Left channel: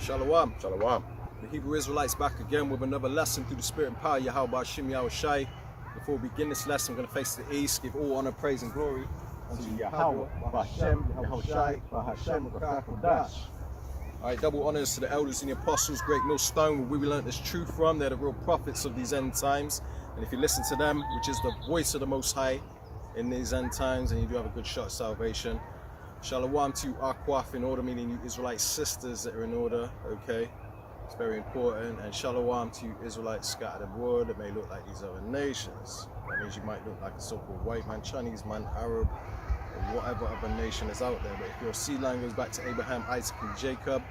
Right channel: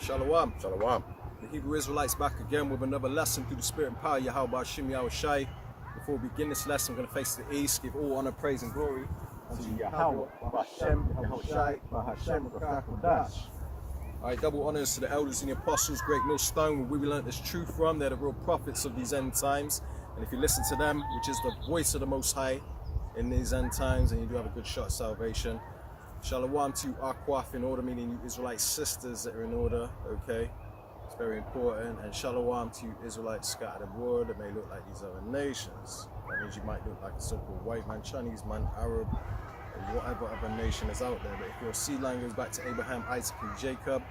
Shalom. Shalom. The Hebrew Israelites back again with another lesson through the spirit and power. Ahchyem. Before we begin this lesson, I'm going to face the east, give all honor, praise, and glory unto Yahweh, Ahchyem, Ahchyem. Alright, double honors to the elders and the apostles, great millstone, where we learned this truth from. They're the real prophets of these end times. And if you listen to them, which is the voice of the Most High in these end times, and you do have a good shot at salvation. Shalom to Ahchyem in order, meaning you Israelite sisters that are in order, okay? It's very important. And shalom to you Israelites scattered abroad that may look like these other nations. That means you might look like a so-called white man, Chinese man, Arab, or whatever other nation is out there. But if your seed line goes back to Abraham, Isaac, and Jacob,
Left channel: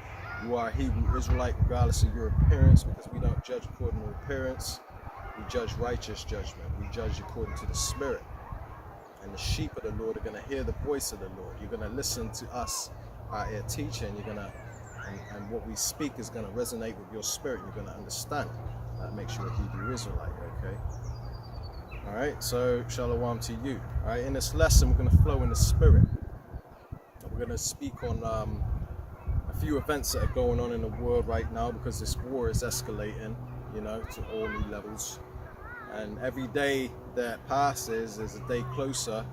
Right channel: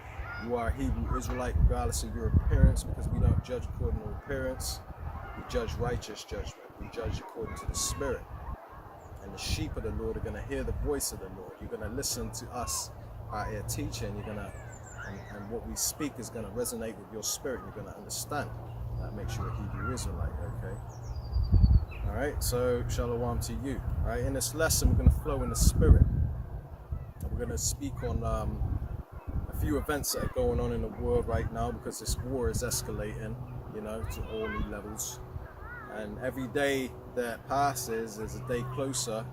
you are a Hebrew Israelite regardless of your appearance, because we don't judge according to appearance. We judge righteous judgment. We judge according to the Spirit. And the sheep of the Lord are going to hear the voice of the Lord. You're going to listen to us, our teaching. You're going to, and what we speak is going to resonate with your spirit. You're going to understand. That makes you a Hebrew Israelite, okay? All right, so shalom to you. All right, in this lesson, we're going to flow in the spirit. We're going to speak on a few events that are going on in the world right now, because this war is escalating, you know, to all new levels. And every day that passes is a day closer.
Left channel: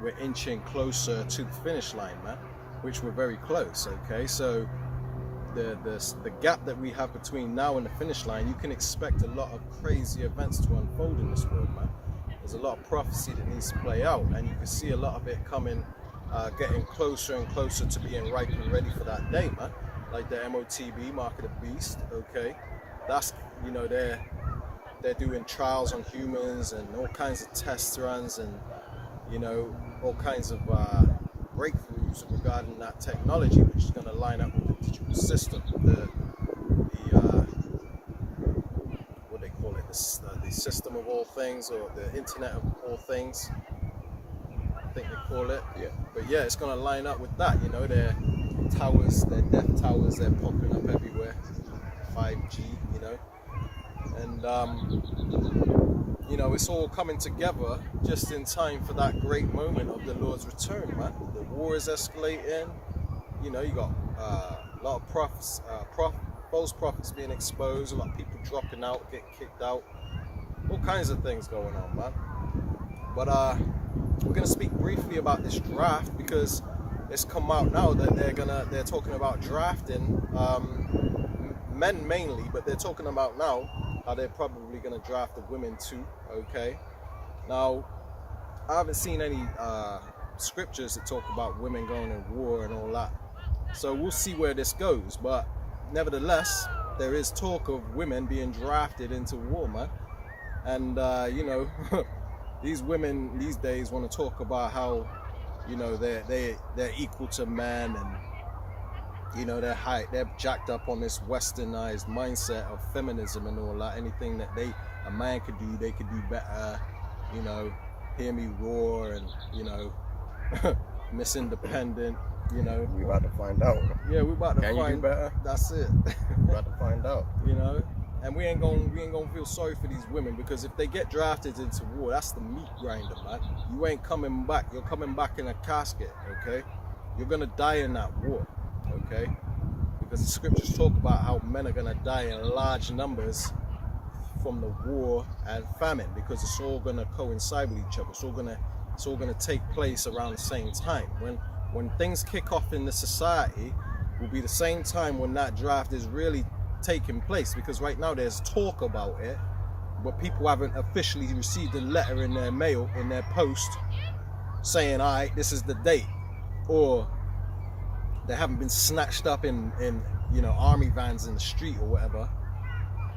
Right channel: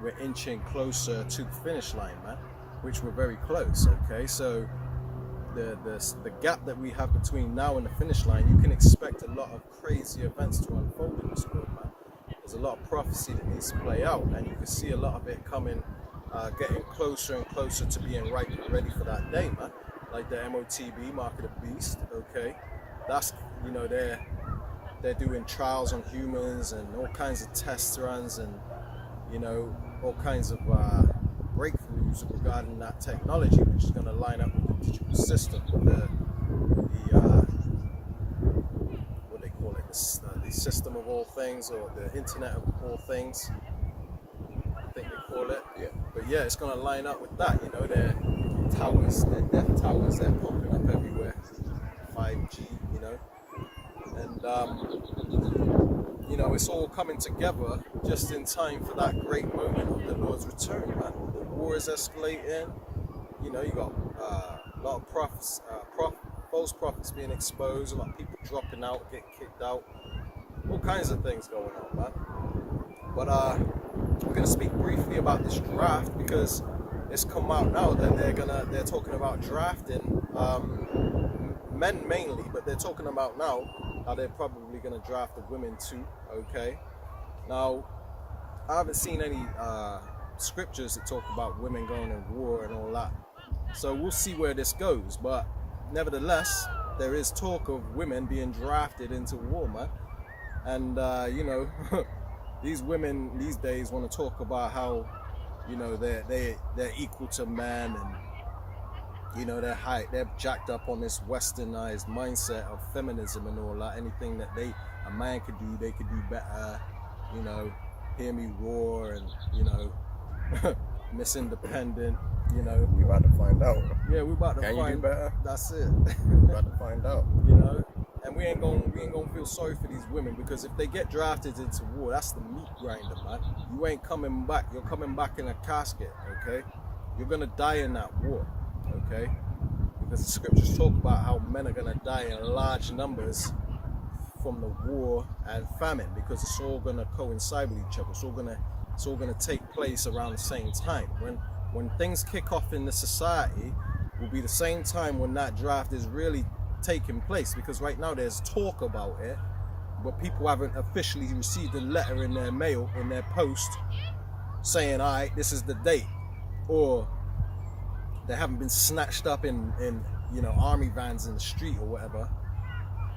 We're inching closer to the finish line, man, which we're very close, okay? So the gap that we have between now and the finish line, you can expect a lot of crazy events to unfold in this world, man. There's a lot of prophecy that needs to play out, and you can see a lot of it coming, getting closer and closer to being ripe and ready for that day, man. Like the MOTB, Mark of the Beast, okay? That's, you know, they're doing trials on humans and all kinds of test runs and, you know, all kinds of breakthroughs regarding that technology, which is going to line up with the digital system, with the what they call it, the system of all things, or the internet of all things, I think they call it. Yeah. But yeah, it's going to line up with that, you know, their towers, their death towers, they're popping up everywhere, 5G, you know. And, you know, it's all coming together just in time for that great moment of the Lord's return, man. The war is escalating. You know, you got a lot of false prophets being exposed, a lot of people dropping out, getting kicked out, all kinds of things going on, man. But we're going to speak briefly about this draft, because it's come out now that they're talking about drafting men mainly, but they're talking about now how they're probably going to draft the women too, okay? Now, I haven't seen any scriptures that talk about women going to war and all that. So we'll see where this goes. But nevertheless, there is talk of women being drafted into war, man. And, you know, these women these days want to talk about how, you know, they're equal to men, and, you know, they're jacked up on this westernized mindset of feminism and all that. Anything that a man could do, they could do better. You know, hear me roar, and, you know, Miss Independent, you know. We about to find out. Yeah, we about to find. Can you do better? That's it. We about to find out. You know, and we ain't gonna feel sorry for these women, because if they get drafted into war, that's the meat grinder, man. You ain't coming back. You're coming back in a casket, okay? You're gonna die in that war. Okay, because the scriptures talk about how men are going to die in large numbers from the war and famine, because it's all going to coincide with each other. It's all going to take place around the same time. When things kick off in the society, will be the same time when that draft is really taking place, because right now there's talk about it, but people haven't officially received a letter in their mail, in their post, saying, all right, this is the date, or they haven't been snatched up in you know, army vans in the street or whatever.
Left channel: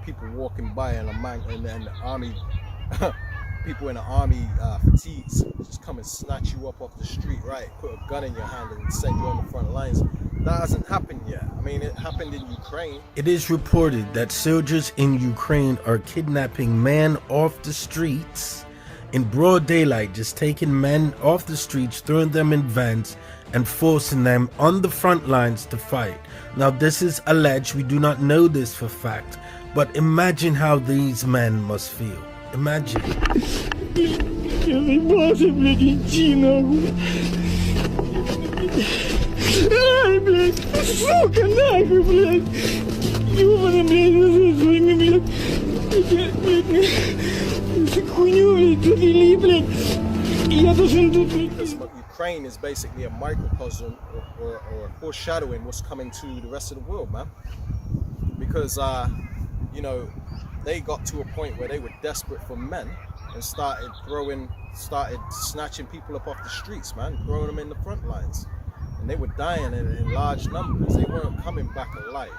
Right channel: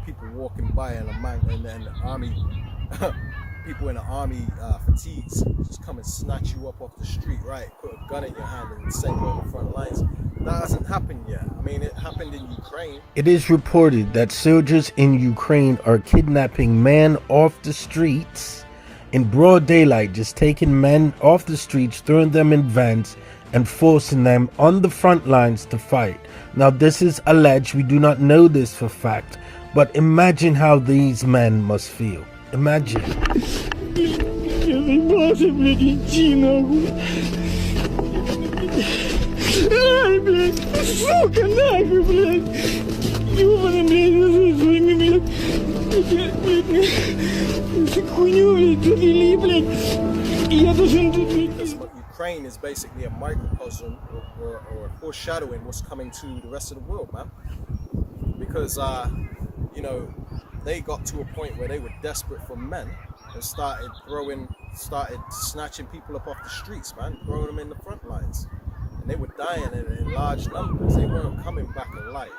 People walking by, and then army people in the army fatigues just come and snatch you up off the street, right? Put a gun in your hand and send you on the front lines. That hasn't happened yet. I mean, it happened in Ukraine. It is reported that soldiers in Ukraine are kidnapping men off the streets in broad daylight, just taking men off the streets, throwing them in vans, and forcing them on the front lines to fight. Now, this is alleged. We do not know this for fact, but imagine how these men must feel. Imagine. блядь, сука, нахуй, блядь. Ёбаный, блядь, блядь, хуйню, блядь, довели, блядь. И я должен тут, блядь. But Ukraine is basically a microcosm or foreshadowing what's coming to the rest of the world, man. Because, you know, they got to a point where they were desperate for men and started snatching people up off the streets, man, throwing them in the front lines. And they were dying in large numbers. They weren't coming back alive.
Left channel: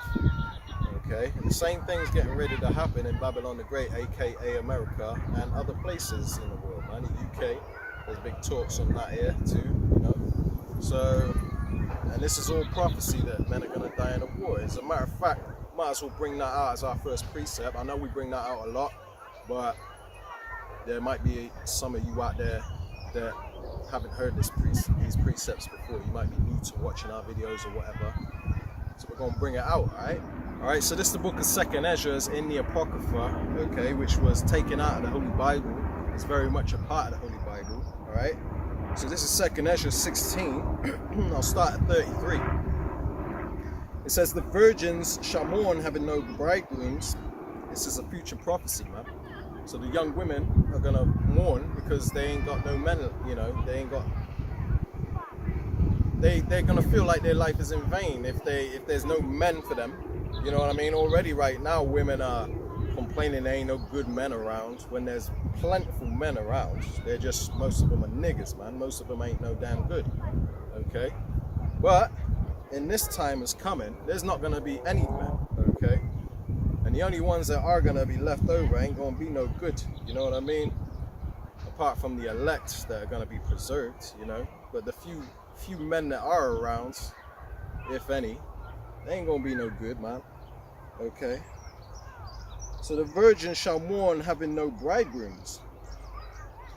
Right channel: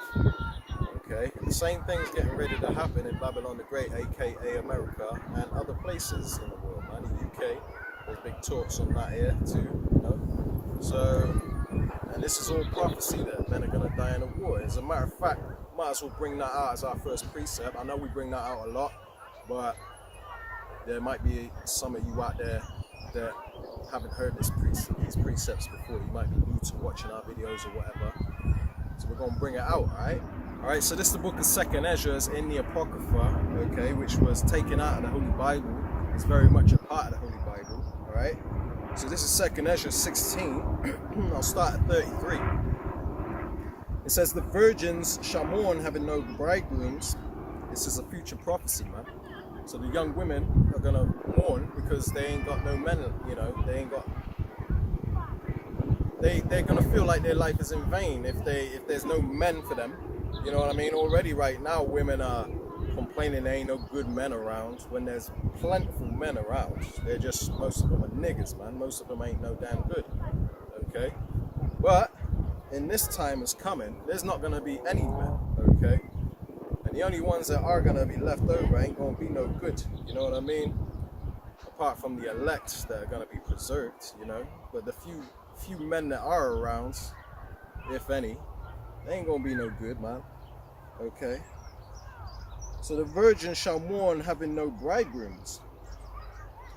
Okay, and the same thing's getting ready to happen in Babylon the Great, aka America, and other places in the world, man. The UK, there's big talks on that here too, you know. So, and this is all prophecy that men are gonna die in a war. As a matter of fact, might as well bring that out as our first precept. I know we bring that out a lot, but there might be some of you out there that haven't heard these precepts before. You might be new to watching our videos or whatever. So we're gonna bring it out, alright? Alright, so this is the book of 2nd Ezra in the Apocrypha, okay, which was taken out of the Holy Bible. It's very much a part of the Holy Bible, alright? So this is 2nd Ezra 16. I'll start at 33. It says, the virgins shall mourn having no bridegrooms. This is a future prophecy, man. So the young women are gonna mourn because they ain't got no men, you know, they're gonna feel like their life is in vain if there's no men for them. You know what I mean? Already right now women are complaining there ain't no good men around when there's plentiful men around. They're just, most of them are niggas, man. Most of them ain't no damn good. Okay? But in this time is coming, there's not gonna be any men, okay? And the only ones that are gonna be left over ain't gonna be no good, you know what I mean? Apart from the elect that are gonna be preserved, you know? But the few men that are around, if any, they ain't gonna be no good, man. Okay? So the virgin shall mourn having no bridegrooms,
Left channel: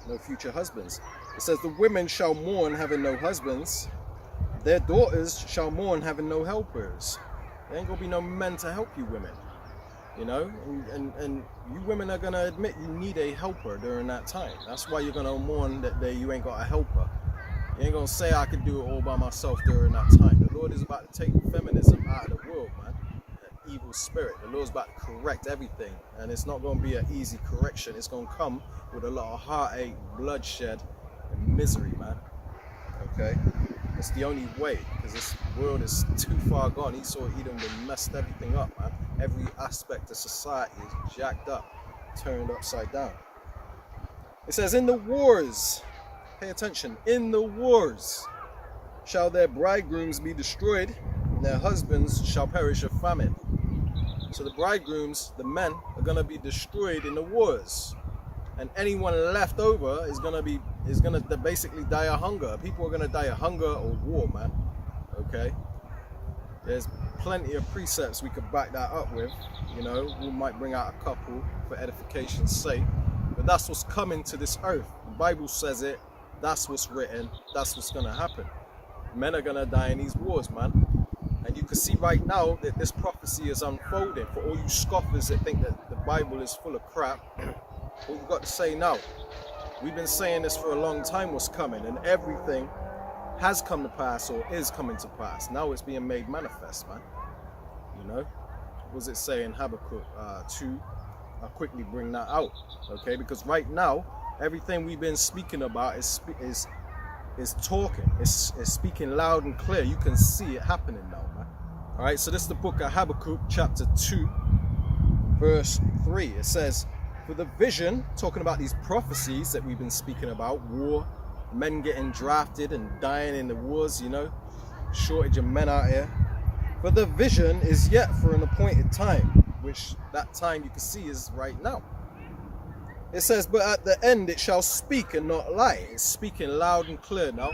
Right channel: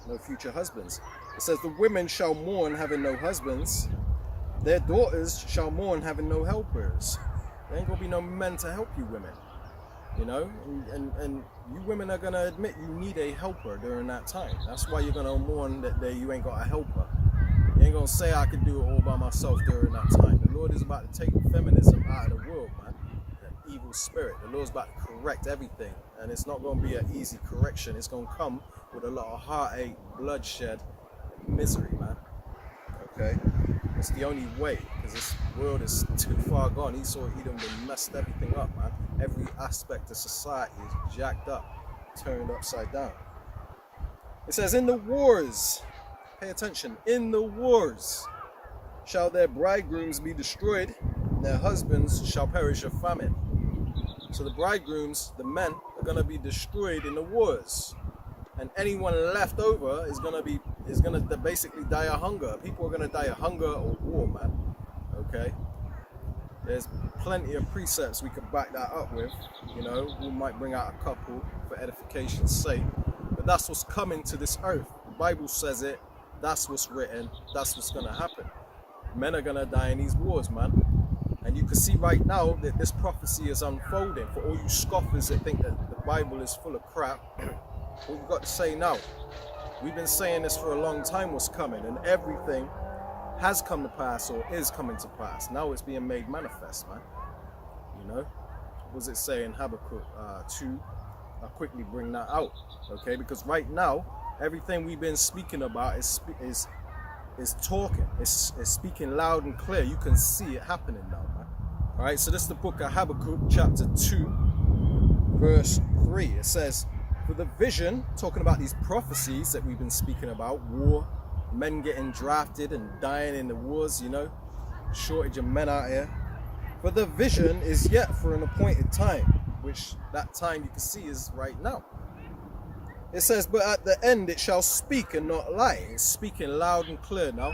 no future husbands. It says the women shall mourn having no husbands. Their daughters shall mourn having no helpers. There ain't gonna be no men to help you women. You know, and you women are gonna admit you need a helper during that time. That's why you're gonna mourn that day you ain't got a helper. You ain't gonna say I can do it all by myself during that time. The Lord is about to take feminism out of the world, man. An evil spirit. The Lord's about to correct everything, and it's not gonna be an easy correction. It's gonna come with a lot of heartache, bloodshed, and misery, man. Okay, it's the only way, because this world is too far gone. Esau, Edom, they messed everything up, man. Every aspect of society is jacked up, turned upside down. It says, in the wars, pay attention, in the wars shall their bridegrooms be destroyed, and their husbands shall perish of famine. So the bridegrooms, the men, are going to be destroyed in the wars. And anyone left over is gonna basically die of hunger. People are gonna die of hunger or war, man. Okay? There's plenty of precepts we could back that up with. You know, we might bring out a couple for edification's sake. But that's what's coming to this earth. The Bible says it. That's what's written. That's what's gonna happen. Men are gonna die in these wars, man. And you can see right now that this prophecy is unfolding. For all you scoffers that think that the Bible is full of crap, what you got to say now? We've been saying this for a long time what's coming, and everything has come to pass or is coming to pass. Now it's being made manifest, man. You know? What does it say in Habakkuk 2? I'll quickly bring that out, okay? Because right now, everything we've been speaking about is talking. It's speaking loud and clear. You can see it happening now, man. All right, so this is the book of Habakkuk, chapter 2, verse 3. It says, for the vision, talking about these prophecies that we've been speaking about, war, men getting drafted and dying in the wars, you know, shortage of men out here. For the vision is yet for an appointed time, which that time you can see is right now. It says, but at the end it shall speak and not lie. It's speaking loud and clear now.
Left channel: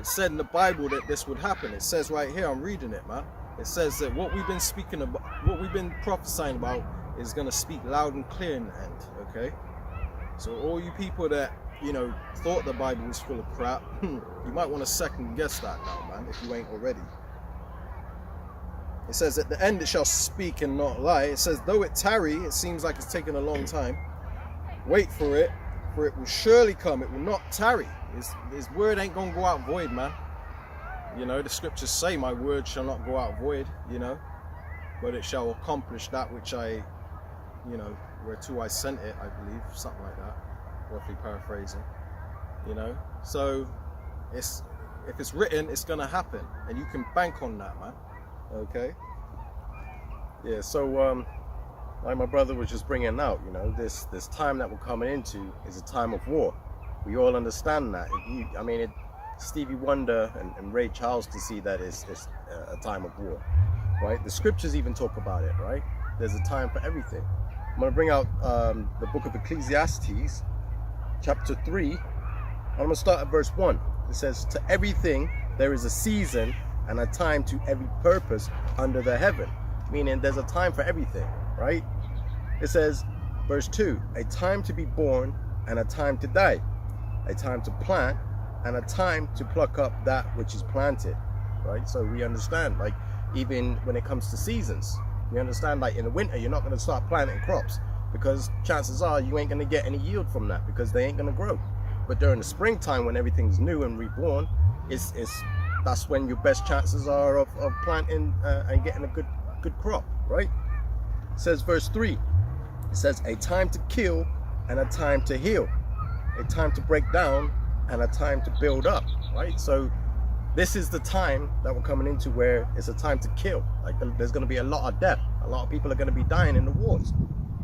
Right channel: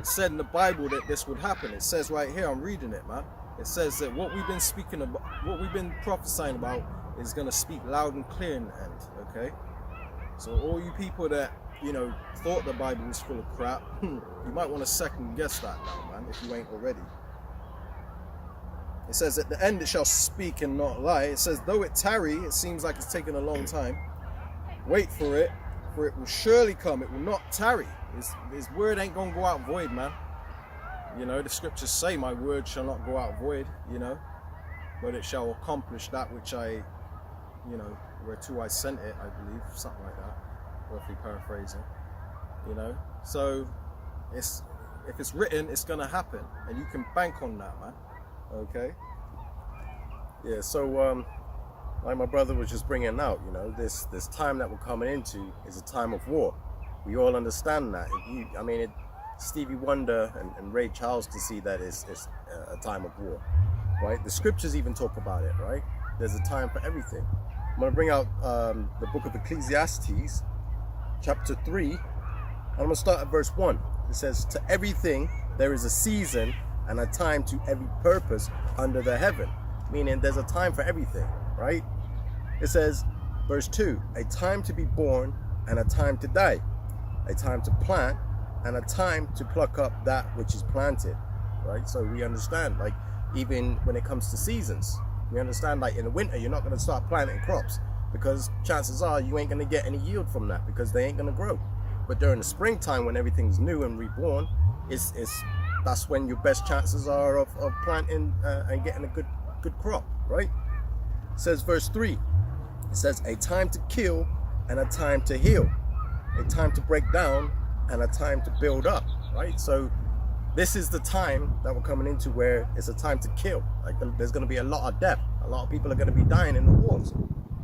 It said in the Bible that this would happen. It says right here, I'm reading it, man. It says that what we've been speaking about, what we've been prophesying about, is going to speak loud and clear in the end, okay? So all you people that, you know, thought the Bible was full of crap, you might want to second guess that now, man, if you ain't already. It says, at the end it shall speak and not lie. It says, though it tarry, it seems like it's taking a long time. Wait for it will surely come. It will not tarry. His word ain't going to go out void, man. You know, the scriptures say, my word shall not go out void, you know, but it shall accomplish that which I, you know, whereto I sent it, I believe, something like that, roughly paraphrasing, you know. So if it's written, it's gonna happen, and you can bank on that, man. Okay. Yeah, so like my brother was just bringing out, you know, this time that we're coming into is a time of war. We all understand that. Stevie Wonder and Ray Charles can see that it's a time of war, right? The scriptures even talk about it, right? There's a time for everything. I'm going to bring out the book of Ecclesiastes, chapter 3, and I'm going to start at verse 1. It says, to everything there is a season and a time to every purpose under the heaven. Meaning there's a time for everything, right? It says, verse 2, a time to be born and a time to die, a time to plant and a time to pluck up that which is planted, right? So we understand, like, even when it comes to seasons, we understand, like, in the winter, you're not going to start planting crops because chances are you ain't going to get any yield from that because they ain't going to grow. But during the springtime, when everything's new and reborn, that's when your best chances are of planting and getting a good crop, right? It says verse 3, it says a time to kill and a time to heal, a time to break down and a time to build up, right? So this is the time that we're coming into where it's a time to kill. Like, there's going to be a lot of death. A lot of people are going to be dying in the wars,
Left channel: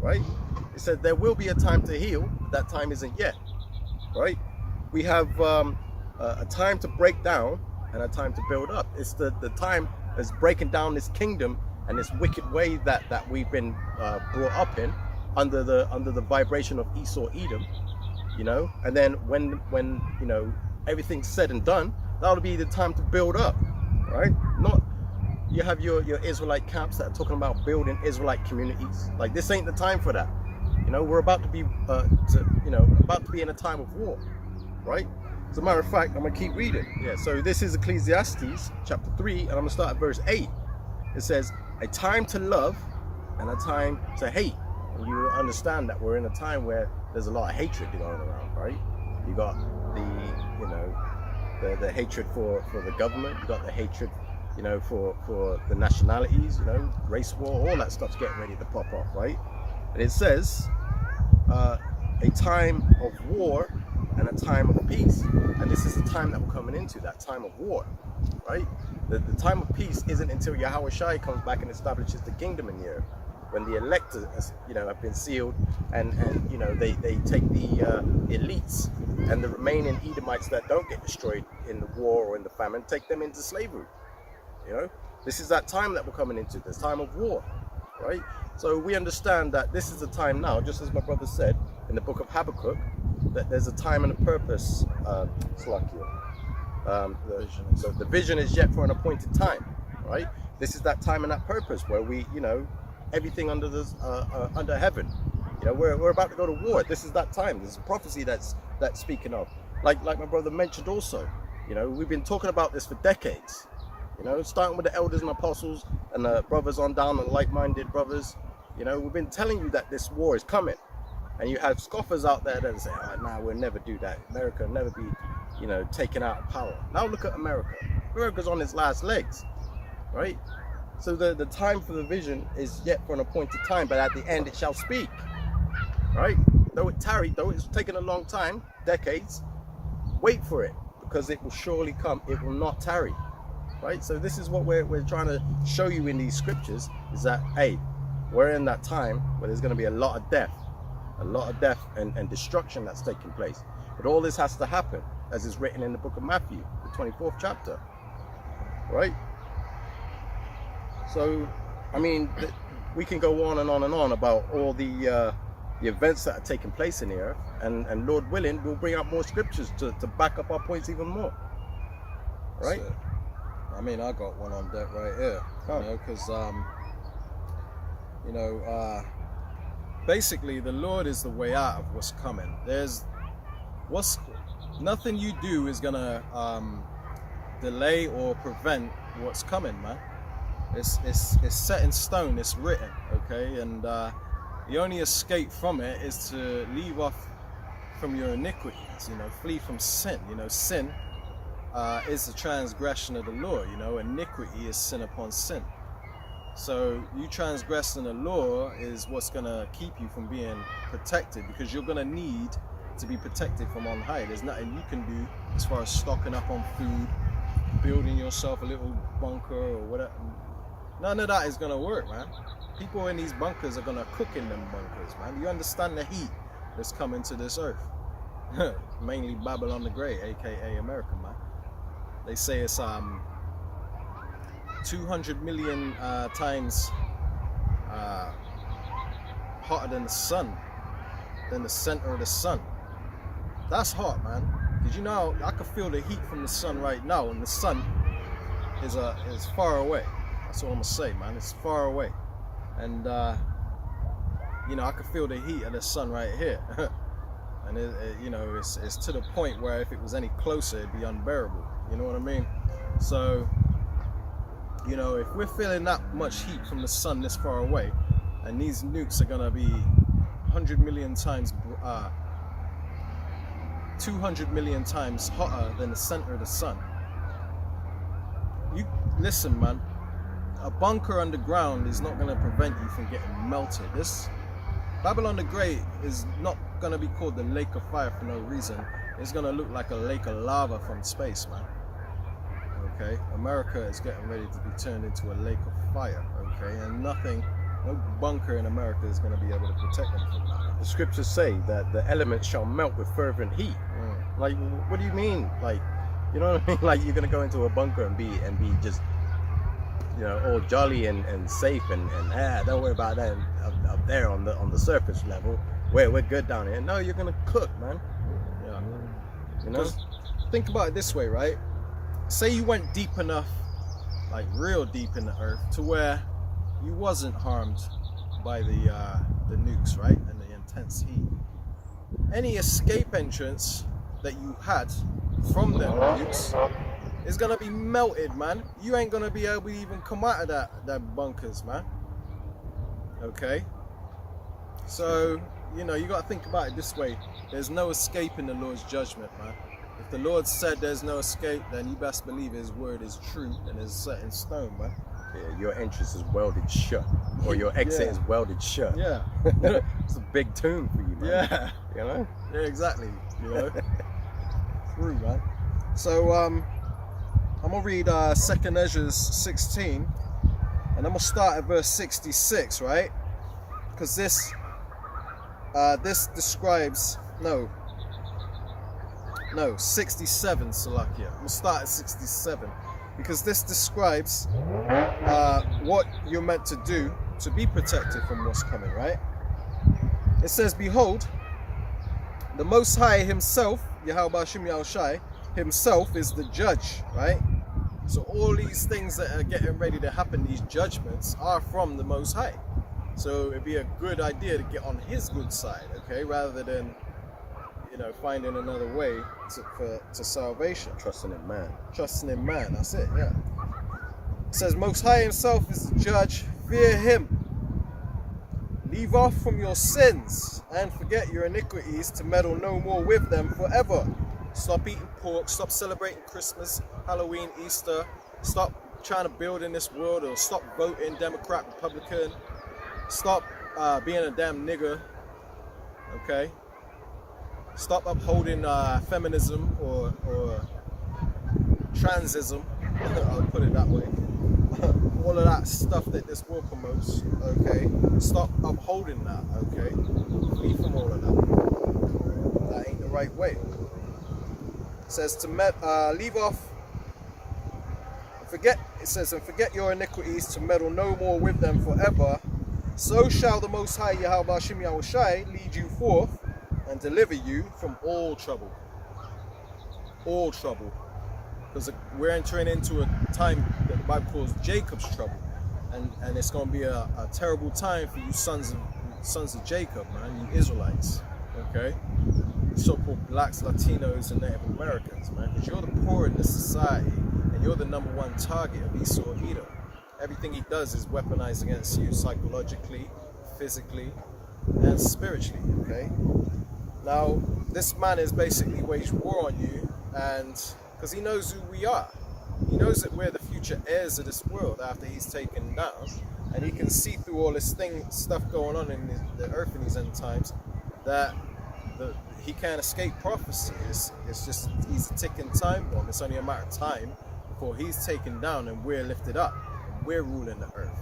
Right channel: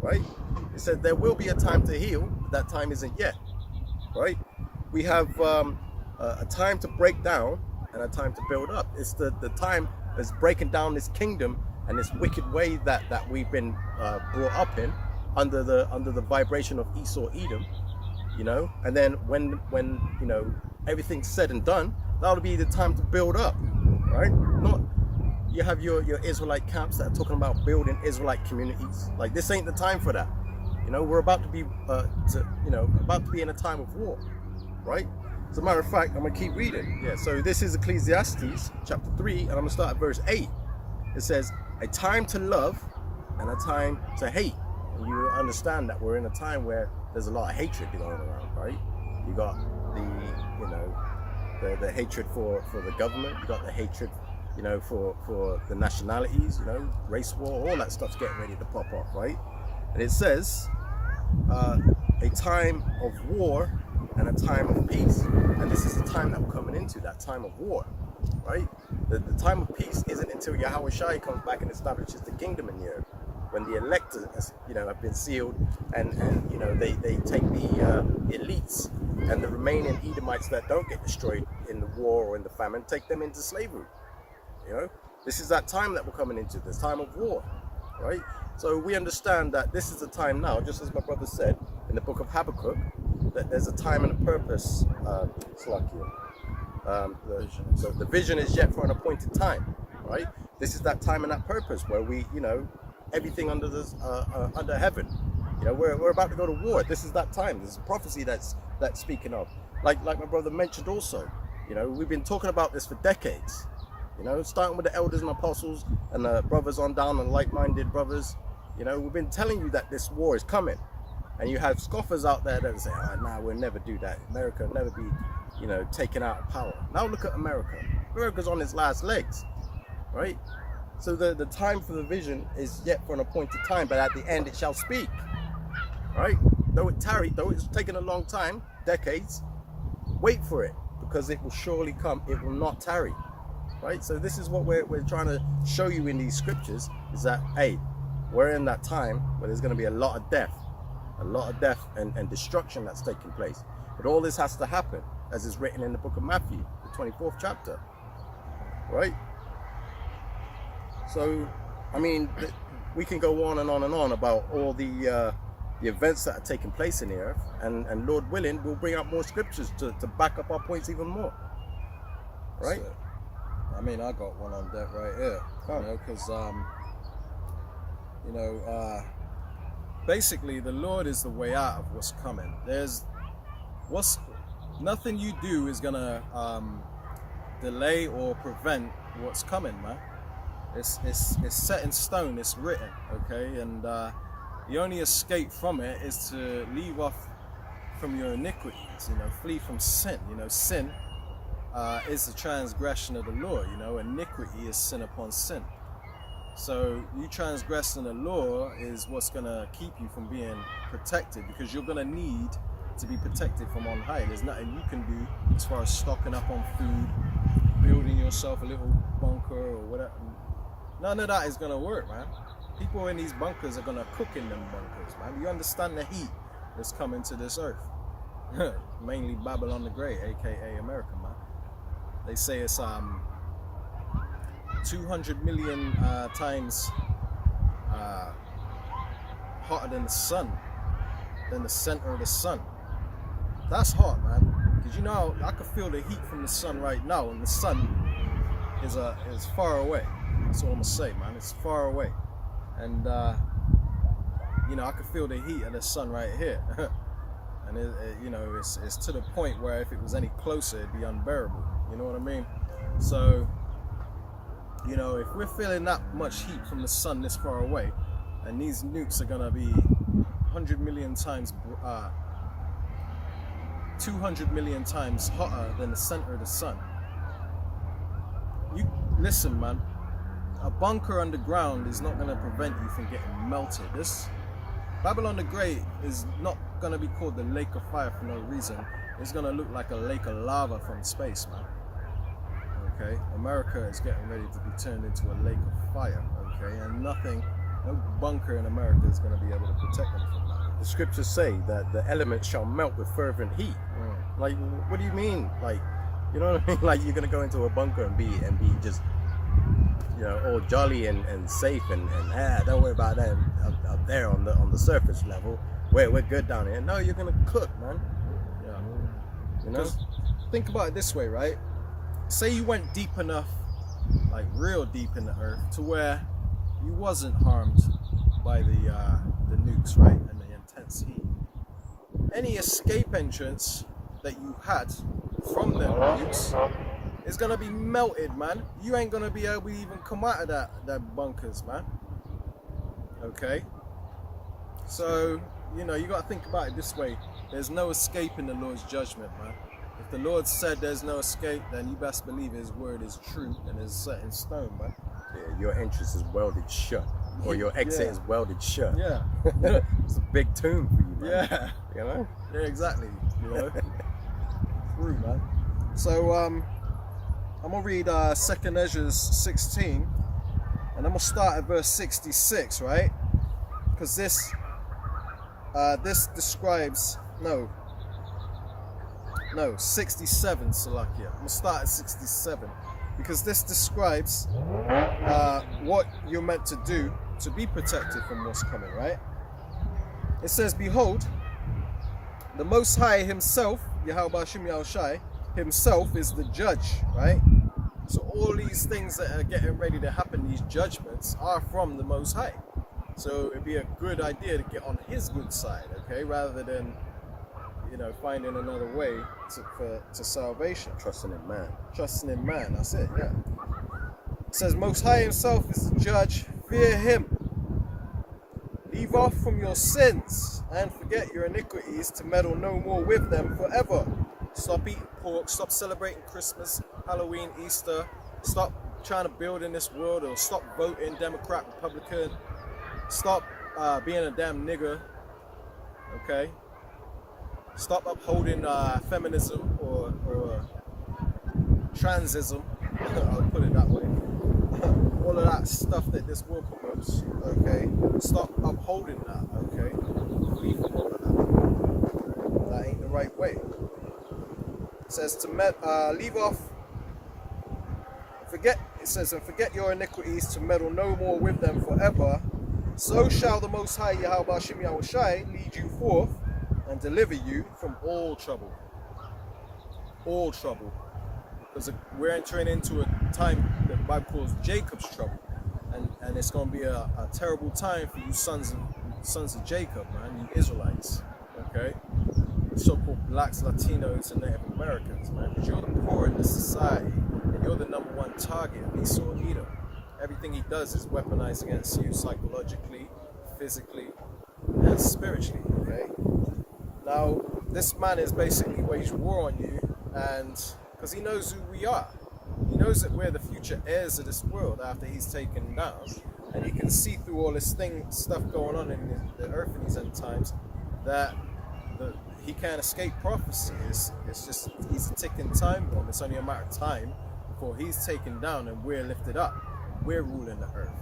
right? It says there will be a time to heal, but that time isn't yet, right? We have a time to break down and a time to build up. It's the time that's breaking down this kingdom and this wicked way that we've been brought up in under the vibration of Esau Edom, you know. And then when you know everything's said and done, that'll be the time to build up, right? Not you have your Israelite camps that are talking about building Israelite communities. Like, this ain't the time for that. You know, we're about to be about to be in a time of war, right? As a matter of fact, I'm gonna keep reading. Yeah, so this is Ecclesiastes chapter 3, and I'm gonna start at verse 8. It says, a time to love and a time to hate. And you understand that we're in a time where there's a lot of hatred going around, right? You got the hatred for the government, you got the hatred, you know, for the nationalities, you know, race war, all that stuff's getting ready to pop off, right? And it says a time of war and a time of peace. And this is the time that we're coming into, that time of war, right? The time of peace isn't until Yahweh Shai comes back and establishes the kingdom in the earth. When the electors, you know, have been sealed, and you know, they take the elites and the remaining Edomites that don't get destroyed in the war or in the famine, take them into slavery. You know, this is that time that we're coming into, this time of war, right? So we understand that this is the time now, just as my brother said in the book of Habakkuk, that there's a time and a purpose. The vision is yet for an appointed time, right? This is that time and that purpose where we, you know, everything under this under heaven, you know, we're about to go to war. This is that time. There's a prophecy that's speaking of, like my brother mentioned also. You know, we've been talking about this for decades, you know, starting with the elders and apostles and the brothers on down and like-minded brothers. You know, we've been telling you that this war is coming, and you have scoffers out there that say, oh, nah, we'll never do that. America will never be, you know, taken out of power. Now look at America. America's on its last legs, right? So the time for the vision is yet for an appointed time, but at the end it shall speak, right? Though it tarried, though it's taken a long time, decades, wait for it, because it will surely come. It will not tarry, right? So this is what we're trying to show you in these scriptures, is that, hey, we're in that time where there's going to be a lot of death and destruction that's taking place. But all this has to happen, as is written in the book of Matthew, the 24th chapter, right? So, I mean, we can go on and on and on about all the events that are taking place in the earth, and Lord willing, we'll bring up more scriptures to back up our points even more, right? So, I mean, I got one on deck right here, you know, because you know, basically the Lord is the way out of what's coming. Nothing you do is gonna delay or prevent what's coming, man. It's set in stone, it's written, okay? And the only escape from it is to leave off from your iniquities, you know, flee from sin. You know, sin is the transgression of the law. You know, iniquity is sin upon sin. So you transgressing the law is what's going to keep you from being protected, because you're going to need to be protected from on high. There's nothing you can do as far as stocking up on food, building yourself a little bunker or whatever. None of that is going to work, man. People in these bunkers are going to cook in them bunkers, man. You understand the heat that's coming to this earth. Mainly Babylon the Great, aka America, man. They say it's 200 million times hotter than the sun, than the center of the sun. That's hot, man. Did you know I can feel the heat from the sun right now, and the sun is far away. That's all I'm gonna say, man. It's far away, and you know, I can feel the heat of the sun right here. And you know, it's to the point where if it was any closer, it'd be unbearable. You know what I mean? So, you know, if we're feeling that much heat from the sun this far away, and these nukes are gonna be 100 million times, 200 million times hotter than the center of the sun. You listen, man. A bunker underground is not gonna prevent you from getting melted. This Babylon the Great is not gonna be called the lake of fire for no reason. It's gonna look like a lake of lava from space, man. Okay, America is getting ready to be turned into a lake of fire. Okay, and no bunker in America is gonna be able to protect them from that, man. The scriptures say that the elements shall melt with fervent heat. Like, what do you mean? Like, you know what I mean? Like, you're gonna go into a bunker and be just, you know, all jolly and safe and don't worry about that up there on the surface level. We're good down here. No, you're gonna cook, man. Yeah. You know. Just think about it this way, right? Say you went deep enough, like real deep in the earth, to where you wasn't harmed by the nukes, right, and the intense heat. Any escape entrance that you had from them nukes is gonna be melted, man. You ain't gonna be able to even come out of that bunkers, man. Okay? So, you know, you gotta think about it this way. There's no escaping the Lord's judgment, man. If the Lord said there's no escape, then you best believe his word is true and is set in stone, man. Yeah, your entrance is welded shut, or your exit is welded shut. Yeah. It's a big tomb for you, man. Yeah. You know? Yeah, exactly. You know? True, man. So, I'm gonna read 2nd Ezra 16, and I'm gonna start at verse 66, right? Because this describes 67, Salakia. I'm gonna start at 67 because this describes what you're meant to do to be protected from what's coming, right? It says, "Behold, the Most High Himself, Yahweh Hashem Yahushai, Himself is the judge," right? So all these things that are getting ready to happen, these judgments, are from the Most High. So it'd be a good idea to get on His good side, okay, rather than, you know, finding another way to salvation. Trusting in man. Trusting in man, that's it, yeah. It says, "Most High Himself is the judge, fear Him. Leave off from your sins and forget your iniquities to meddle no more with them forever. Stop eating pork, stop celebrating Christmas, Halloween, Easter, stop trying to build in this world, or stop voting Democrat, Republican, stop being a damn nigger, okay? Stop upholding feminism or transism, I'll put it that way. All of that stuff that this world promotes, okay? Stop upholding that, okay? Leave from all of that. That ain't the right way. It says to leave off, forget. It says, and forget your iniquities to meddle no more with them forever. So shall the Most High Yahweh Hashem Yahushai lead you forth and deliver you from all trouble. All trouble. Because we're entering into a time that the Bible calls Jacob's trouble. And it's going to be a terrible time for you sons of Jacob, man, you Israelites, okay? So-called blacks, Latinos, and Native Americans, man, because you're the poor in this society, and you're the #1 target of Esau Edom. Everything he does is weaponized against you psychologically, physically, and spiritually, okay? Now, this man is basically waged war on you, and because he knows who we are. He knows that we're the future heirs of this world after he's taken down, and he can see through all this stuff going on in the earth in these end times, that he can't escape prophecy. It's just, he's a ticking time bomb. It's only a matter of time before he's taken down and we're lifted up and we're ruling the earth.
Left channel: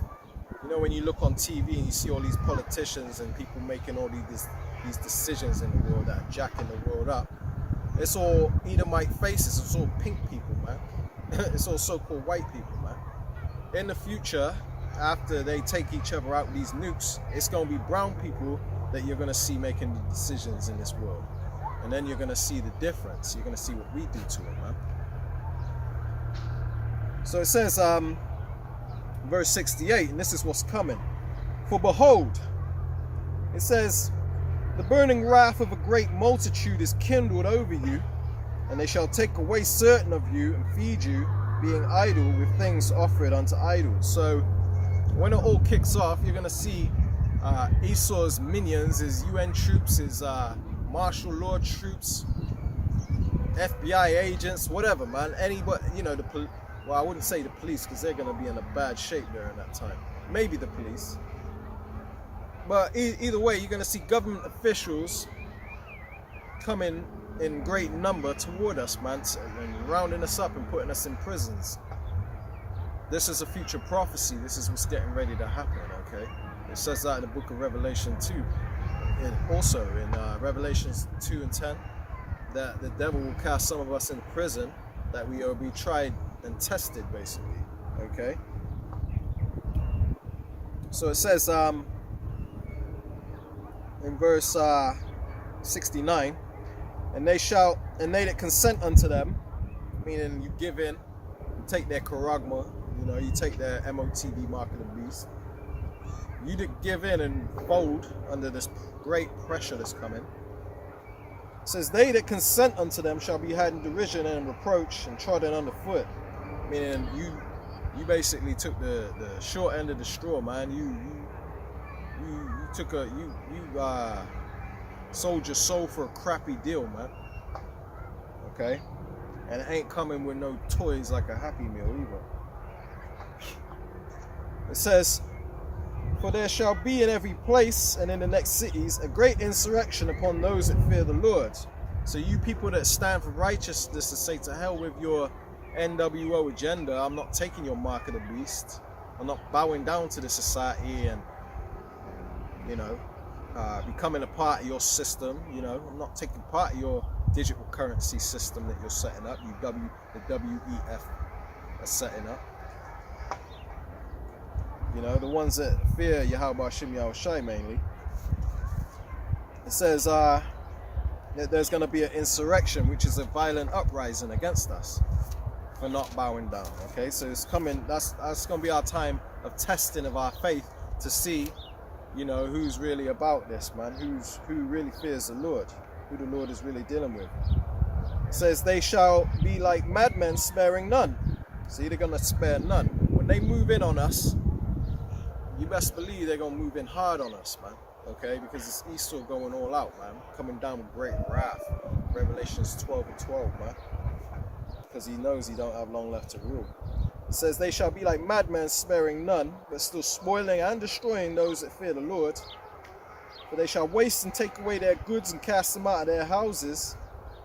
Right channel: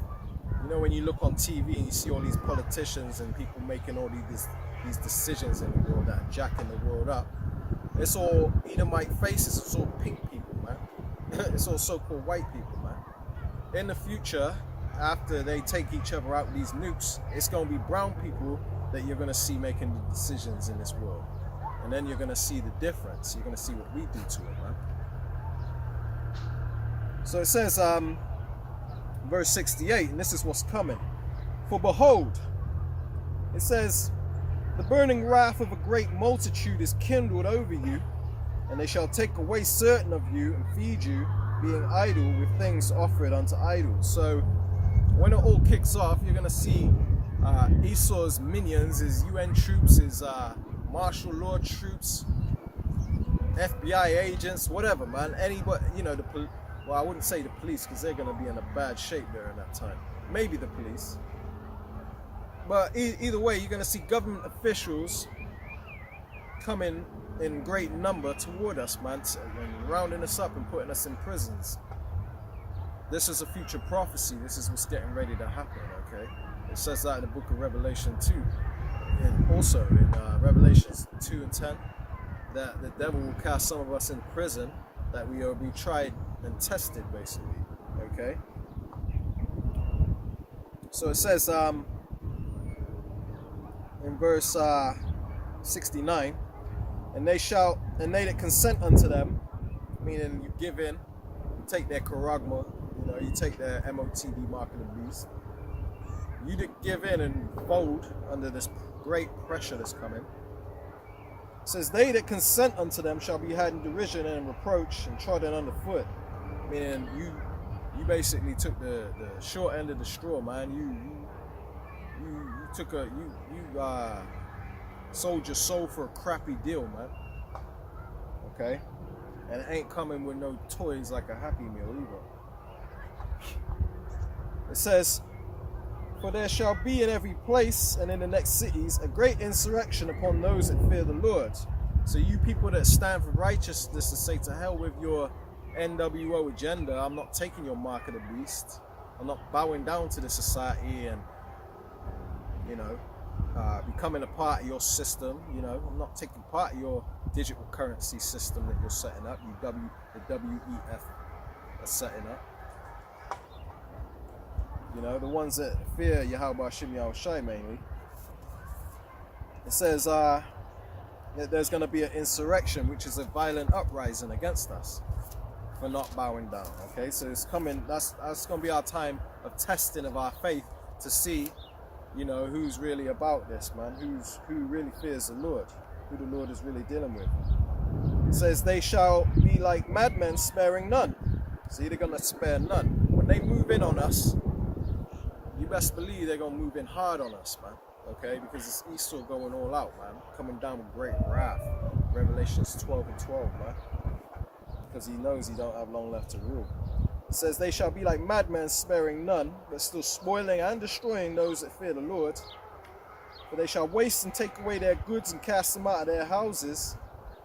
You know, when you look on TV and you see all these politicians and people making all these decisions in the world that are jacking the world up, it's all Edomite faces, it's all pink people, man. It's all so-called white people, man. In the future, after they take each other out with these nukes, it's going to be brown people that you're going to see making the decisions in this world. And then you're going to see the difference. You're going to see what we do to it, man. So it says, verse 68, and this is what's coming. For behold, it says, the burning wrath of a great multitude is kindled over you, and they shall take away certain of you and feed you, being idle with things offered unto idols. So when it all kicks off, you're going to see Esau's minions, his UN troops, his martial law troops, FBI agents, whatever, man. Anybody, you know, well, I wouldn't say the police, because they're going to be in a bad shape during that time. Maybe the police. But either way, you're going to see government officials coming in great number toward us, man, and rounding us up and putting us in prisons. This is a future prophecy. This is what's getting ready to happen, okay? It says that in the book of Revelation 2. And also in Revelations 2 and 10, that the devil will cast some of us in prison, that we will be tried and tested, basically, okay? So it says in verse 69, and they that consent unto them, meaning you give in, you take their charagma, you know, you take their MOTB, mark of the beast, you give in and fold under this great pressure that's coming. It says, they that consent unto them shall be had in derision and reproach and trodden underfoot. Meaning you basically took the short end of the straw, man. You sold your soul for a crappy deal, man. Okay? And it ain't coming with no toys like a Happy Meal either. It says, for there shall be in every place and in the next cities a great insurrection upon those that fear the Lord. So you people that stand for righteousness, to say to hell with your NWO agenda, I'm not taking your mark of the beast. I'm not bowing down to the society and, you know, becoming a part of your system. You know, I'm not taking part of your digital currency system that you're setting up. The WEF are setting up. You know, the ones that fear Yahweh Ahchyem Yahushai mainly. It says that there's going to be an insurrection, which is a violent uprising against us for not bowing down. Okay, so it's coming. That's going to be our time of testing of our faith, to see, you know, who's really about this, man. Who really fears the Lord, who the Lord is really dealing with. He says they shall be like madmen, sparing none. So they're going to spare none. When they move in on us, you best believe they're going to move in hard on us, man. Okay, because it's Esau going all out, man. Coming down with great wrath. Revelations 12 and 12, man. Because he knows he don't have long left to rule. It says they shall be like madmen, sparing none, but still spoiling and destroying those that fear the Lord. For they shall waste and take away their goods and cast them out of their houses.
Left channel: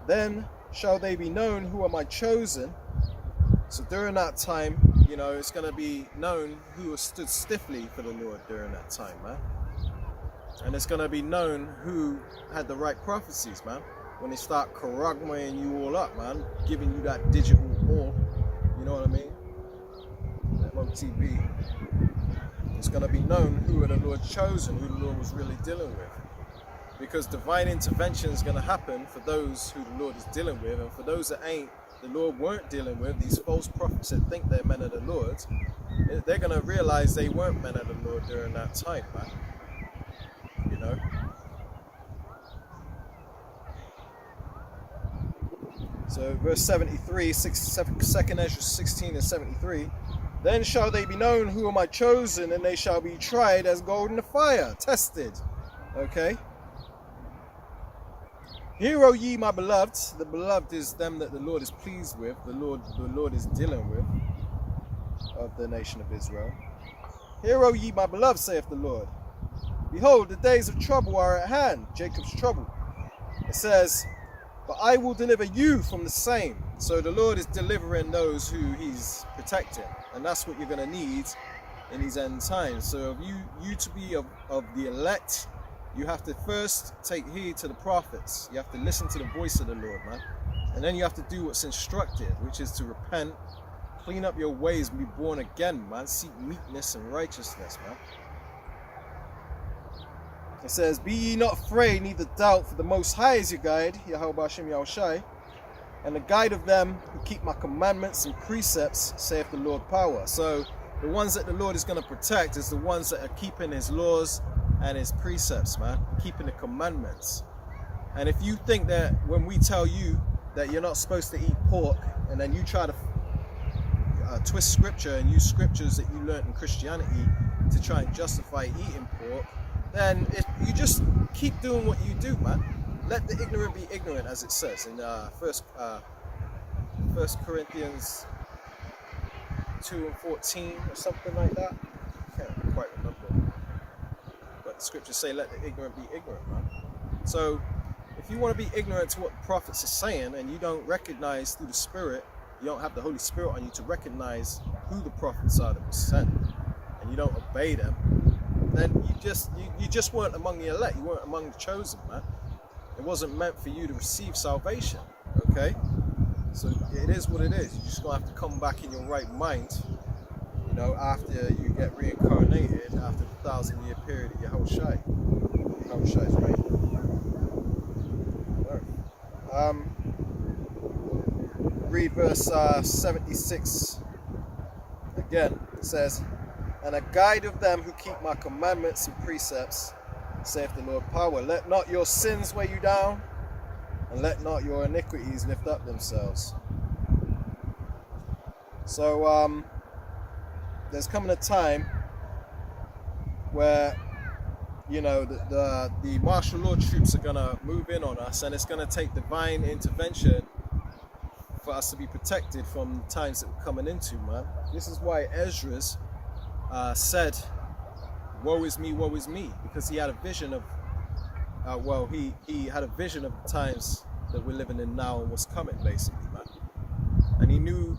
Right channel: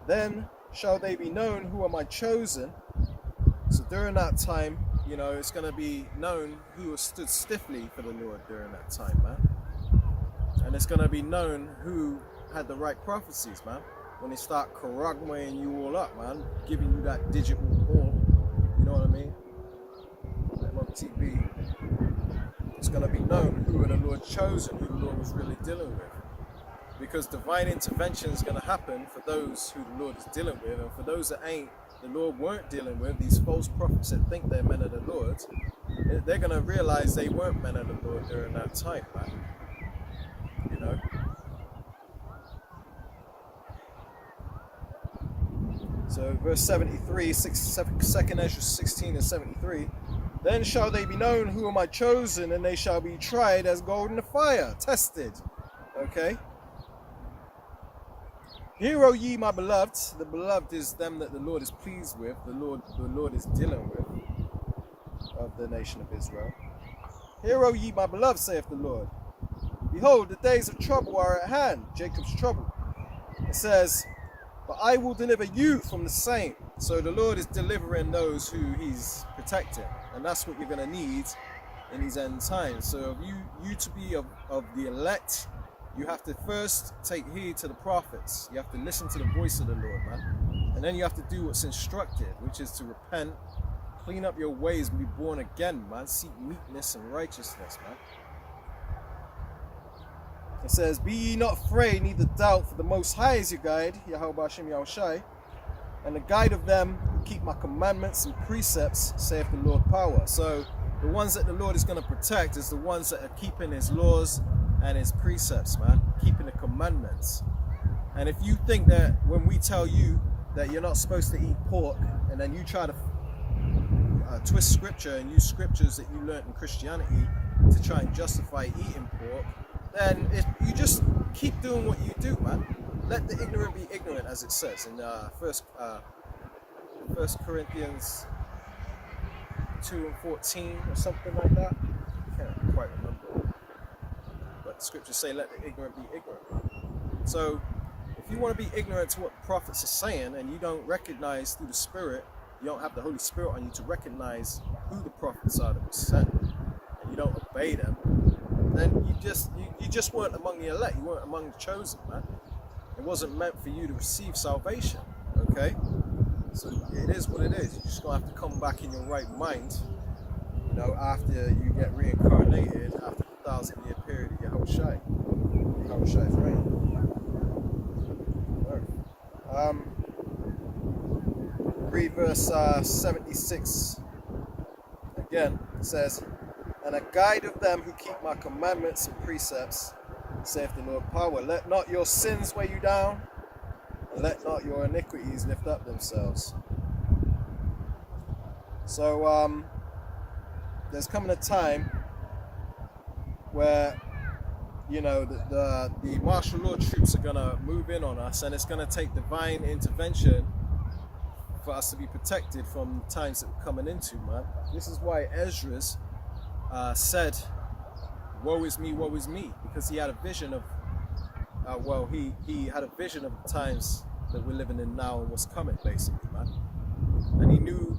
Then shall they be known who are my chosen. So during that time, you know, it's going to be known who has stood stiffly for the Lord during that time, man. And it's going to be known who had the right prophecies, man. When they start charagmaing you all up, man, giving you that digital all, you know what I mean? MOTB. It's going to be known who are the Lord chosen, who the Lord was really dealing with. Because divine intervention is going to happen for those who the Lord is dealing with, and for those that the Lord weren't dealing with, these false prophets that think they're men of the Lord, they're going to realize they weren't men of the Lord during that time, man. You know? So verse 73, 2nd Ezra 16 and 73, then shall they be known who are my chosen, and they shall be tried as gold in the fire, tested. Okay? Hear, O ye my beloved. The beloved is them that the Lord is pleased with. The Lord is dealing with of the nation of Israel. Hear, O ye my beloved, saith the Lord. Behold, the days of trouble are at hand, Jacob's trouble. It says, but I will deliver you from the same. So the Lord is delivering those who he's protecting. And that's what you're going to need in these end times. So if you to be of the elect, you have to first take heed to the prophets. You have to listen to the voice of the Lord, man. And then you have to do what's instructed, which is to repent, clean up your ways, and be born again, man. Seek meekness and righteousness, man. It says, be ye not afraid, neither doubt, for the Most High is your guide, Yahweh Ahchyem Yahushai, and the guide of them who keep my commandments and precepts, saith the Lord power. So the ones that the Lord is going to protect is the ones that are keeping his laws and his precepts, man, keeping the commandments. And if you think that when we tell you that you're not supposed to eat pork, and then you try to twist scripture and use scriptures that you learned in Christianity to try and justify eating pork, then you just keep doing what you do, man. Let the ignorant be ignorant, as it says in First Corinthians 2:14 or something like that. I can't quite remember. But the scriptures say, let the ignorant be ignorant, man. So if you want to be ignorant to what the prophets are saying, and you don't recognize through the Spirit, you don't have the Holy Spirit on you to recognize who the prophets are that were sent, and you don't obey them, then you just weren't among the elect. You weren't among the chosen, man. It wasn't meant for you to receive salvation, okay? So it is what it is. You're just going to have to come back in your right mind, you know, after you get reincarnated, after the 1,000-year period of Yahweh's reign. Read verse 76 again. It says, and a guide of them who keep my commandments and precepts, saith the Lord power. Let not your sins weigh you down, and let not your iniquities lift up themselves. So there's coming a time where, you know, the martial law troops are going to move in on us, and it's going to take divine intervention for us to be protected from the times that we're coming into, man. This is why Ezra's said, woe is me, because he had a vision of, he had a vision of the times that we're living in now and what's coming, basically, man. And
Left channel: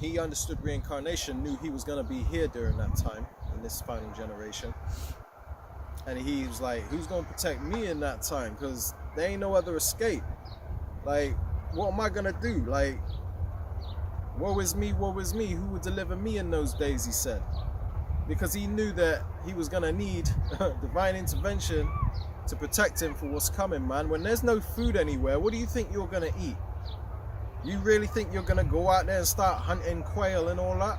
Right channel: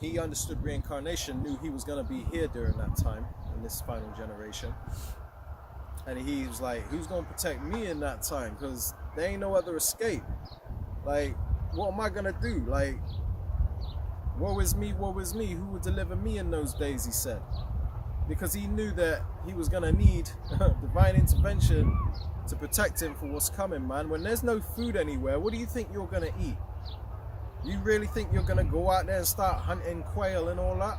he understood reincarnation, knew he was going to be here during that time, in this final generation. And he was like, who's going to protect me in that time? Because there ain't no other escape. Like, what am I going to do? Like, woe is me, who would deliver me in those days, he said. Because he knew that he was going to need divine intervention to protect him for what's coming, man. When there's no food anywhere, what do you think you're going to eat? You really think you're going to go out there and start hunting quail and all that?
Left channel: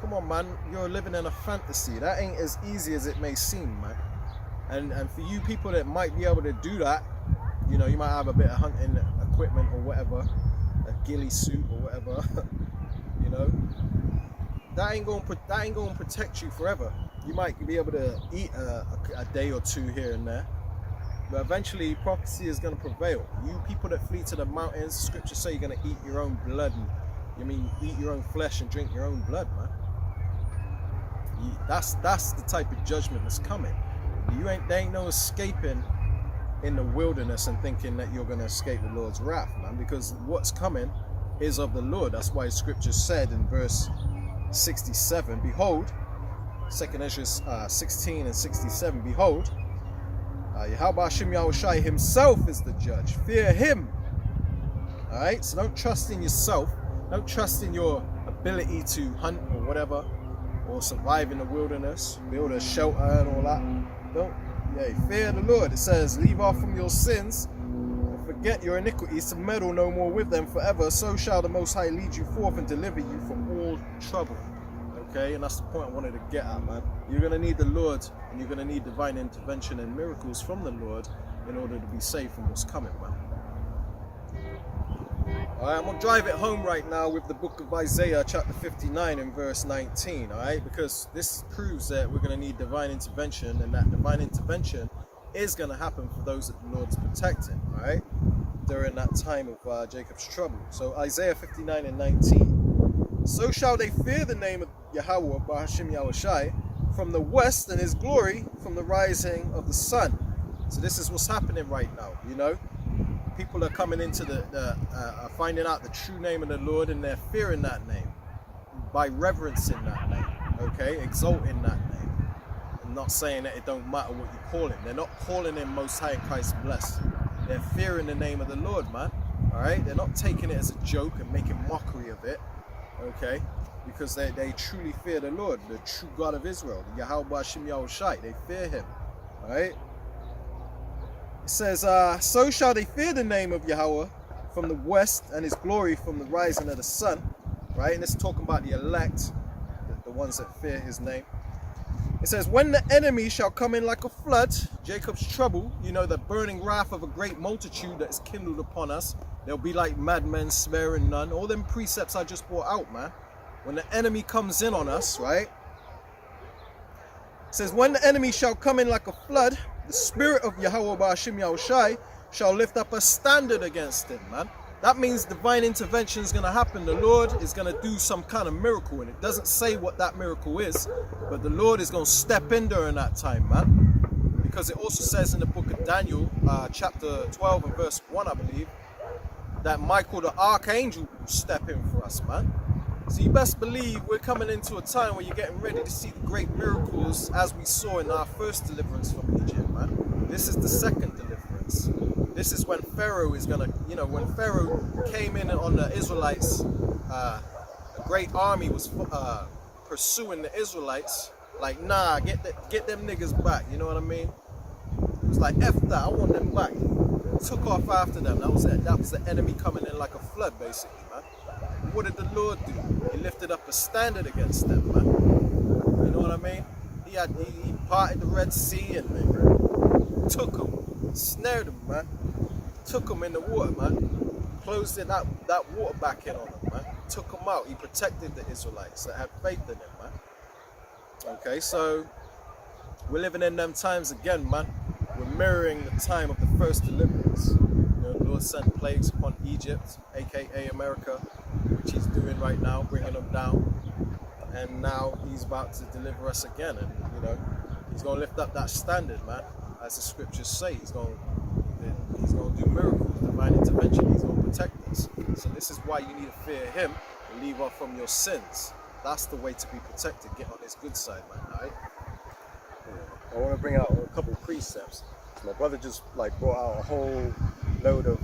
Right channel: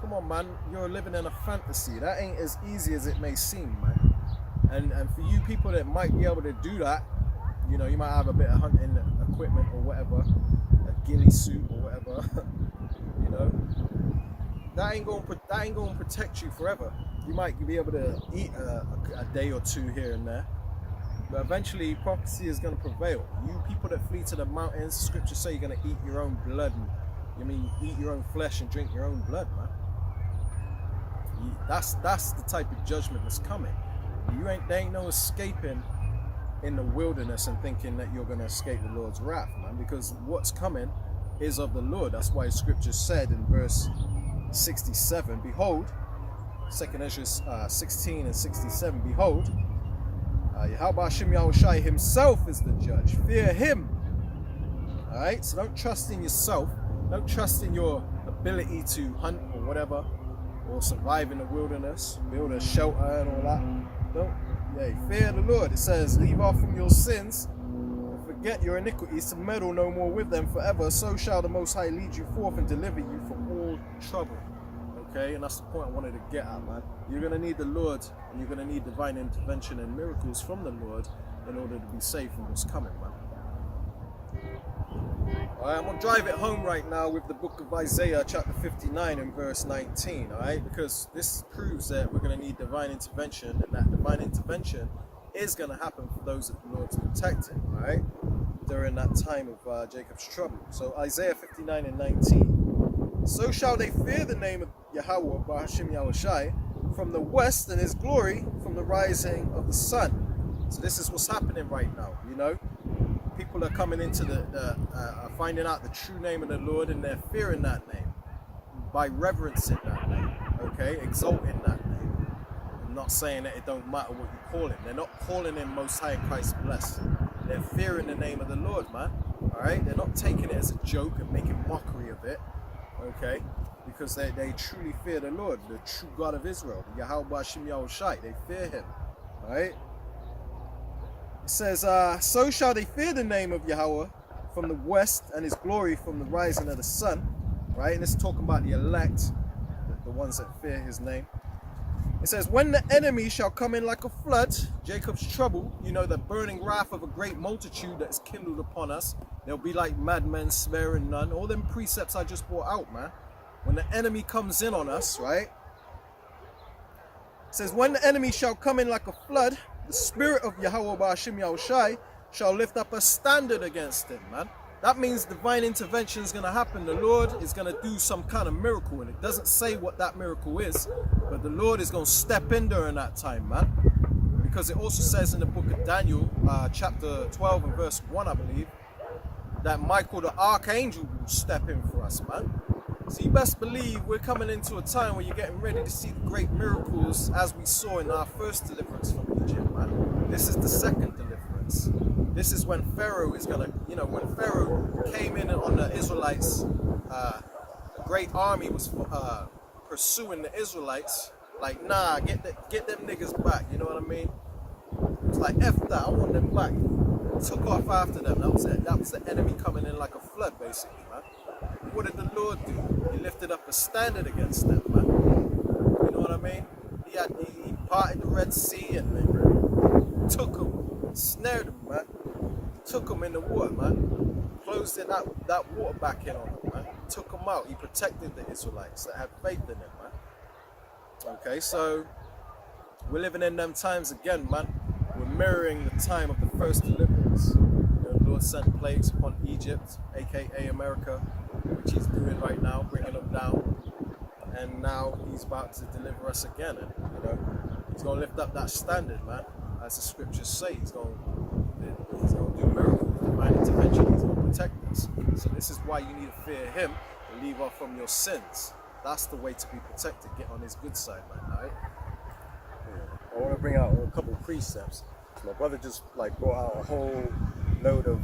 Come on, man. You're living in a fantasy. That ain't as easy as it may seem, man. And for you people that might be able to do that, you know, you might have a bit of hunting equipment or whatever, a ghillie suit or whatever, you know, that ain't going to protect you forever. You might be able to eat a day or two here and there, but eventually prophecy is going to prevail. You people that flee to the mountains, scriptures say you're going to eat your own blood, and eat your own flesh and drink your own blood, man. That's the type of judgment that's coming. There ain't no escaping in the wilderness and thinking that you're going to escape the Lord's wrath, man, because what's coming is of the Lord. That's why scripture said in verse 67, behold, 2nd Ezra 16 and 67, behold, Yahweh Ahchyem Yahushai himself is the judge. Fear him. Alright, so don't trust in yourself. Don't trust in your ability to hunt or whatever, or survive in the wilderness, build a shelter and all that. Fear the Lord. It says, leave off from your sins and forget your iniquities, to meddle no more with them forever. So shall the Most High lead you forth and deliver you from all trouble. Okay, and that's the point I wanted to get at, man. You're going to need the Lord, and you're going to need divine intervention and miracles from the Lord in order to be saved from what's coming, man. Alright, I'm going to drive it home right now with the book of Isaiah chapter 59 and verse 19, alright? Because this proves that we're going to need divine intervention, and that divine intervention is going to happen for those that the Lord's protecting, right? During that time of Jacob's trouble. So Isaiah 59 and 19. So shall they fear the name of Yahweh, Ahchyem Yahushai, from the west, and his glory from the rising of the sun. So this is what's happening right now, you know. People are coming into finding out the true name of the Lord, and they're fearing that name by reverencing that name, okay, exalting that name, and not saying that it don't matter what you call him. They're not calling him Most High and Christ blessed. They're fearing the name of the Lord, man. All right, they're not taking it as a joke and making mockery of it, okay, because they truly fear the Lord, the true God of Israel, the Yahweh Ahchyem Yahushai. They fear him, all right. It says, so shall they fear the name of Yahweh from the west, and his glory from the rising of the sun. Right? And it's talking about the elect, the ones that fear his name. It says, when the enemy shall come in like a flood, Jacob's trouble, you know, the burning wrath of a great multitude that is kindled upon us. They'll be like madmen, sparing none. All them precepts I just brought out, man. When the enemy comes in on us, right? It says, when the enemy shall come in like a flood, the spirit of Yahweh Ahchyem Yahushai shall lift up a standard against him, man. That means divine intervention is going to happen. The Lord is going to do some kind of miracle, and it doesn't say what that miracle is, but the Lord is going to step in during that time, man. Because it also says in the book of Daniel, chapter 12 and verse 1, I believe, that Michael the archangel will step in for us, man. So you best believe we're coming into a time where you're getting ready to see the great miracles as we saw in our first deliverance from Egypt, man. This is the second deliverance. This is when Pharaoh is going to, you know, when Pharaoh came in on the Israelites, a great army was pursuing the Israelites. Like, nah, get them niggas back, you know what I mean? It was like, F that, I want them back. Took off after them. That was it. That was the enemy coming in like a flood, basically, man. And what did the Lord do? He lifted up a standard against them, man. You know what I mean? He parted the Red Sea and then took them, snared them, man. Took them in the water, man. Closed in that water back in on them, man. Took them out. He protected the Israelites that had faith in him, man. Okay, so we're living in them times again, man. We're mirroring the time of the first deliverance. You know, the Lord sent plagues upon Egypt, aka America, which he's doing right now, bringing them down. And now he's about to deliver us again. And, you know, he's going to lift up that standard, man. As the scriptures say, he's going to do miracles, divine intervention. He's going to protect us. So this is why you need to fear him and leave off from your sins. That's the way to be protected. Get on his good side, man, all right? I want to bring out a couple of precepts. My brother just like brought out a whole load of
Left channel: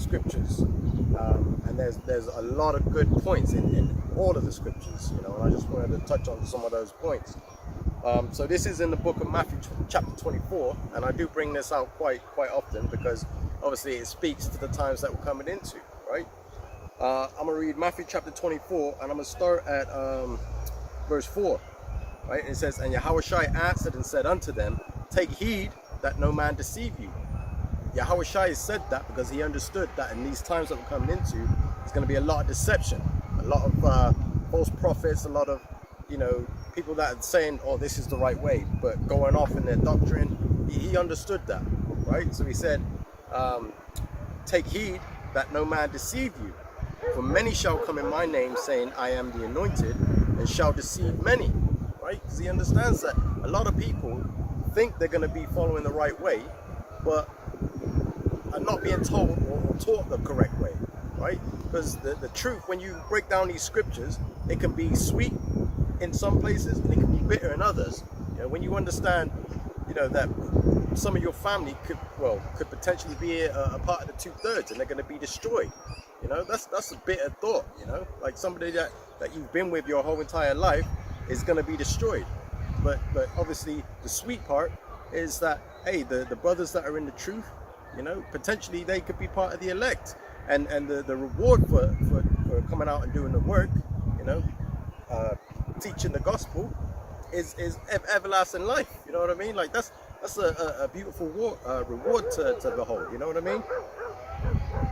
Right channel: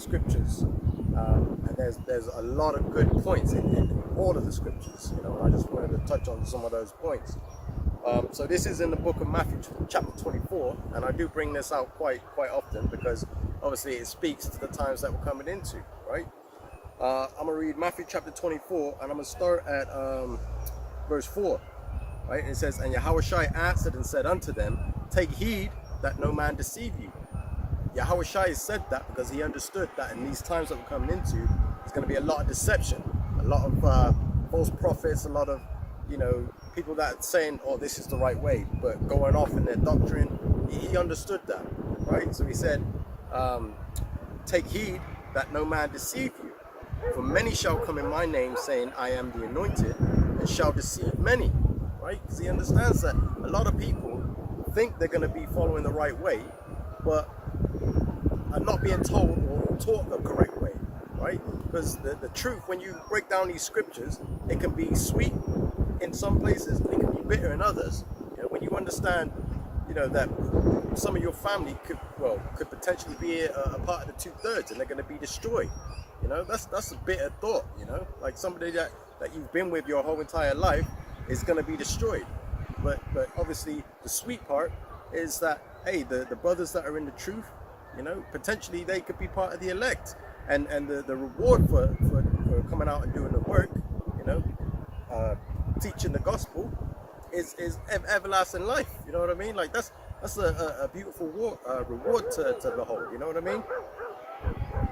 scriptures, and there's a lot of good points in all of the scriptures, you know, and I just wanted to touch on some of those points. So this is in the book of Matthew chapter 24, and I do bring this out quite often because obviously it speaks to the times that we're coming into, right? I'm going to read Matthew chapter 24, and I'm going to start at verse 4. Right? And it says, and Yahushai answered and said unto them, take heed that no man deceive you. Yahushai said that because he understood that in these times that we're coming into, there's going to be a lot of deception, a lot of false prophets, a lot of, you know, people that are saying, oh, this is the right way, but going off in their doctrine. He understood that, right? So he said, take heed that no man deceive you. For many shall come in my name, saying, I am the anointed, and shall deceive many. Right? Because he understands that a lot of people think they're going to be following the right way, but are not being told or taught the correct way, right? Because the truth, when you break down these scriptures, it can be sweet in some places, and it can be bitter in others. You know, when you understand, you know, that some of your family could potentially be a part of the 2/3, and they're going to be destroyed. You know, that's a bitter thought. You know, like somebody that you've been with your whole entire life is going to be destroyed. But obviously the sweet part is that, hey, the brothers that are in the truth, you know, potentially they could be part of the elect, and the reward for coming out and doing the work, you know, teaching the gospel is everlasting life. You know what I mean? Like that's a beautiful reward to behold. You know what I mean?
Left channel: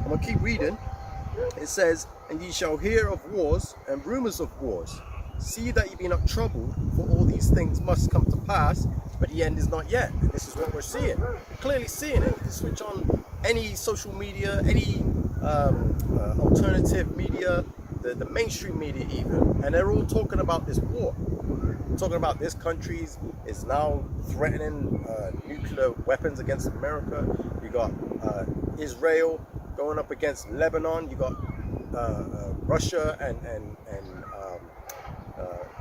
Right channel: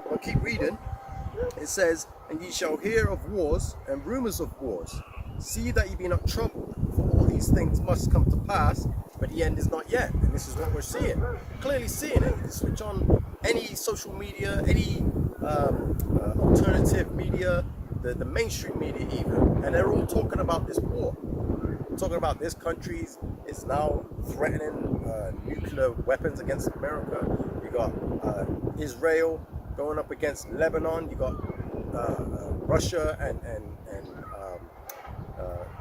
I'm gonna keep reading. It says, and ye shall hear of wars and rumors of wars. See that ye be not troubled, for all these things must come to pass, but the end is not yet. And this is what we're seeing. Clearly seeing it. You can switch on any social media, any alternative media, the mainstream media even, and they're all talking about this war. Talking about this country is now threatening nuclear weapons against America. You got Israel going up against Lebanon. You got Russia and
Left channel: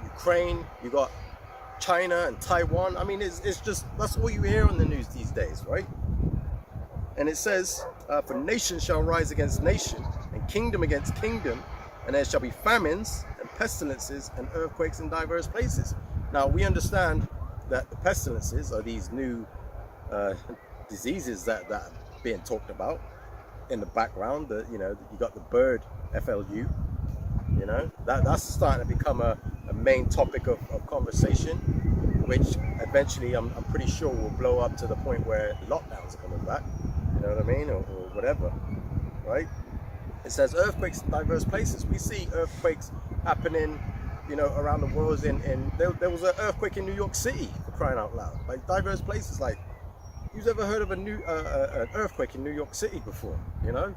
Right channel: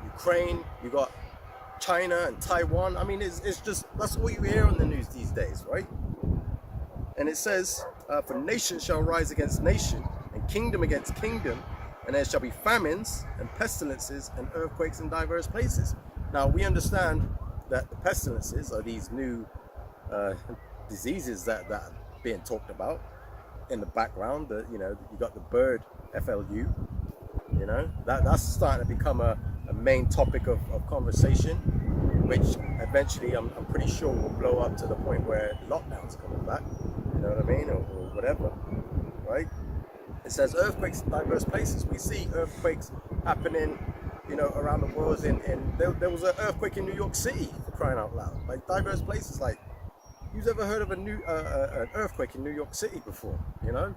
Ukraine. You got China and Taiwan. I mean, it's just, that's all you hear on the news these days, right? And it says, for nation shall rise against nation, and kingdom against kingdom, and there shall be famines and pestilences and earthquakes in diverse places. Now, we understand that the pestilences are these new diseases that are being talked about in the background. You know, you got the bird FLU, you know, that's starting to become a main topic of conversation, which eventually I'm pretty sure will blow up to the point where lockdowns are coming back, you know what I mean, or whatever, right? It says earthquakes in diverse places. We see earthquakes happening, you know, around the world. There was an earthquake in New York City, for crying out loud. Like, diverse places. Like, who's ever heard of an earthquake in New York City before? You know,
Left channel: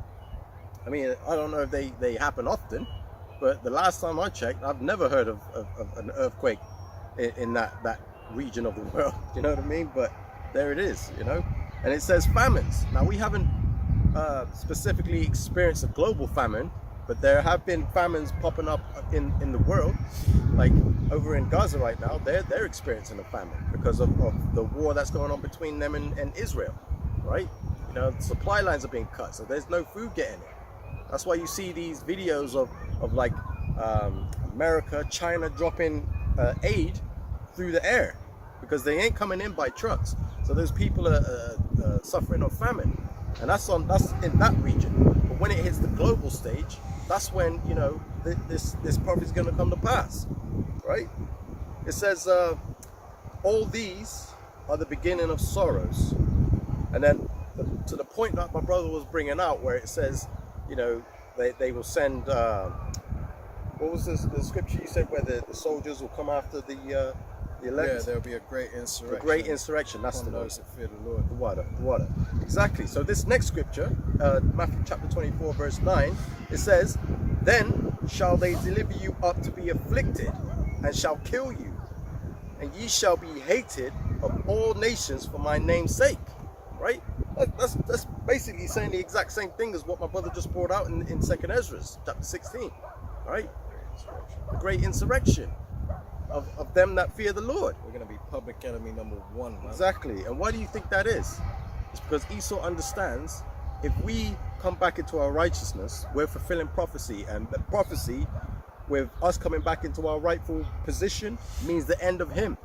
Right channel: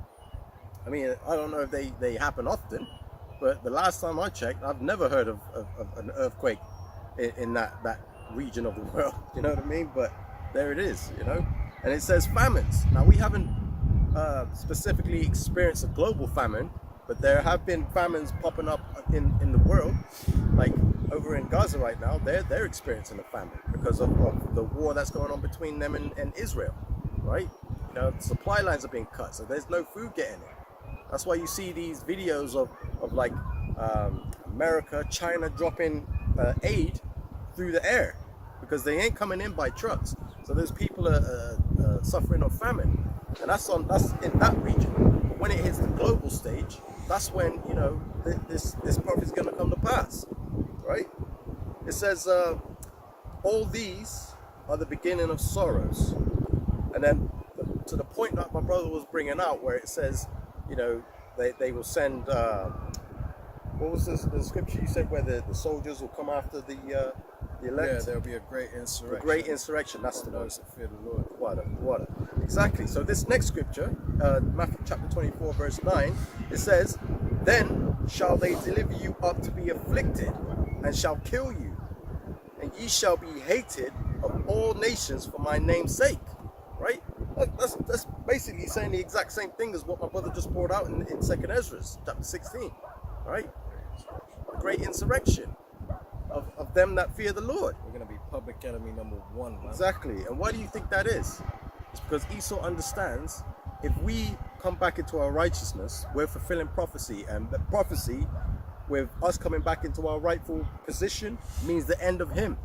I mean, I don't know if they happen often, but the last time I checked, I've never heard of an earthquake in that region of the world. You know what I mean? But there it is, you know. And it says famines. Now, we haven't specifically experienced a global famine, but there have been famines popping up in the world. Like over in Gaza right now, they're experiencing a famine because of the war that's going on between them and Israel, right? You know, supply lines are being cut, so there's no food getting in. That's why you see these videos of like America, China dropping aid through the air, because they ain't coming in by trucks. So those people are suffering of famine, and that's in that region. But when it hits the global stage, that's when, you know, this prophet is going to come to pass, right? It says, all these are the beginning of sorrows. And then to the point that my brother was bringing out, where it says, you know, they will send, what was the scripture you said, where the soldiers will come after the elect? Yeah, there'll be a great insurrection. A great insurrection, that's the those word. that fear the Lord. Water. Exactly. So this next scripture, Matthew chapter 24, verse 9, it says, then shall they deliver you up to be afflicted, and shall kill you, and ye shall be hated of all nations for my name's sake. Right? That's basically saying the exact same thing as what my brother just poured out in 2nd Ezra, chapter 16. Right? The great insurrection of them that fear the Lord. We're going to be public enemy number one, man. Exactly. And why do you think that is? It's because Esau understands, if we come back into our righteousness, we're fulfilling prophecy, and the prophecy with us coming back into our rightful position means the end of him,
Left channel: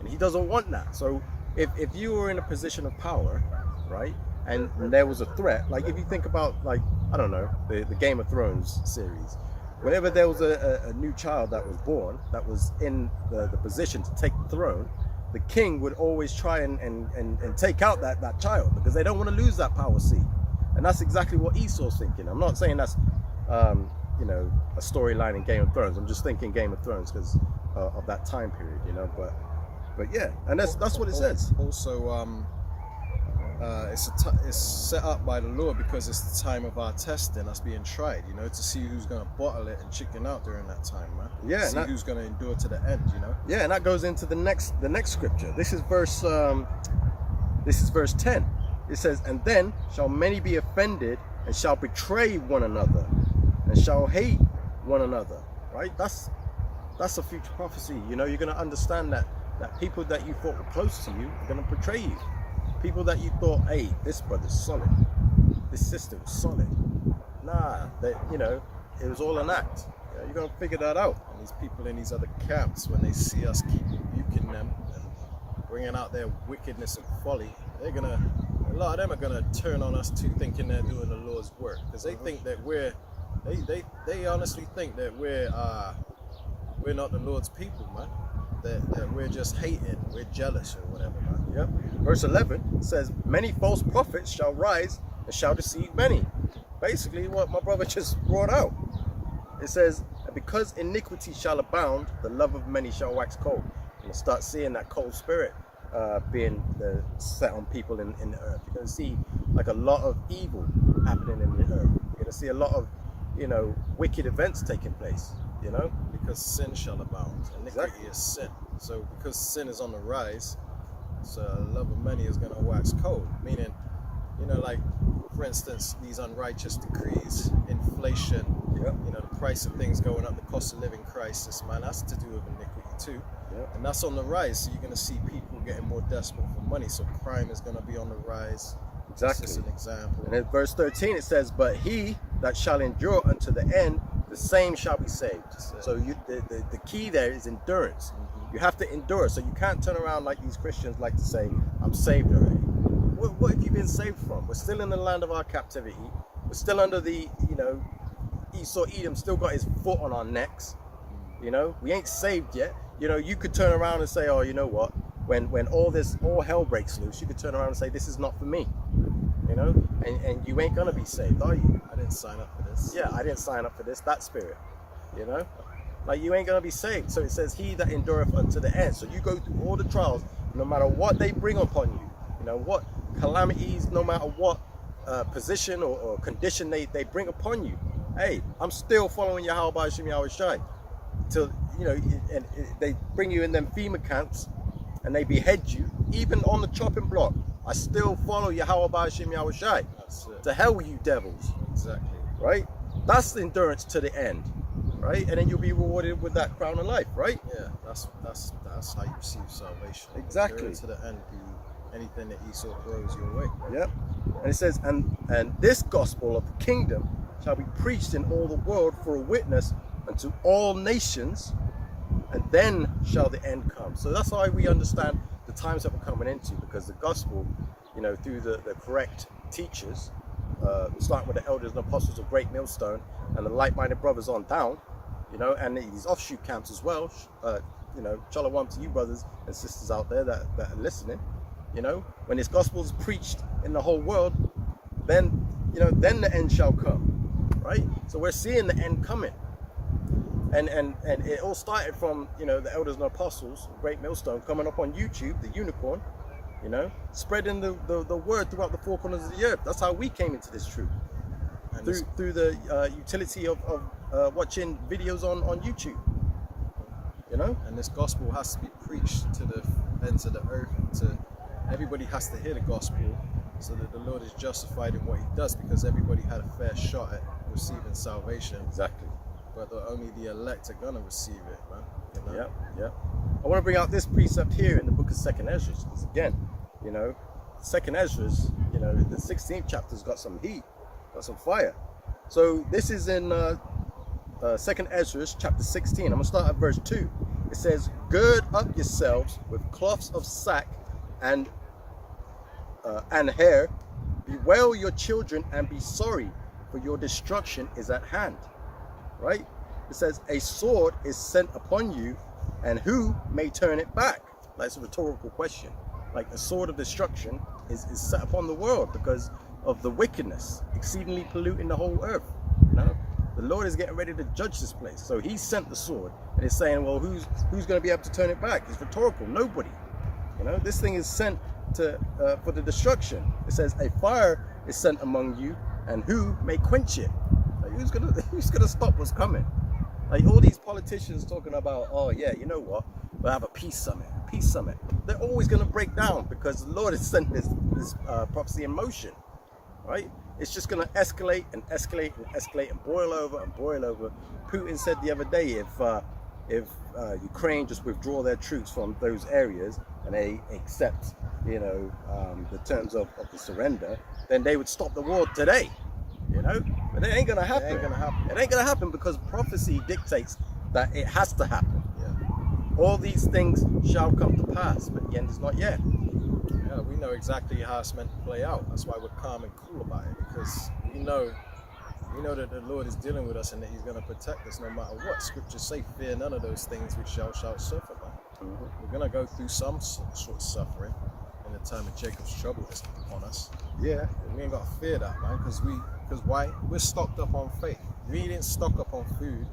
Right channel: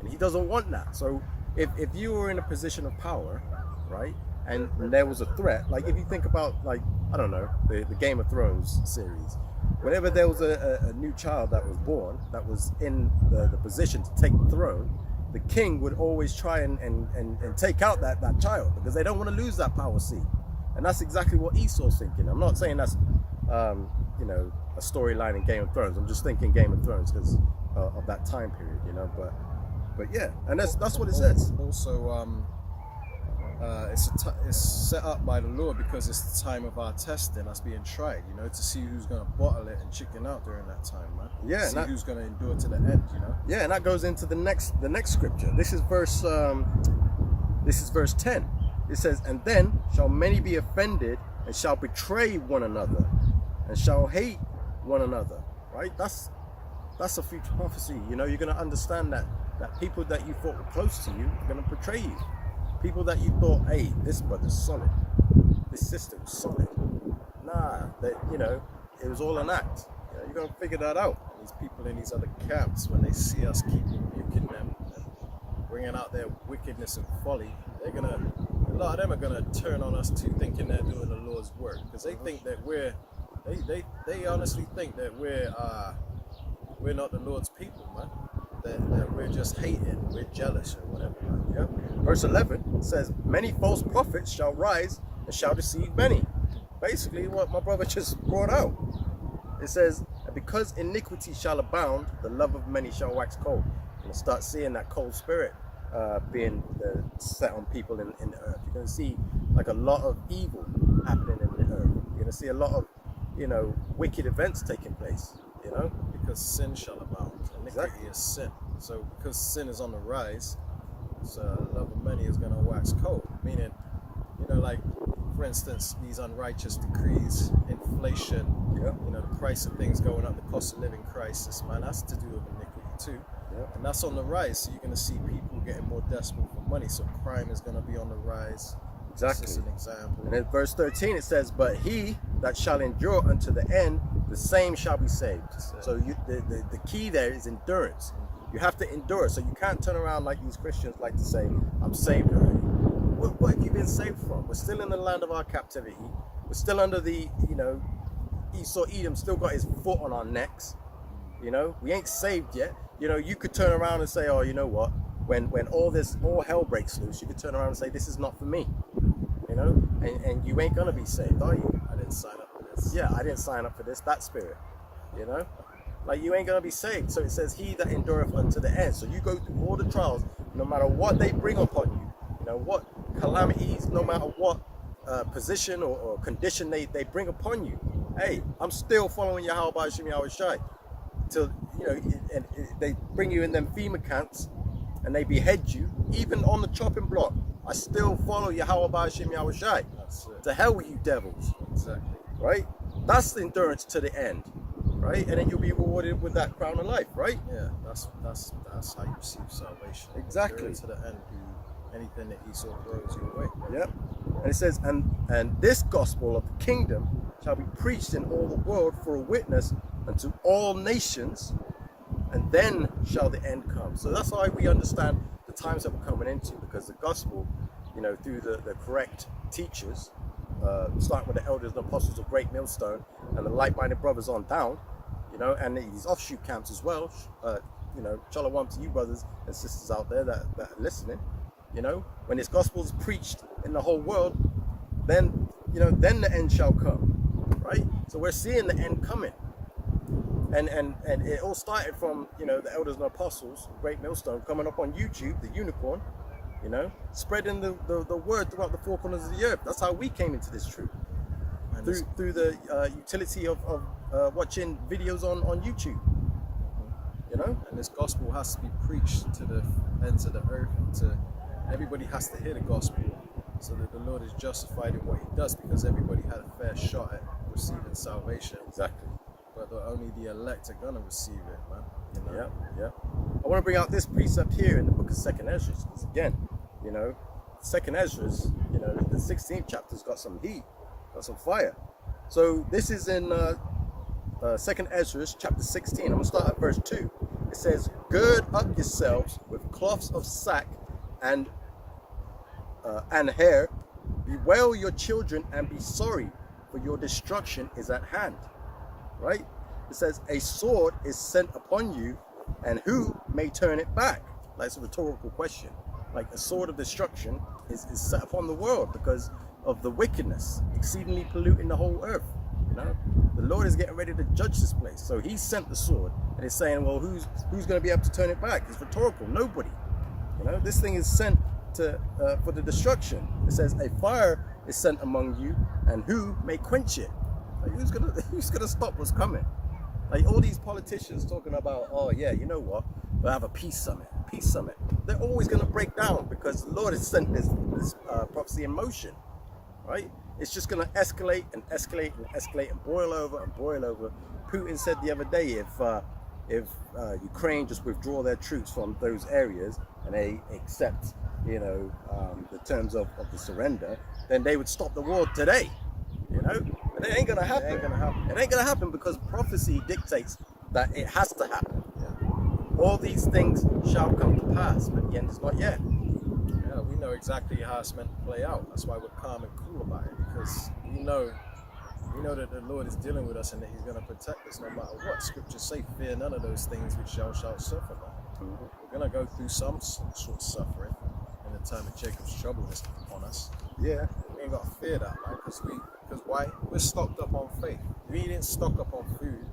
and he doesn't want that. So if you were in a position of power, right, and there was a threat, like if you think about, like, I don't know, the Game of Thrones series, whenever there was a new child that was born, that was in the position to take the throne, the king would always try and take out that child, because they don't want to lose that power seat. And that's exactly what Esau's thinking. I'm not saying that's you know, a storyline in Game of Thrones. I'm just thinking Game of Thrones because of that time period, you know. But yeah, and that's what it says. Also, it's set up by the Lord because it's the time of our testing, us being tried, you know, to see who's going to bottle it and chicken out during that time, man. Yeah, to see who's going to endure to the end, you know. Yeah, and that goes into the next scripture. This is verse 10. It says, and then shall many be offended, and shall betray one another, and shall hate one another. Right? That's a future prophecy. You know, you're going to understand that people that you thought were close to you are going to betray you. People that you thought, hey, this brother's solid, this sister was solid. Nah, that, you know, it was all an act. You know, you're going to figure that out. And these people in these other camps, when they see us keep rebuking them and bringing out their wickedness and folly, a lot of them are gonna turn on us too, thinking they're doing the Lord's work, because they think that they honestly think that we're not the Lord's people, man. That we're just hating, we're jealous or whatever, man. Yep. Verse 11 says, many false prophets shall rise and shall deceive many. Basically what my brother just brought out. It says, because iniquity shall abound, the love of many shall wax cold. And we'll start seeing that cold spirit being set on people in the earth. You're going to see like a lot of evil happening in the earth. You're going to see a lot of, wicked events taking place, Because sin shall abound. Iniquity is sin. So because sin is on the rise, so love of many is going to wax cold. Meaning, like, for instance, these unrighteous decrees, inflation, the price of things going up, the cost of living crisis, man, that's to do with iniquity too. And that's on the rise. So you're going to see people getting more desperate for money. So crime is going to be on the rise. Exactly. That's just an example. And in verse 13 it says, "But he that shall endure unto the end, the same shall be saved." So the key there is endurance. You have to endure. So you can't turn around like these Christians like to say, "I'm saved already." What have you been saved from? We're still in the land of our captivity. We're still under the, Esau Edom still got his foot on our necks. We ain't saved yet. You could turn around and say, "Oh, you know what? When all hell breaks loose, you could turn around and say, 'This is not for me,' and you ain't gonna be saved, are you? I didn't sign up for this. Yeah, I didn't sign up for this. That spirit, like you ain't gonna be saved. So it says, 'He that endureth unto the end.' So you go through all the trials, no matter what they bring upon you, what calamities, no matter what position or condition they bring upon you. Hey, I'm still following Yahweh Hashem Yahweh Shai till and they bring you in them FEMA camps and they behead you, even on the chopping block. I still follow Yahweh Hashem Yahweh Shai. That's it. To hell with you devils. Exactly. Right? That's the endurance to the end. Right? And then you'll be rewarded with that crown of life, right? Yeah, that's how you receive salvation. Exactly. Endure to the end through anything that Esau throws your way. Yep. And it says, and this gospel of the kingdom shall be preached in all the world for a witness unto all nations, and then shall the end come. So that's how we understand the times that we're coming into, because the gospel, through the correct teachers, starting with the elders and apostles of Great Millstone and the like-minded brothers on down, and these offshoot camps as well. Shalom to you brothers and sisters out there that are listening. When this gospel is preached in the whole world, then the end shall come, right? So we're seeing the end coming, and it all started from the elders and apostles, Great Millstone, coming up on YouTube, the unicorn, spreading the word throughout the four corners of the earth. That's how we came into this truth, and through the utility of watching videos on YouTube. And this gospel has to be preached to the ends of the earth. Everybody has to hear the gospel, so that the Lord is justified in what He does, because everybody had a fair shot at receiving salvation. Exactly. But only the elect are gonna receive it, man. Yeah. I want to bring out this precept here in the book of 2nd Ezra, because again, 2nd Ezra, the 16th chapter's got some heat, got some fire. So this is in 2nd Ezra chapter 16. I'm gonna start at verse 2. It says, "Gird up yourselves with cloths of sack and hair, bewail your children and be sorry, for your destruction is at hand." Right? It says, "A sword is sent upon you, and who may turn it back?" That's a rhetorical question. Like, a sword of destruction is set upon the world because of the wickedness exceedingly polluting the whole earth. The Lord is getting ready to judge this place, so He sent the sword, and it's saying, well, who's going to be able to turn it back? It's rhetorical. Nobody. This thing is sent to for the destruction. It says, "A fire is sent among you, and who may quench it?" Like, who's gonna stop what's coming? Like, all these politicians talking about, oh yeah, you know what, we'll have a peace summit. They're always gonna break down, because the Lord has sent this prophecy in motion, right? It's just gonna escalate and escalate and escalate and boil over and boil over. Putin said the other day, if Ukraine just withdraw their troops from those areas and they accept, the terms of the surrender, then they would stop the war today. But it ain't gonna happen. It ain't gonna happen because prophecy dictates that it has to happen. All these things shall come to pass, but the end is not yet. Yeah, we know exactly how it's meant to play out. That's why we're calm and cool about it, because we know that the Lord is dealing with us and that He's going to protect us no matter what. Scriptures say, "Fear none of those things which shall suffer." Man. We're going to go through some sort of suffering in the time of Jacob's trouble that's upon us. Yeah. We ain't got to fear that, man, because why? We're stocked up on faith. We didn't stock up on food.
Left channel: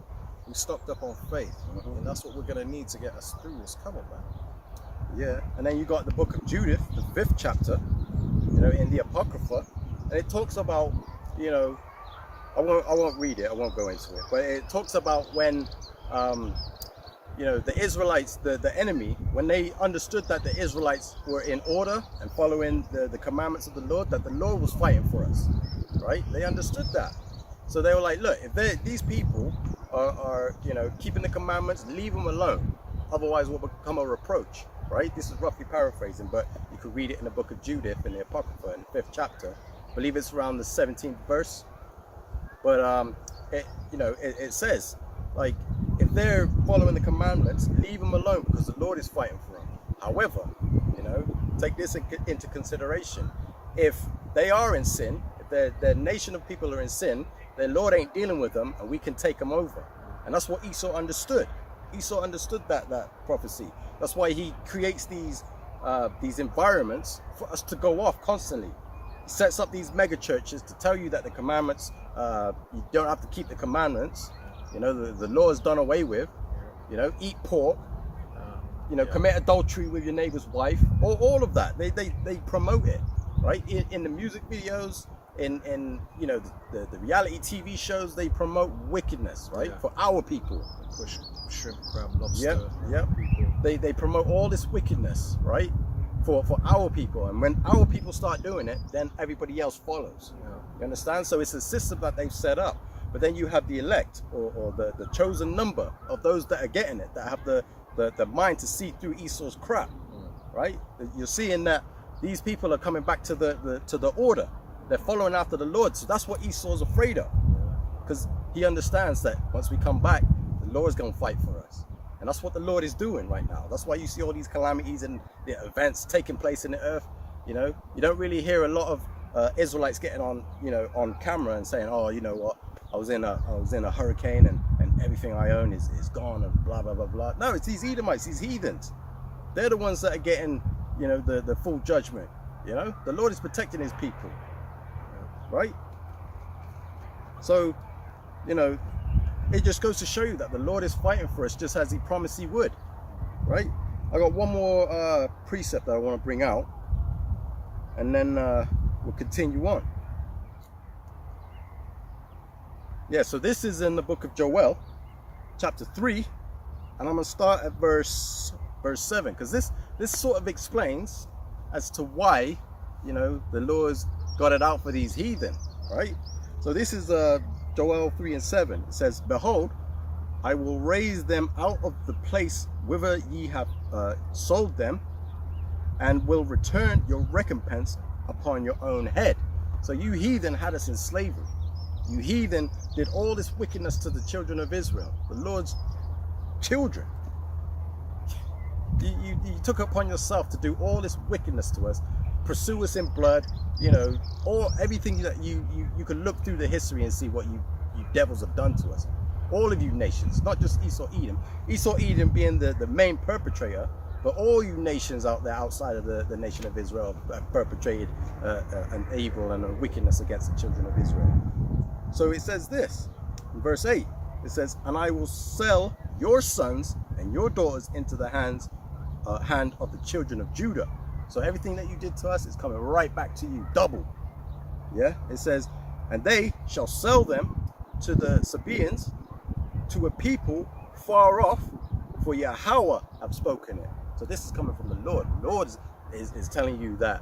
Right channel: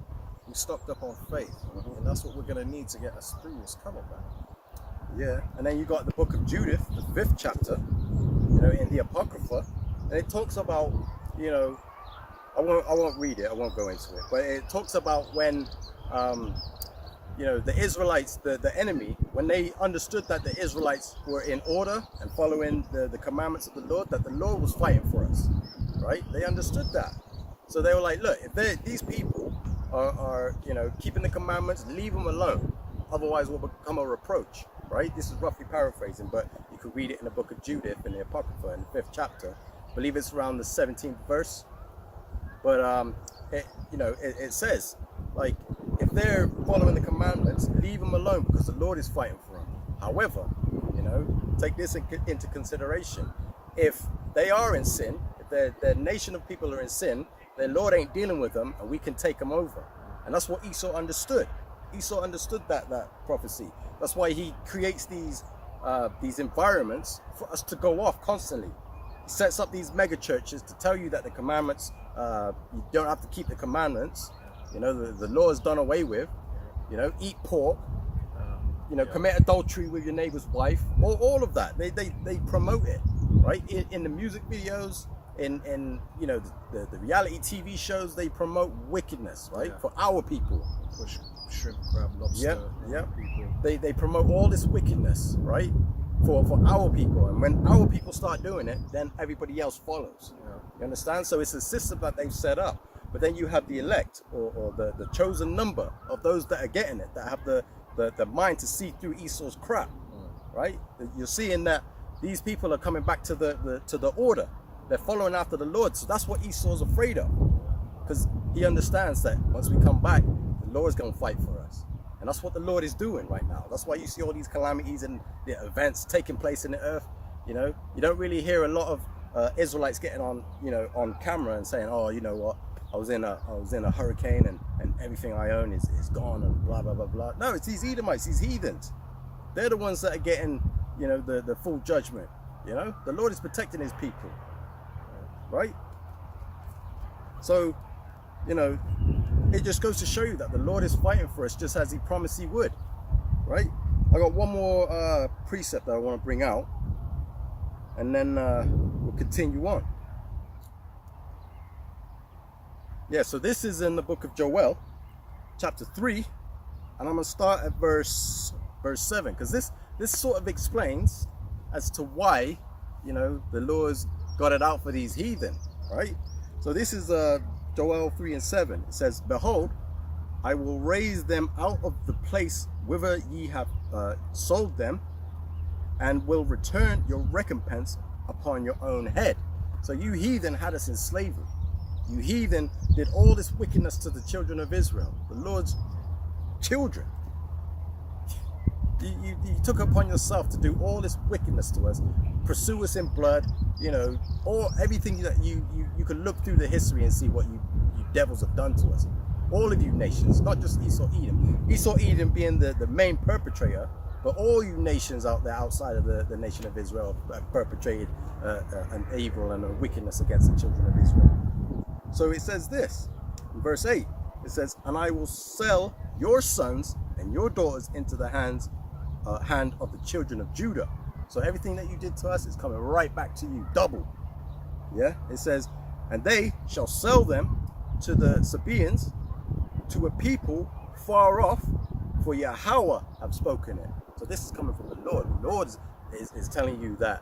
We stocked up on faith, and that's what we're going to need to get us through what's coming, man. Yeah, and then you got the book of Judith, the 5th chapter, you know, in the Apocrypha, and it talks about, you know, I won't read it, I won't go into it, but it talks about when, you know, the Israelites, the enemy, when they understood that the Israelites were in order and following the commandments of the Lord, that the Lord was fighting for us, right? They understood that. So they were like, look, if these people are, you know, keeping the commandments, leave them alone. Otherwise we'll become a reproach, right? This is roughly paraphrasing, but you could read it in the book of Judith in the Apocrypha in the 5th chapter. I believe it's around the 17th verse. But it says, like, if they're following the commandments, leave them alone because the Lord is fighting for them. However, you know, take this into consideration. If they are in sin, if their nation of people are in sin, their Lord ain't dealing with them, and we can take them over. And that's what Esau understood. Esau understood that prophecy. That's why he creates these environments for us to go off constantly. He sets up these mega churches to tell you that the commandments, you don't have to keep the commandments. You know, the law is done away with. You know, eat pork. You know, commit adultery with your neighbor's wife. All of that. They promote it, right? In the music videos, in you know, the reality TV shows, they promote wickedness, right? For our people. Push shrimp, crab, lobster. Yeah. They promote all this wickedness, right? For our people, and when our people start doing it, then everybody else follows. You understand? So it's a system that they've set up. But then you have the elect, or the chosen number of those that are getting it, that have the mind to see through Esau's crap, right? You're seeing that these people are coming back to the order. They're following after the Lord. So that's what Esau's afraid of, because he understands that once we come back, the Lord is going to fight for us. And that's what the Lord is doing right now. That's why you see all these calamities and the events taking place in the earth. You know, you don't really hear a lot of Israelites getting on, you know, on camera and saying, oh, you know what, I was in a hurricane and everything I own is gone and blah blah blah blah. No, it's these Edomites, these heathens. They're the ones that are getting, you know, the full judgment. You know, the Lord is protecting his people, right? So, you know, it just goes to show you that the Lord is fighting for us just as he promised he would, right? I got one more precept that I want to bring out, and then we'll continue on. Yeah, so this is in the book of Joel, chapter 3, and I'm going to start at verse 7, because this sort of explains as to why, you know, the Lord's got it out for these heathen, right? So this is Joel 3 and 7. It says, behold, I will raise them out of the place whither ye have sold them, and will return your recompense upon your own head. So you heathen had us in slavery. You heathen did all this wickedness to the children of Israel, the Lord's children. You took upon yourself to do all this wickedness to us, pursue us in blood, you know, everything that you could look through the history and see what you devils have done to us. All of you nations, not just Esau Edom. Esau Edom being the main perpetrator, but all you nations out there outside of the nation of Israel have perpetrated an evil and a wickedness against the children of Israel. So it says this, in verse 8, it says, and I will sell your sons and your daughters into the hand of the children of Judah. So everything that you did to us is coming right back to you, double. Yeah, it says, and they shall sell them to the Sabaeans, to a people far off, for Yahweh have spoken it. So this is coming from the Lord. The Lord is telling you that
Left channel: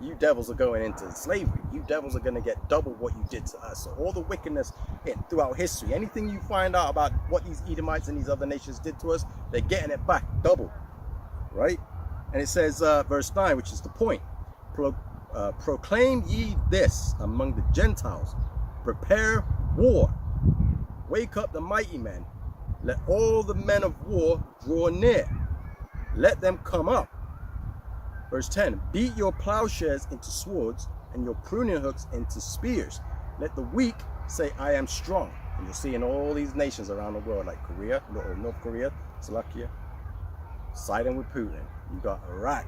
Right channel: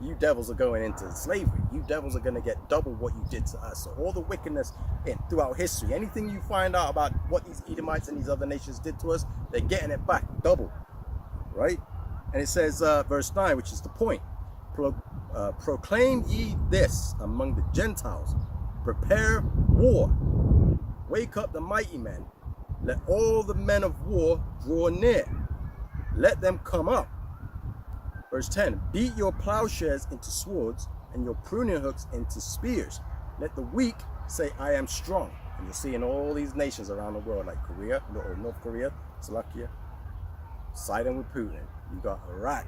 you devils are going into slavery. You devils are going to get double what you did to us. So all the wickedness throughout history, anything you find out about what these Edomites and these other nations did to us, they're getting it back double, right? And it says, verse 9, which is the point, proclaim ye this among the Gentiles, prepare war, wake up the mighty men, let all the men of war draw near, let them come up. Verse 10, beat your plowshares into swords and your pruning hooks into spears. Let the weak say, I am strong. And you'll see in all these nations around the world, like Korea, or North Korea, Slovakia, siding with Putin. You got Iraq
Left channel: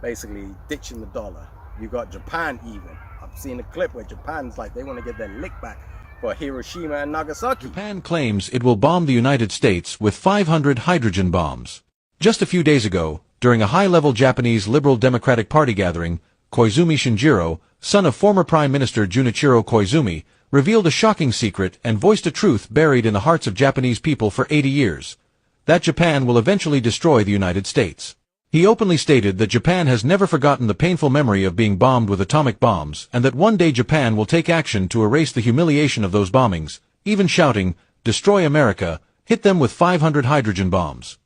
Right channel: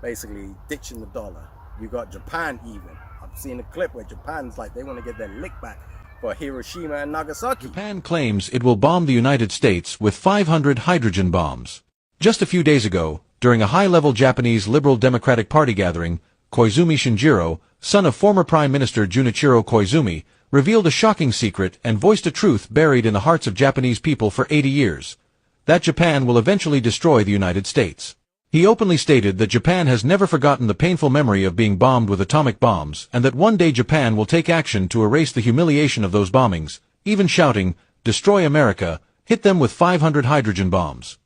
basically ditching the dollar. You got Japan even. I've seen a clip where Japan's like they want to get their lick back for Hiroshima and Nagasaki. Japan claims it will bomb the United States with 500 hydrogen bombs. Just a few days ago, during a high-level Japanese Liberal Democratic Party gathering, Koizumi Shinjiro, son of former Prime Minister Junichiro Koizumi, revealed a shocking secret and voiced a truth buried in the hearts of Japanese people for 80 years. That Japan will eventually destroy the United States. He openly stated that Japan has never forgotten the painful memory of being bombed with atomic bombs, and that one day Japan will take action to erase the humiliation of those bombings, even shouting, "Destroy America, hit them with 500 hydrogen bombs."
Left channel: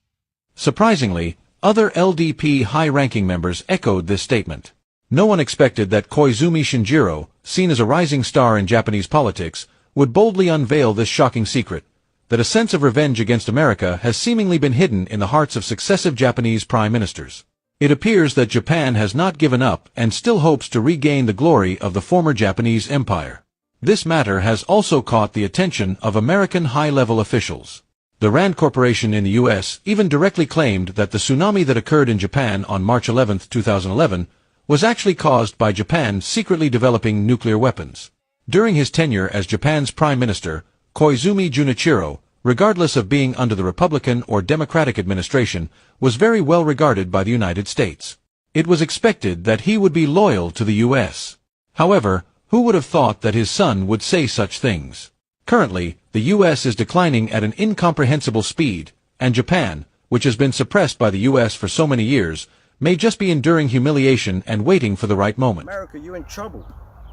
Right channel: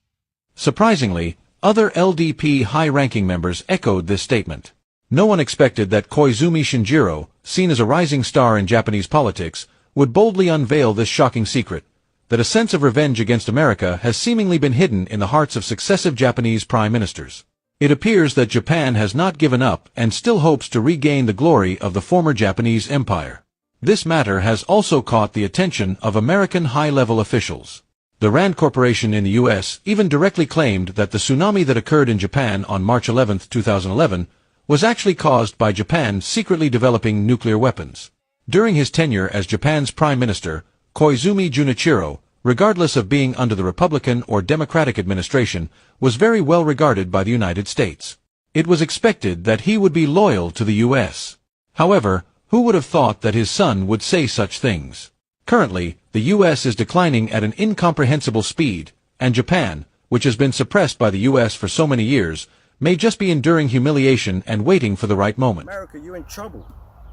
Surprisingly, other LDP high-ranking members echoed this statement. No one expected that Koizumi Shinjiro, seen as a rising star in Japanese politics, would boldly unveil this shocking secret, that a sense of revenge against America has seemingly been hidden in the hearts of successive Japanese prime ministers. It appears that Japan has not given up and still hopes to regain the glory of the former Japanese empire. This matter has also caught the attention of American high-level officials. The Rand Corporation in the U.S. even directly claimed that the tsunami that occurred in Japan on March 11, 2011, was actually caused by Japan secretly developing nuclear weapons. During his tenure as Japan's prime minister, Koizumi Junichiro, regardless of being under the Republican or Democratic administration, was very well regarded by the United States. It was expected that he would be loyal to the U.S. However, who would have thought that his son would say such things? Currently, the U.S. is declining at an incomprehensible speed, and Japan, which has been suppressed by the U.S. for so many years, may just be enduring humiliation and waiting for the right moment. America, you're in trouble.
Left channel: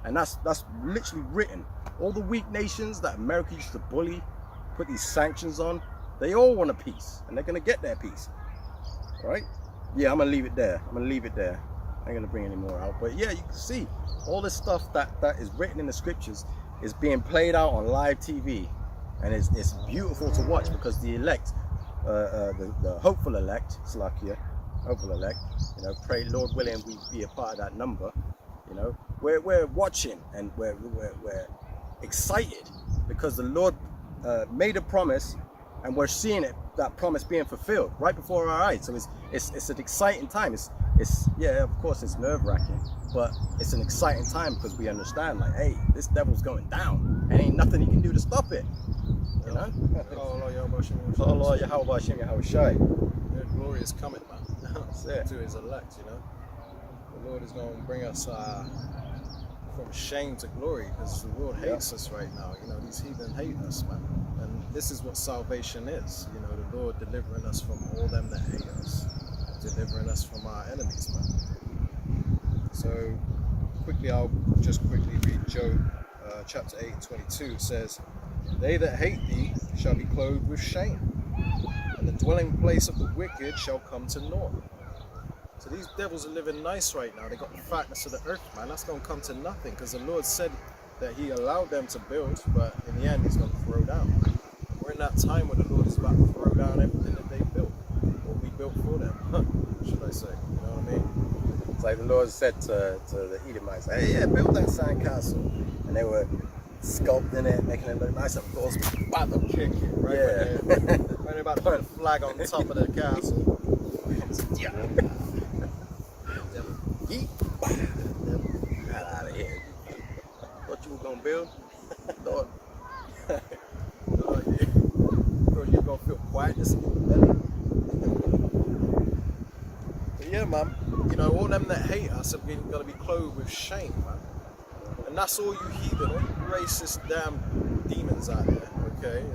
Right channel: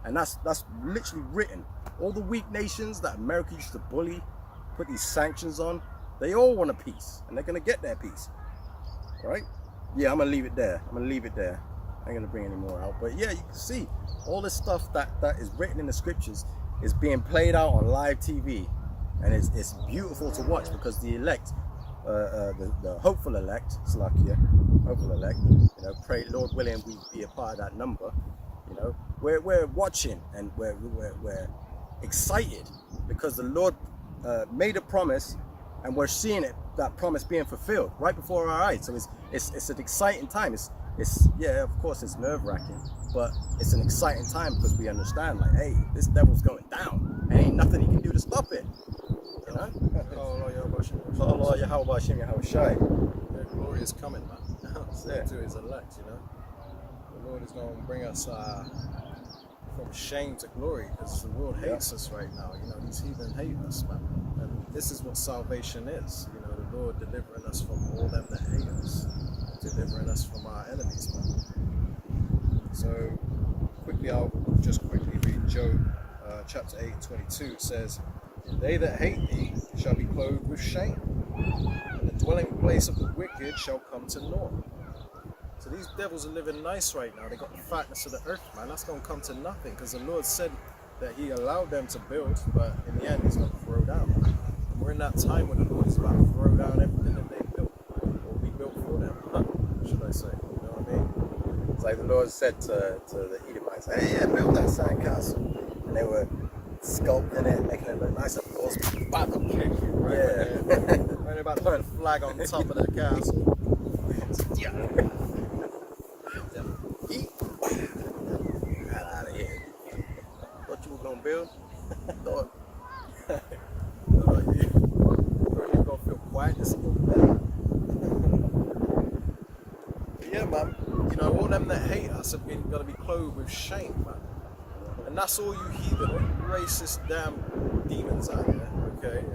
And that's literally written. All the weak nations that America used to bully, put these sanctions on, they all want a peace, and they're gonna get their peace. Right? Yeah, I'm gonna leave it there. I ain't gonna bring any more out. But yeah, you can see all this stuff that is written in the scriptures is being played out on live TV, and it's beautiful to watch, because the elect, the hopeful elect, Slakia, hopeful elect, you know, pray Lord willing we be a part of that number. You know, we're watching, and we're excited because the Lord made a promise, and we're seeing that promise being fulfilled right before our eyes. So it's an exciting time. It's yeah, of course it's nerve-wracking, but it's an exciting time because we understand, like, hey, this devil's going down, and ain't nothing he can do to stop it. You know? Their glory is coming, man. To his elect, you know. The Lord is going to bring us from shame to glory, because the world hates us right now. You know, these heathen hate us, man. And this is what salvation is. You know, the Lord delivering us from all them that hate us, delivering us from our enemies, man. So quickly, I'll just quickly read Job chapter 8:22. It says, "They that hate thee shall be clothed with shame, and the dwelling place of the wicked shall come to naught." So these devils are living nice right now. They got the fatness of the earth, man. That's going to come to nothing, because the Lord said that he allowed them to build, but in the end he's going to throw down. And we're in that time where the Lord is about to throw down everything that they built, or we built for them, should I say. You know what I mean? It's like the Lord said to the Edomites, hey, yeah, build that sandcastle. And they were sculpting it, making it look nice. Of course, About to kick you, right? Yeah. Right about to put a flag on top of the castle. Yeah. Get out of here. Thought you were gonna build? Thought you thought you were gonna feel quiet this better. But yeah, man, you know, all them that hate us are gonna be clothed with shame, man. And that's all you heathen, all you racist damn demons out there, okay?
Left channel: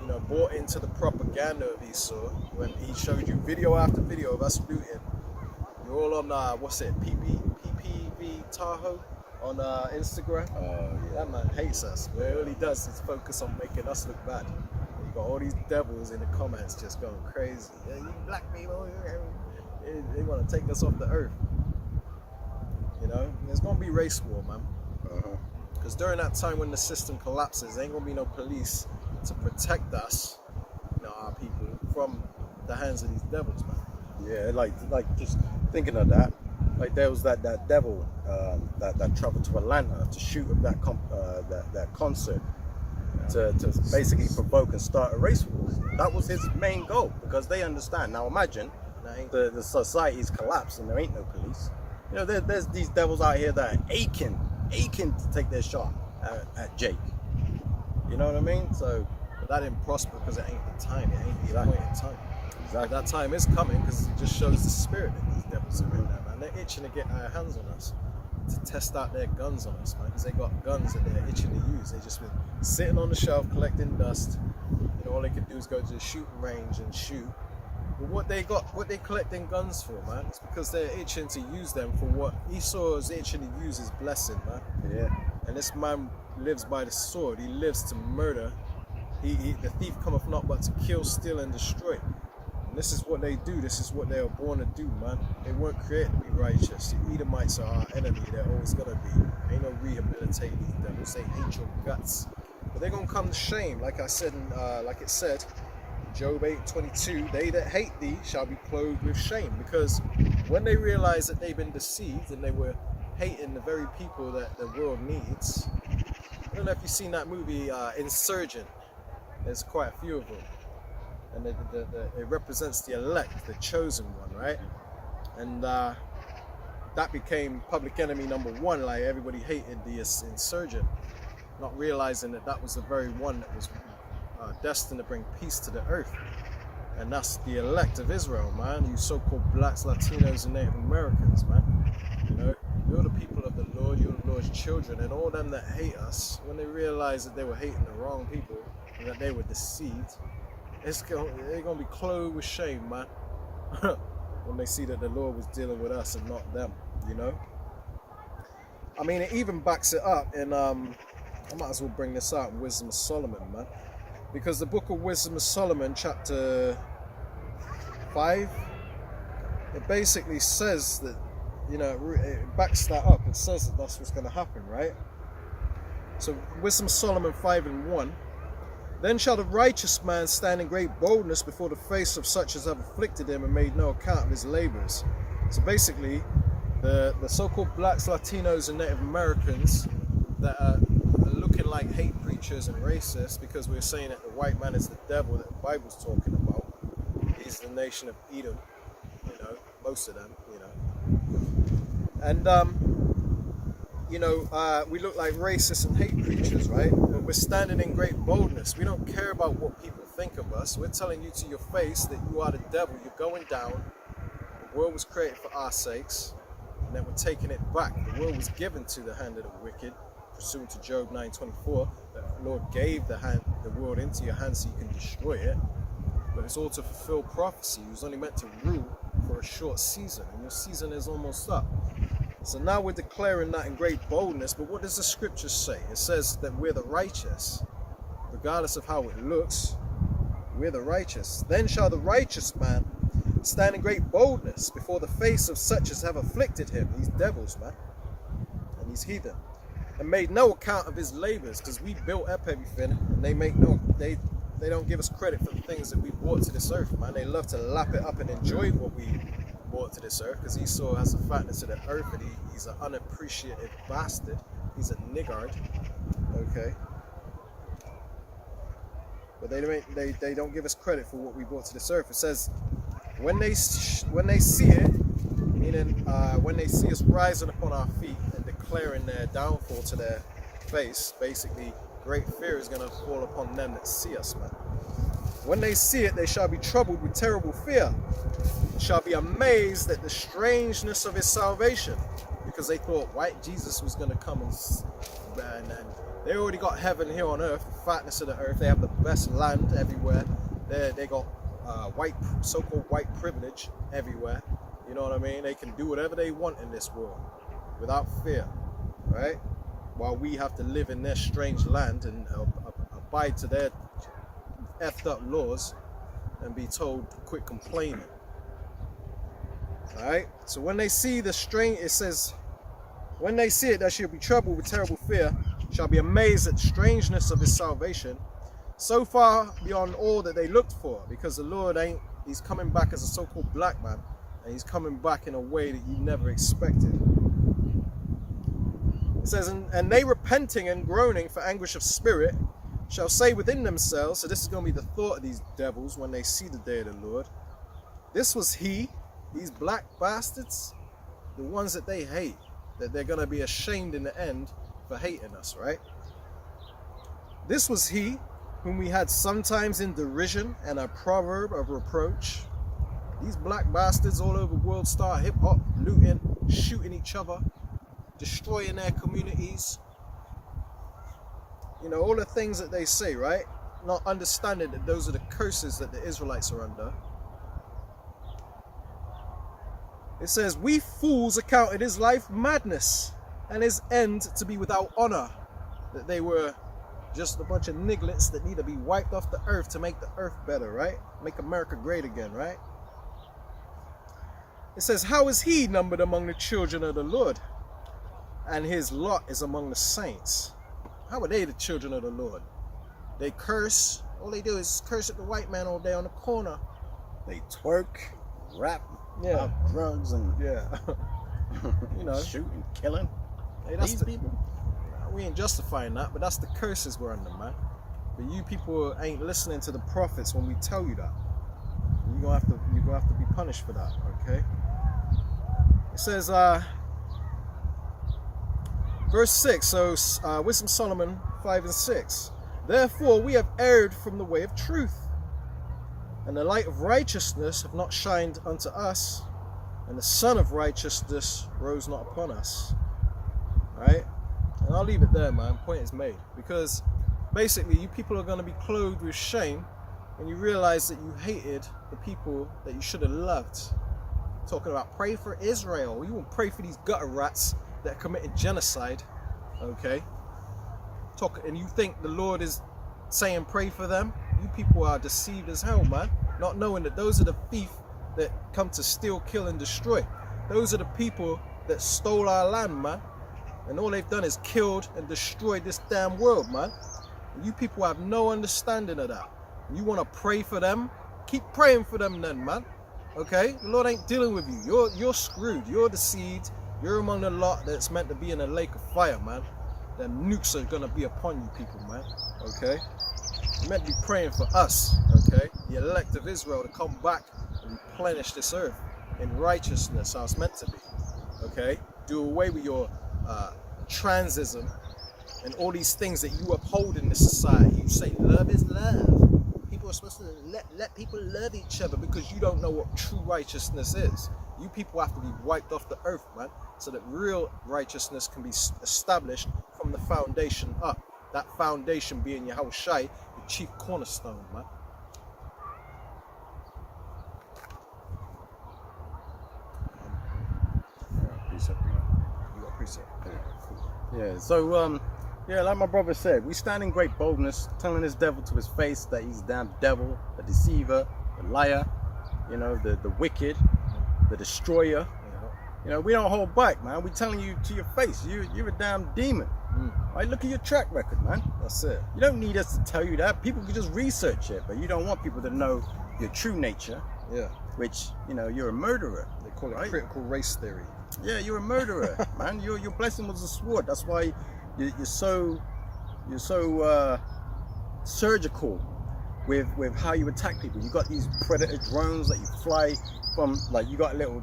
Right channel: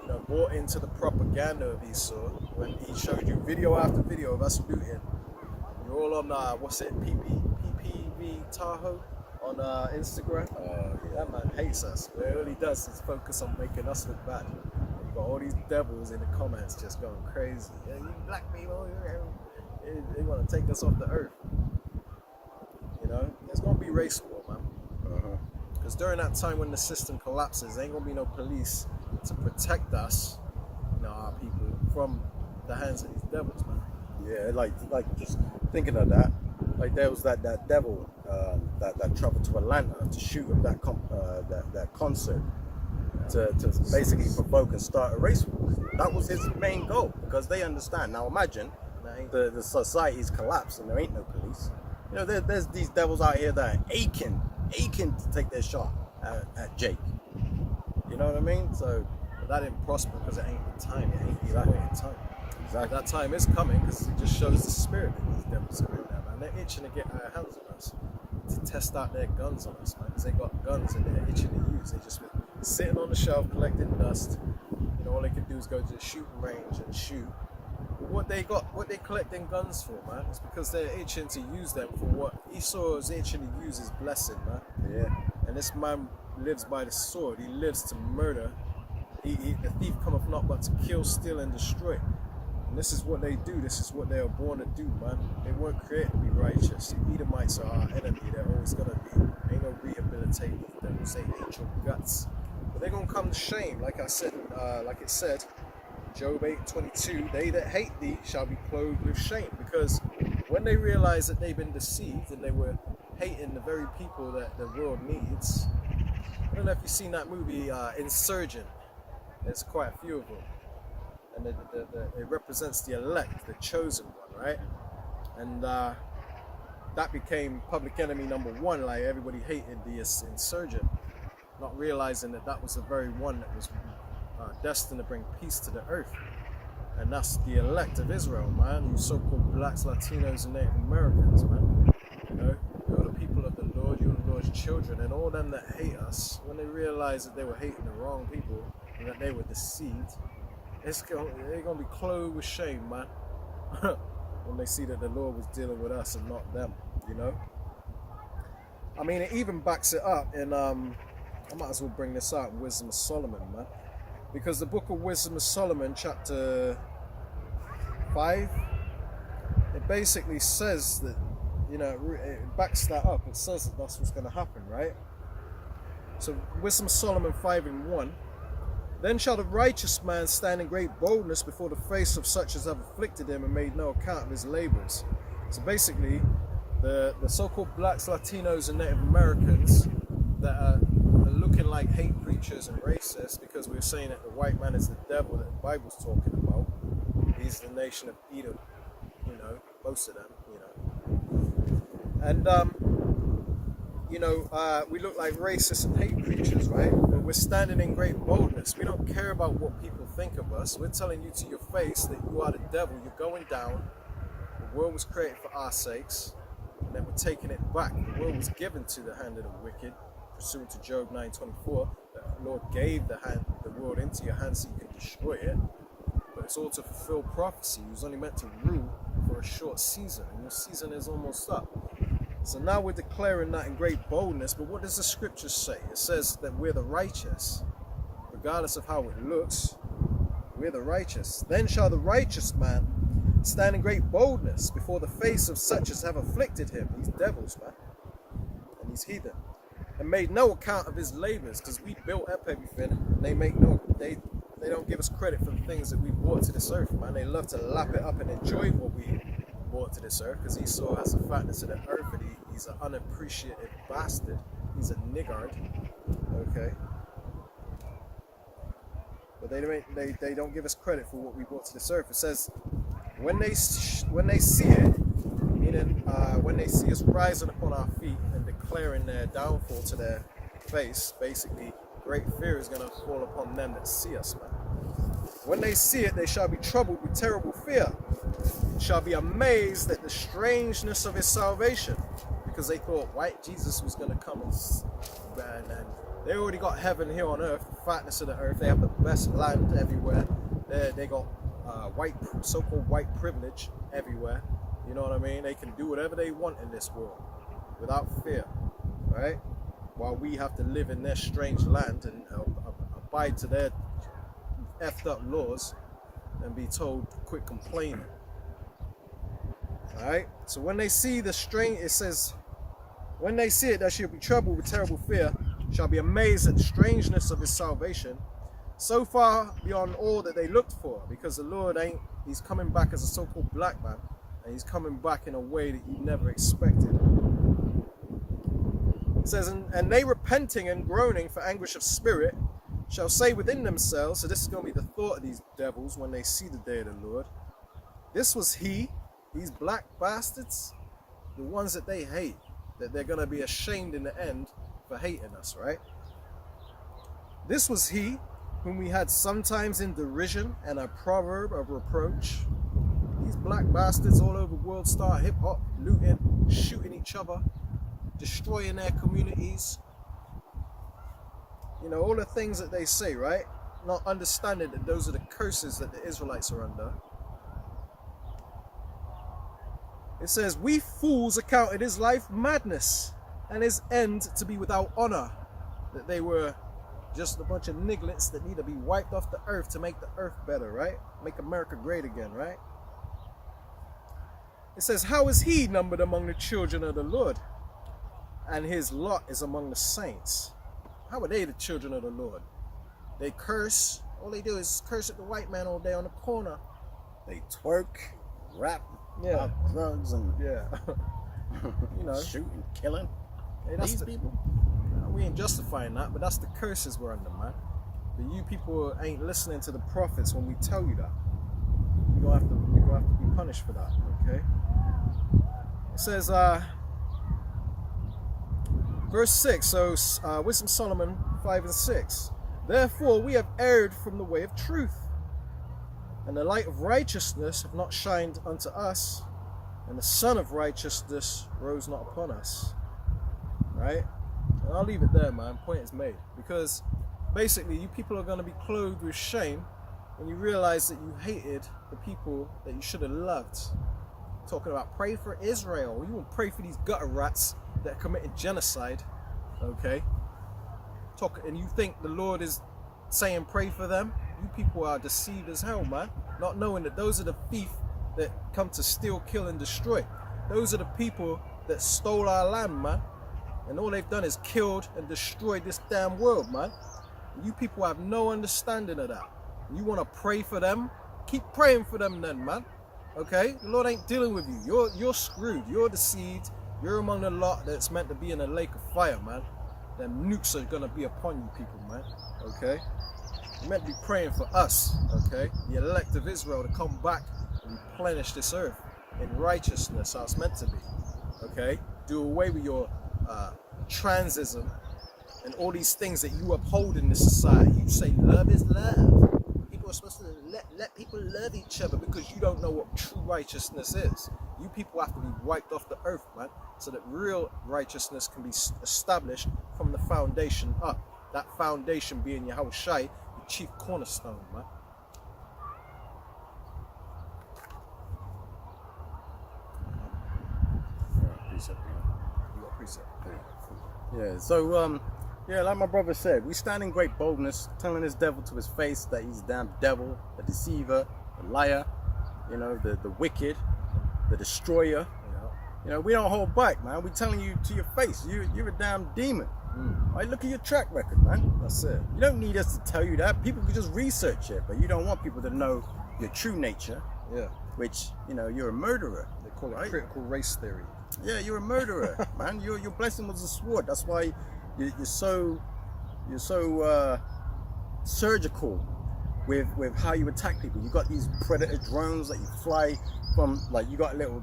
You know, bought into the propaganda of Esau when he showed you video after video of us looting. You're all on what's it, PPV Tahoe on Instagram. yeah. That man hates us. But all he does is focus on making us look bad. And you got all these devils in the comments just going crazy. Yeah, you black people, they want to take us off the earth. You know, there's gonna be race war, man. Because during that time when the system collapses, there ain't gonna be no police to protect us, you know, our people, from the hands of these devils, man. Yeah, like just thinking of that, like there was that devil that traveled to Atlanta to shoot up that concert, to basically provoke and start a race war. That was his main goal, because they understand. Now imagine the society's collapsed and there ain't no police. You know, there's these devils out here that are aching to take their shot at Jake. You know what I mean? So but that didn't prosper because it ain't the time. It ain't the appointed time. But that time is coming because it just shows the spirit that these devils are in there, man. They're itching to get our hands on us, to test out their guns on us, man, because they got guns that they're itching to use. They just been sitting on the shelf collecting dust. You know, all they can do is go to the shooting range and shoot. But what they collecting guns for, man, it's because they're itching to use them for what Esau is itching to use his blessing, man. Yeah. And this man lives by the sword. He lives to murder. The thief cometh not but to kill, steal, and destroy. And this is what they do. This is what they are born to do, man. They weren't created to be righteous. The Edomites are our enemy. They're always gonna be. Ain't no rehabilitating these devils. They hate your guts. But they're gonna come to shame, like I said, like it said, Job 8:22. They that hate thee shall be clothed with shame, because when they realize that they've been deceived and they were hating the very people that the world needs. I don't know if you've seen that movie, Insurgent. There's quite a few of them. And it represents the elect, the chosen one, right? And that became public enemy number one. Like, everybody hated the insurgent, not realizing that that was the very one that was destined to bring peace to the earth. And that's the elect of Israel, man. You so-called blacks, Latinos, and Native Americans, man. You know, you're the people of the Lord, you're the Lord's children, and all them that hate us, when they realize that they were hating the wrong people and that they were deceived, they're going to be clothed with shame, man, when they see that the Lord was dealing with us and not them, you know? I mean, it even backs it up in, I might as well bring this out in Wisdom of Solomon, man, because the book of Wisdom of Solomon, chapter 5, it basically says that, you know, it backs that up. It says that that's what's going to happen, right? So, Wisdom of Solomon 5:1. Then shall the righteous man stand in great boldness before the face of such as have afflicted him and made no account of his labors. So basically, the so-called blacks, Latinos, and Native Americans that are looking like hate preachers and racists, because we're saying that the white man is the devil that the Bible's talking about. He's the nation of Edom, you know, most of them, you know. And you know, we look like racists and hate preachers, right? But we're standing in great boldness. We don't care about what people think of us. We're telling you to your face that you are the devil. You're going down. The world was created for our sakes, and then we're taking it back. The world was given to the hand of the wicked, pursuant to Job 9:24. The Lord gave the world into your hands so you can destroy it. But it's all to fulfill prophecy. He was only meant to rule for a short season, and your season is almost up. So now we're declaring that in great boldness, but what does the scripture say? It says that we're the righteous, regardless of how it looks. We're the righteous. Then shall the righteous man stand in great boldness before the face of such as have afflicted him, these devils, man, and these heathen, and made no account of his labors, because we built up everything, and they don't give us credit for the things that we brought to this earth, man. They love to lap it up and enjoy what we brought to this earth, because Esau has the fatness of the earth, and he's an unappreciative bastard. He's a niggard, okay? But they don't give us credit for what we brought to this earth. It says, when they see it, meaning when they see us rising upon our feet and declaring their downfall to their face, basically, great fear is going to fall upon them that see us, man. When they see it, they shall be troubled with terrible fear, shall be amazed at the strangeness of his salvation, because they thought white Jesus was going to come and they already got heaven here on earth, the fatness of the earth. They have the best land everywhere. They got so-called white privilege everywhere. You know what I mean? They can do whatever they want in this world without fear, right? While we have to live in their strange land and abide to their effed up laws and be told to quit complaining. Alright, so when they see the strange, it says, when they see it, they shall be troubled with terrible fear, shall be amazed at the strangeness of his salvation, so far beyond all that they looked for, because the Lord he's coming back as a so-called black man, and he's coming back in a way that you never expected. It says, and they repenting and groaning for anguish of spirit, shall say within themselves, so this is going to be the thought of these devils when they see the day of the Lord, this was he, these black bastards, the ones that they hate, that they're going to be ashamed in the end for hating us, right? This was he whom we had sometimes in derision and a proverb of reproach, These black bastards all over world star hip hop, looting, shooting each other, destroying their communities. You know, all the things that they say, right? Not understanding that those are the curses that the Israelites are under. It says, we fools accounted his life madness and his end to be without honor. That they were just a bunch of nigglets that need to be wiped off the earth to make the earth better, right? Make America great again, right? It says, how is he numbered among the children of the Lord? And his lot is among the saints. How are they the children of the Lord? They curse. All they do is curse at the white man all day on the corner. They twerk, rap, Yeah. drugs, and Yeah. You know, shooting, killing. hey, that's These the, people. we ain't justifying that, but that's the curses we're under, man. But you people ain't listening to the prophets when we tell you that. You're gonna have to be punished for that, okay? It says, verse 6, so Wisdom Solomon 5 and 6. Therefore we have erred from the way of truth, and the light of righteousness have not shined unto us, and the sun of righteousness rose not upon us. Right? And I'll leave it there, man. Point is made. Because basically you people are going to be clothed with shame when you realize that you hated the people that you should have loved. Talking about pray for Israel. You won't pray for these gutter rats that are committing genocide. Okay? And you think the Lord is saying pray for them? You people are deceived as hell, man. Not knowing that those are the thief that come to steal, kill, and destroy. Those are the people that stole our land, man. And all they've done is killed and destroyed this damn world, man. And you people have no understanding of that. You want to pray for them? Keep praying for them then, man. Okay? The Lord ain't dealing with you. You're screwed. You're deceived. You're among the lot that's meant to be in a lake of fire, man. Them nukes are going to be upon you people, man. Okay? You're meant to be praying for us, okay? The elect of Israel to come back and replenish this earth in righteousness, how it's meant to be, okay? Do away with your transism and all these things that you uphold in this society. You say love is love. People are supposed to let people love each other because you don't know what true righteousness is. You people have to be wiped off the earth, man, so that real righteousness can be established from the foundation up. That foundation being Yahushai, the chief cornerstone, man. Yeah, precept, You got precept. Yeah, cool. Yeah, so yeah, like my brother said, we stand in great boldness, telling this devil to his face that he's a damn devil, the deceiver, the liar, you know, the wicked, the destroyer. You know, we don't hold back, man. We telling you to your face, you're a damn demon. Right? Look at your track record, man. That's it. You don't need us to tell you that. People can just research it, but you don't want people to know your true nature. Yeah. Which, you know, you're a murderer. They call it right? critical race theory. Yeah, you're a murderer, man. Your blessing was a sword. That's why you're so surgical with how you attack people. You got these predator drones that you fly from, like you got a little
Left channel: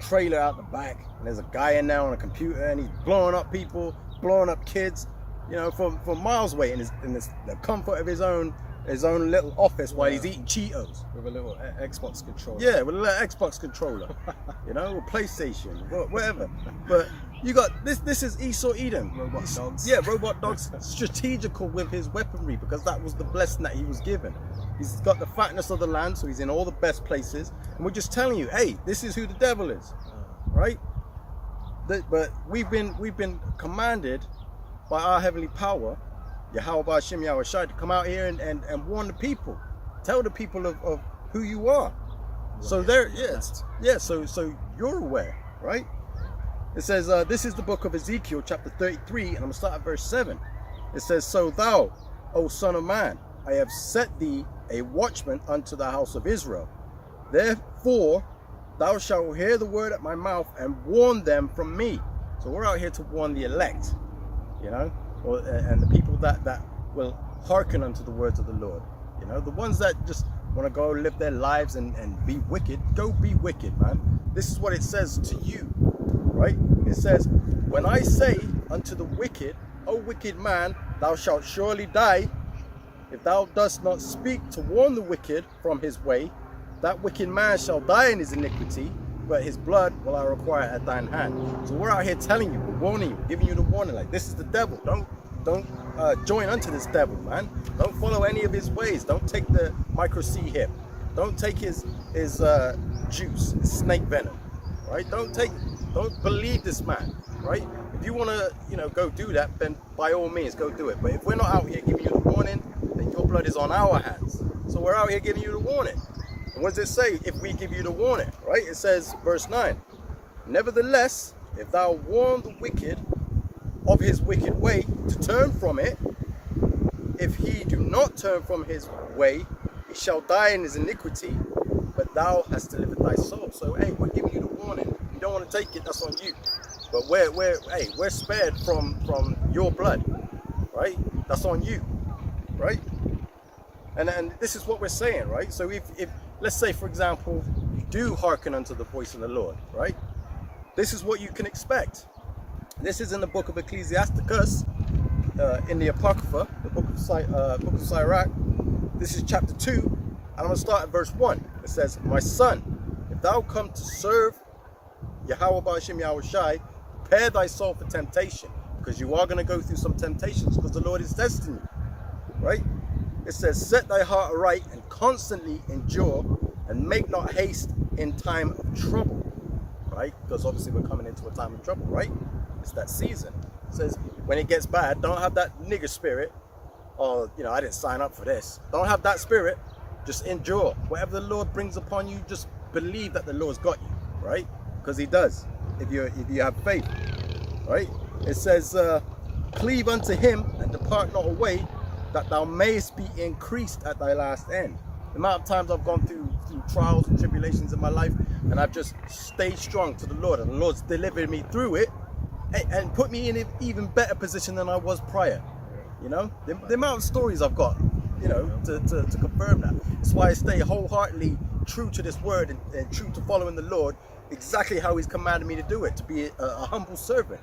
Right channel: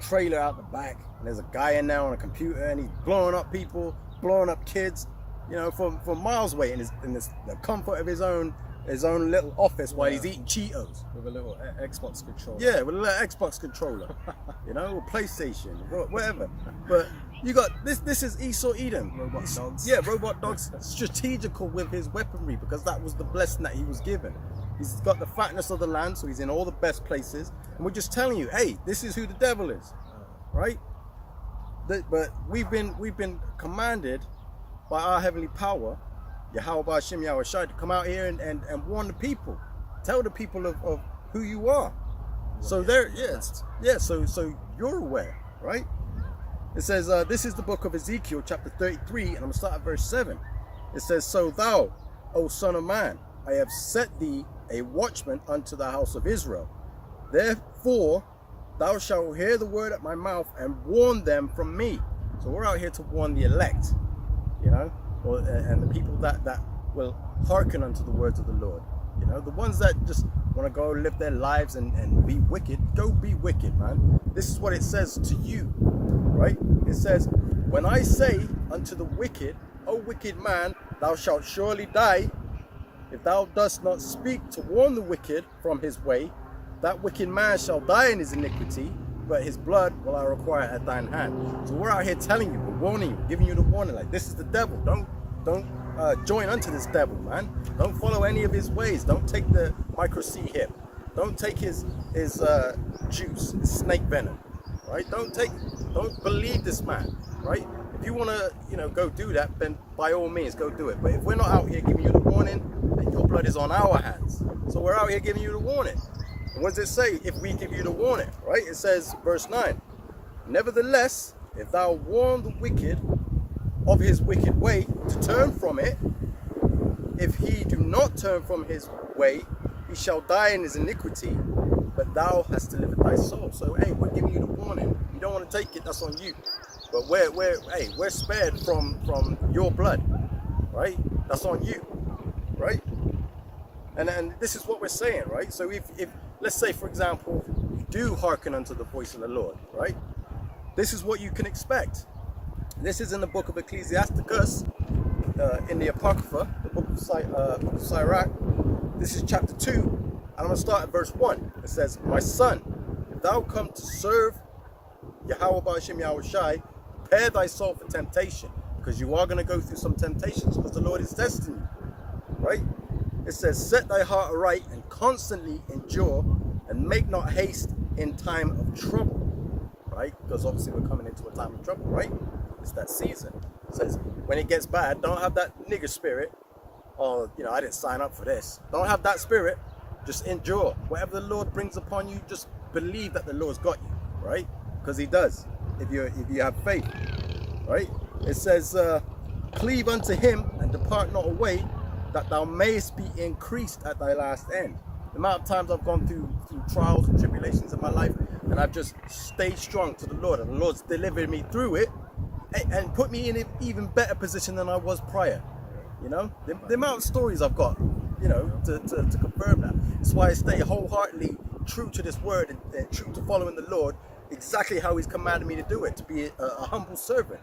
trailer out the back, and there's a guy in there on a computer, and he's blowing up people, blowing up kids, you know, from miles away in the comfort of his own little office while he's eating Cheetos with a little Xbox controller. Yeah, with a little Xbox controller, you know, or PlayStation, whatever. But you got this is Esau Edom. Robot dogs. Yeah, robot dogs, strategical with his weaponry because that was the blessing that he was given. He's got the fatness of the land, so he's in all the best places. And we're just telling you, hey, this is who the devil is, right? But we've been commanded by our heavenly power, Yahweh Ahchyem Yahushai, to come out here and warn the people, tell the people of who you are. So there, so you're aware, right? It says, this is the book of Ezekiel, chapter 33, and I'm going to start at verse 7. It says, so thou, O son of man, I have set thee a watchman unto the house of Israel. Therefore, thou shalt hear the word at my mouth and warn them from me. So we're out here to warn the elect, you know, and the people that will hearken unto the words of the Lord. You know, the ones that just want to go live their lives and be wicked, go be wicked, man. This is what it says to you, right? It says, when I say unto the wicked, O wicked man, thou shalt surely die. if thou dost not speak to warn the wicked from his way, that wicked man shall die in his iniquity, but his blood will I require at thine hand. So we're out here telling you, we're warning you, giving you the warning, like, this is the devil. Don't join unto this devil, man. Don't follow any of his ways. Don't take the micro C hip. Don't take his juice, his snake venom, right? Don't believe this man, right? If you want to, go do that, then by all means, go do it. But if we're not out here giving you the warning, then your blood is on our hands. So we're out here giving you the warning. And what does it say if we give you the warning, right? It says, verse 9, nevertheless, if thou warn the wicked of his wicked way to turn from it, if he do not turn from his way, he shall die in his iniquity, but thou hast delivered thy soul. So, hey, we're giving you the warning. If you don't want to take it, that's on you. But we're spared from your blood, right? That's on you, right? And this is what we're saying, right? So if let's say, for example, you do hearken unto the voice of the Lord, right? This is what you can expect. This is in the book of Ecclesiasticus, in the Apocrypha, the book of Sirach. This is chapter 2, and I'm going to start at verse 1. It says, my son, if thou come to serve Yahweh Ahchyem Yahweh Shai, prepare thy soul for temptation, because you are going to go through some temptations, because the Lord is testing you, right? It says, set thy heart aright and constantly endure, and make not haste in time of trouble, right? Because obviously we're coming into a time of trouble, right? It's that season. It says, when it gets bad, don't have that nigger spirit, or, I didn't sign up for this. Don't have that spirit. Just endure. Whatever the Lord brings upon you, just believe that the Lord's got you, right? Because he does, if you have faith, right? It says, cleave unto him and depart not away, that thou mayest be increased at thy last end. The amount of times I've gone through trials and tribulations in my life, and I've just stayed strong to the Lord, and the Lord's delivered me through it and put me in an even better position than I was prior. The amount of stories I've got, to confirm that. That's why I stay wholeheartedly true to this word and true to following the Lord exactly how he's commanded me to do it, to be a humble servant,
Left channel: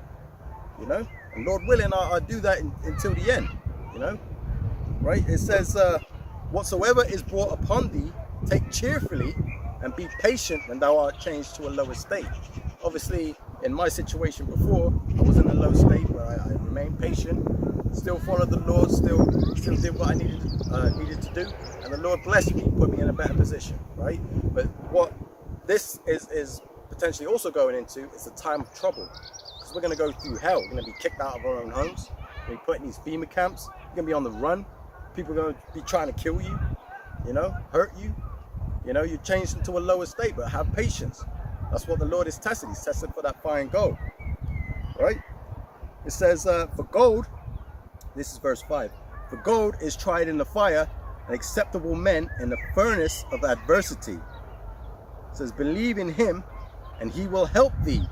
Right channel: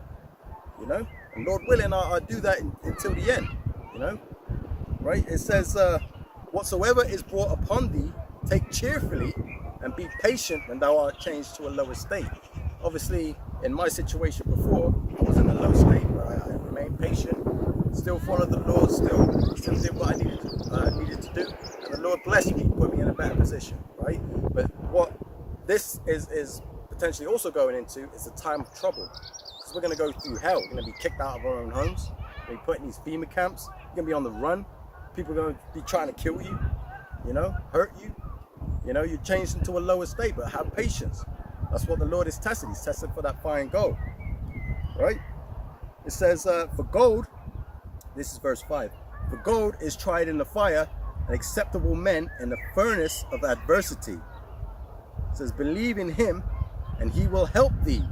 and Lord willing, I'll do that until the end, right? It says, whatsoever is brought upon thee, take cheerfully, and be patient when thou art changed to a lower state. Obviously, in my situation before, I was in a low state, but I remained patient, still followed the Lord, still did what I needed to do, and the Lord blessed me, put me in a better position, right? But what this is potentially also going into is a time of trouble, because we're going to go through hell. We're going to be kicked out of our own homes. We're going to be put in these FEMA camps. We're going to be on the run. People are going to be trying to kill you, hurt you. You're changed into a lower state, but have patience. That's what the Lord is testing. He's testing for that fine gold, right? It says, for gold, this is verse 5, for gold is tried in the fire, and acceptable men in the furnace of adversity. It says, believe in him, and he will help thee.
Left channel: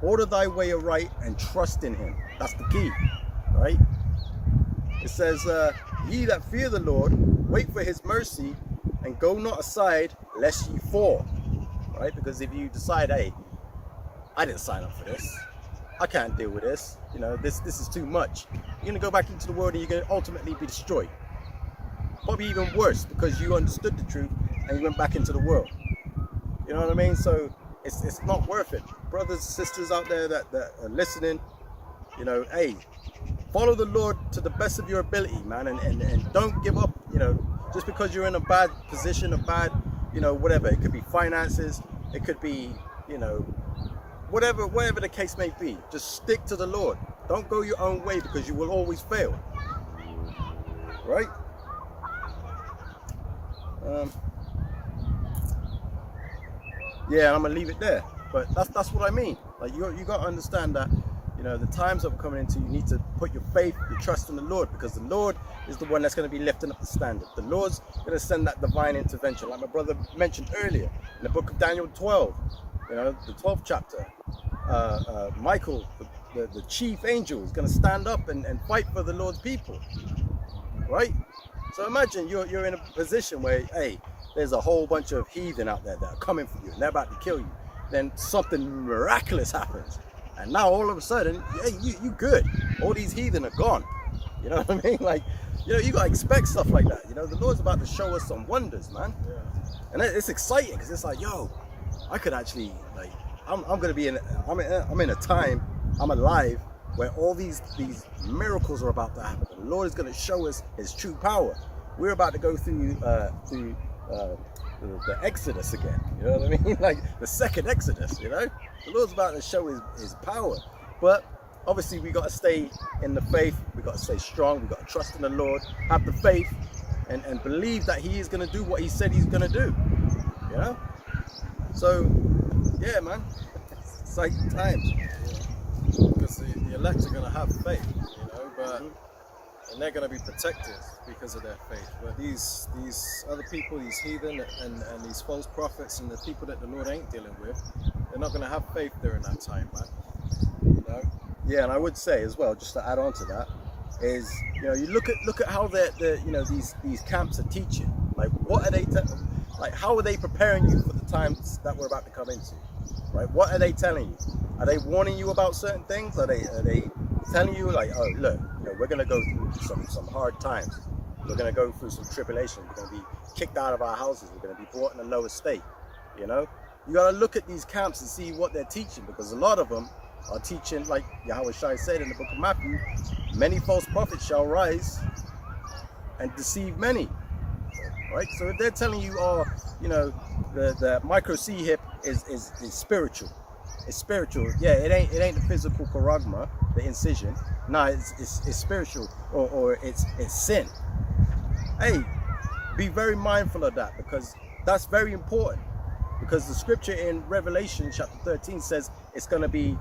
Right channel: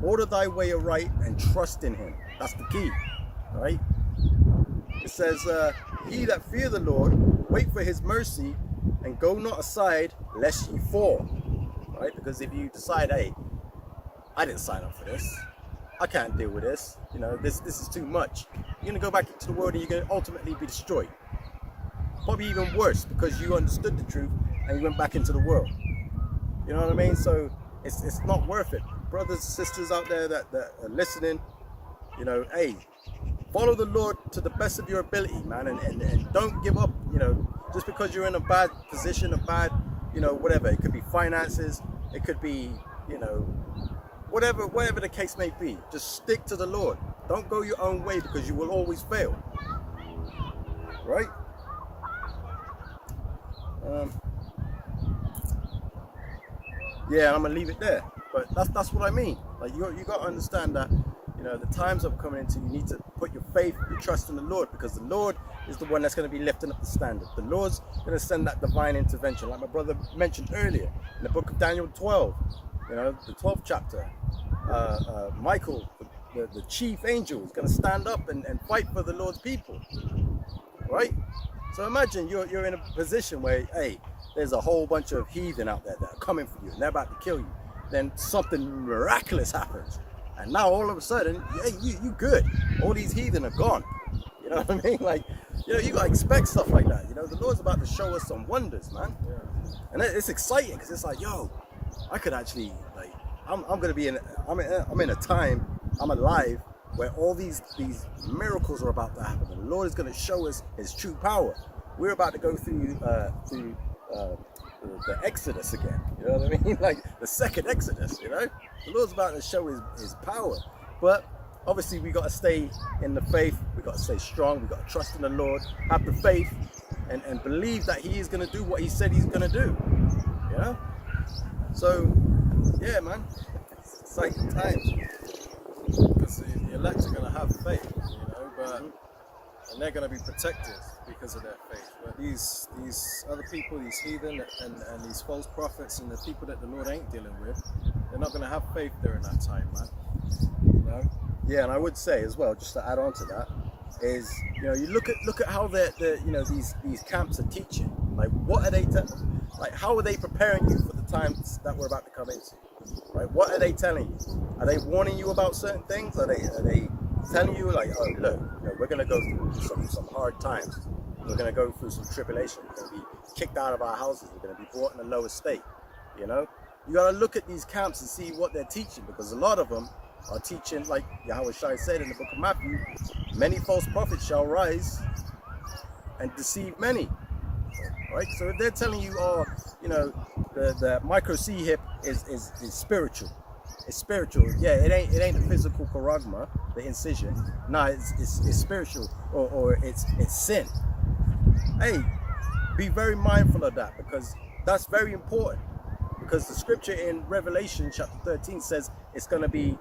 Order thy way aright, and trust in him. That's the key, right? It says, ye that fear the Lord, wait for his mercy, and go not aside, lest ye fall. Right? Because if you decide, hey, I didn't sign up for this, I can't deal with this, this is too much, you're going to go back into the world and you're going to ultimately be destroyed. Probably even worse, because you understood the truth and you went back into the world. You know what I mean? So it's not worth it. Brothers and sisters out there that are listening, hey, follow the Lord to the best of your ability, man, and don't give up, just because you're in a bad position, a bad, whatever. It could be finances, it could be, whatever the case may be. Just stick to the Lord. Don't go your own way, because you will always fail. Right? Yeah, I'm gonna leave it there. But that's what I mean. Like you got to understand that, the times I'm coming into, you need to put your faith, your trust in the Lord, because the Lord is the one that's going to be lifting up the standard. The Lord's going to send that divine intervention, like my brother mentioned earlier in the book of Daniel 12, the 12th chapter. Michael, the chief angel, is going to stand up and fight for the Lord's people, right? So imagine you're in a position where, hey, there's a whole bunch of heathen out there that are coming for you and they're about to kill you. Then something miraculous happens. And now all of a sudden, hey, you good. All these heathen are gone. You know what I mean? Like, You know, you gotta expect stuff like that. You know, the Lord's about to show us some wonders, man. Yeah. And it's exciting because it's like, yo, I could actually like, I'm gonna be I'm in a time, I'm alive where all these miracles are about to happen. The Lord is gonna show us His true power. We're about to go through the Exodus again. You know what I mean? Like the second Exodus. You know, the Lord's about to show His power, but obviously we got to stay in the faith. We got to stay strong. We got to trust in the Lord, have the faith, and believe that He is going to do what He said He's going to do. You know. So, yeah, man, exciting times. Because the elect are going to have faith, you know, but and they're going to be protected because of their faith. But these other people, these heathen and these false prophets and the people that the Lord ain't dealing with, they're not going to have faith during that time, man. You know. Yeah, and I would say as well, just to add on to that, is, you know, you look at how you know, these camps are teaching. Like, what are they like? How are they preparing you for the times that we're about to come into? Right? What are they telling you? Are they warning you about certain things? Are they telling you like, oh, look, you know, we're gonna go through some hard times. We're gonna go through some tribulation. We're gonna be kicked out of our houses. We're gonna be brought in a lower state. You know, you gotta look at these camps and see what they're teaching, because a lot of them are teaching, like Yahweh Shai said in the book of Matthew, many false prophets shall rise and deceive many. Right? So if they're telling you, oh, you know, the micro C hip is spiritual. It's spiritual. Yeah, it ain't the physical charagma, the incision. No, it's spiritual, or it's sin. Hey, be very mindful of that, because that's very important. Because the scripture in Revelation chapter 13 says it's going to be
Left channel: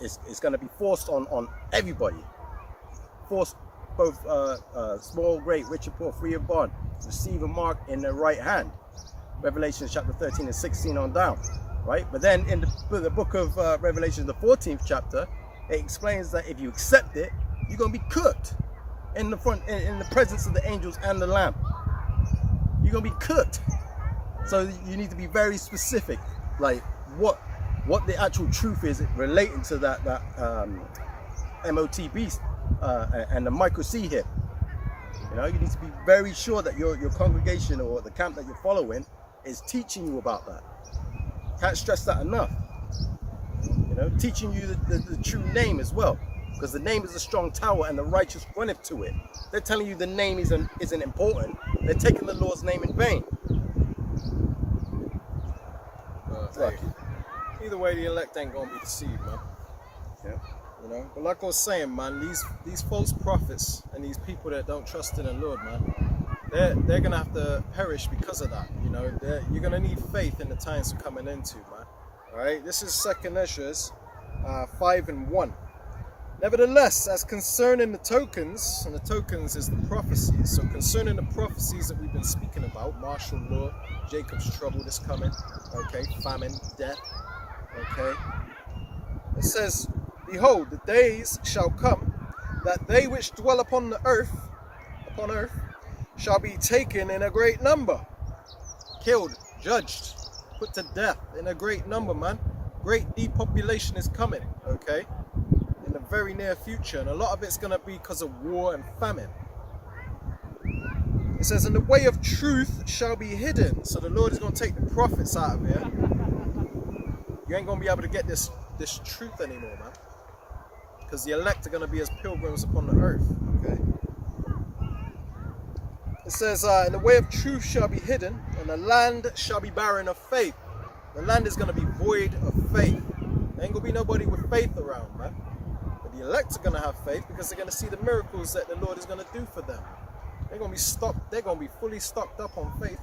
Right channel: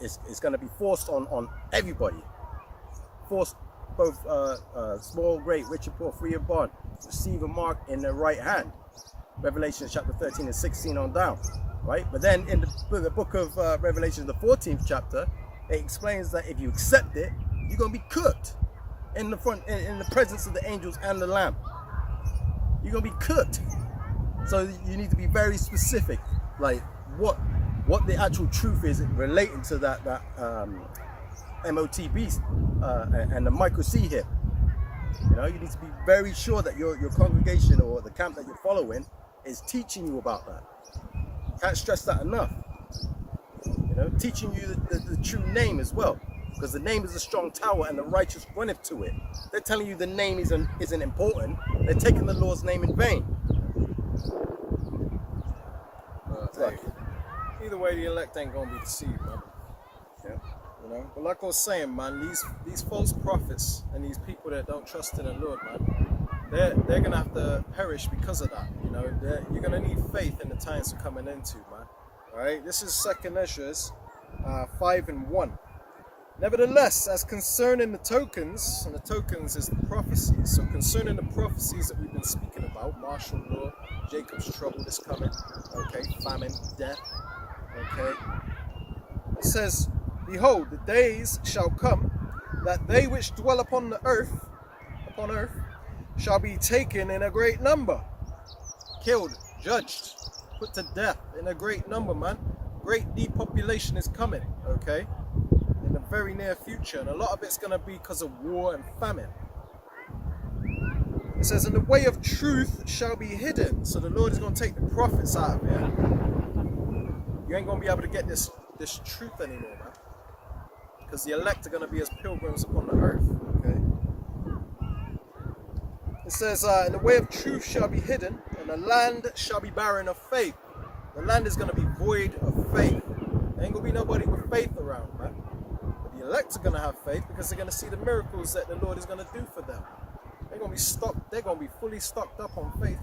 it's going to be forced on everybody. Forced, both small, great, rich and poor, free and bond, receive a mark in their right hand. Revelation chapter 13 and 16 on down, right? But then in the book of Revelation, the 14th chapter, it explains that if you accept it, you're going to be cooked in the presence of the angels and the Lamb. You're going to be cooked. So you need to be very specific, like what the actual truth is relating to that MOT beast and the micro C hip. You know, you need to be very sure that your congregation or the camp that you're following is teaching you about that. Can't stress that enough. You know, teaching you the true name as well, because the name is a strong tower and the righteous runneth to it. They're telling you the name isn't important. They're taking the Lord's name in vain. Either way, the elect ain't gonna be deceived, man. Yeah. You know, but like I was saying, man, these false prophets and these people that don't trust in the Lord, man, they're gonna have to perish because of that. You know, you're gonna need faith in the times we're coming into, man. All right, this is 2nd Ezra 5:1. Nevertheless, as concerning the tokens, and the tokens is the prophecies, so concerning the prophecies that we've been speaking about, martial law, Jacob's trouble is coming, okay, famine, death, okay. It says, behold, the days shall come that they which dwell upon earth, shall be taken in a great number, killed, judged, put to death in a great number, man. Great depopulation is coming, okay, in the very near future, and a lot of it's going to be because of war and famine. It says, and the way of truth shall be hidden. So the Lord is going to take the prophets out of here. You ain't going to be able to get this truth anymore, man, because the elect are going to be as pilgrims upon the earth, okay. It says, and the way of truth shall be hidden, and the land shall be barren of faith. The land is going to be void of faith. There ain't going to be nobody with faith around, man. But the elect are going to have faith because they're going to see the miracles that the Lord is going to do for them. They're going to be stocked. They're going to be fully stocked up on faith,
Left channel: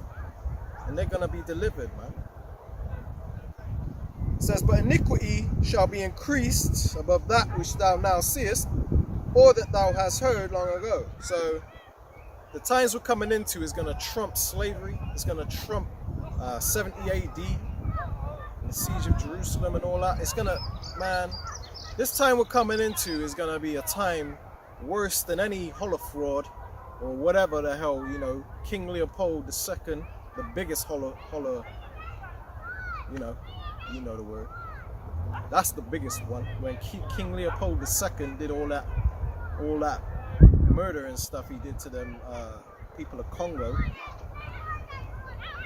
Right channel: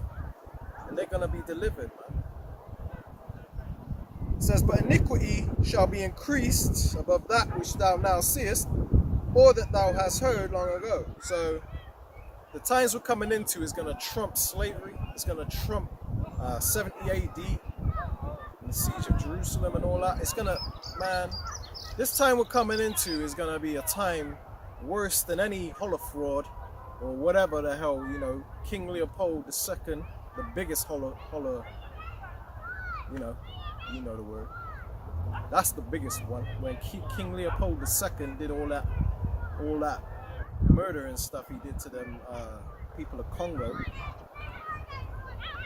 and they're going to be delivered, man. It says, but iniquity shall be increased above that which thou now seest, or that thou hast heard long ago. So the times we're coming into is going to trump slavery. It's going to trump 70 AD, and the siege of Jerusalem and all that. It's going to, man, this time we're coming into is going to be a time worse than any Holocaust or whatever the hell, you know, King Leopold II, the biggest you know the word. That's the biggest one. When King Leopold II did all that murder and stuff he did to them people of Congo.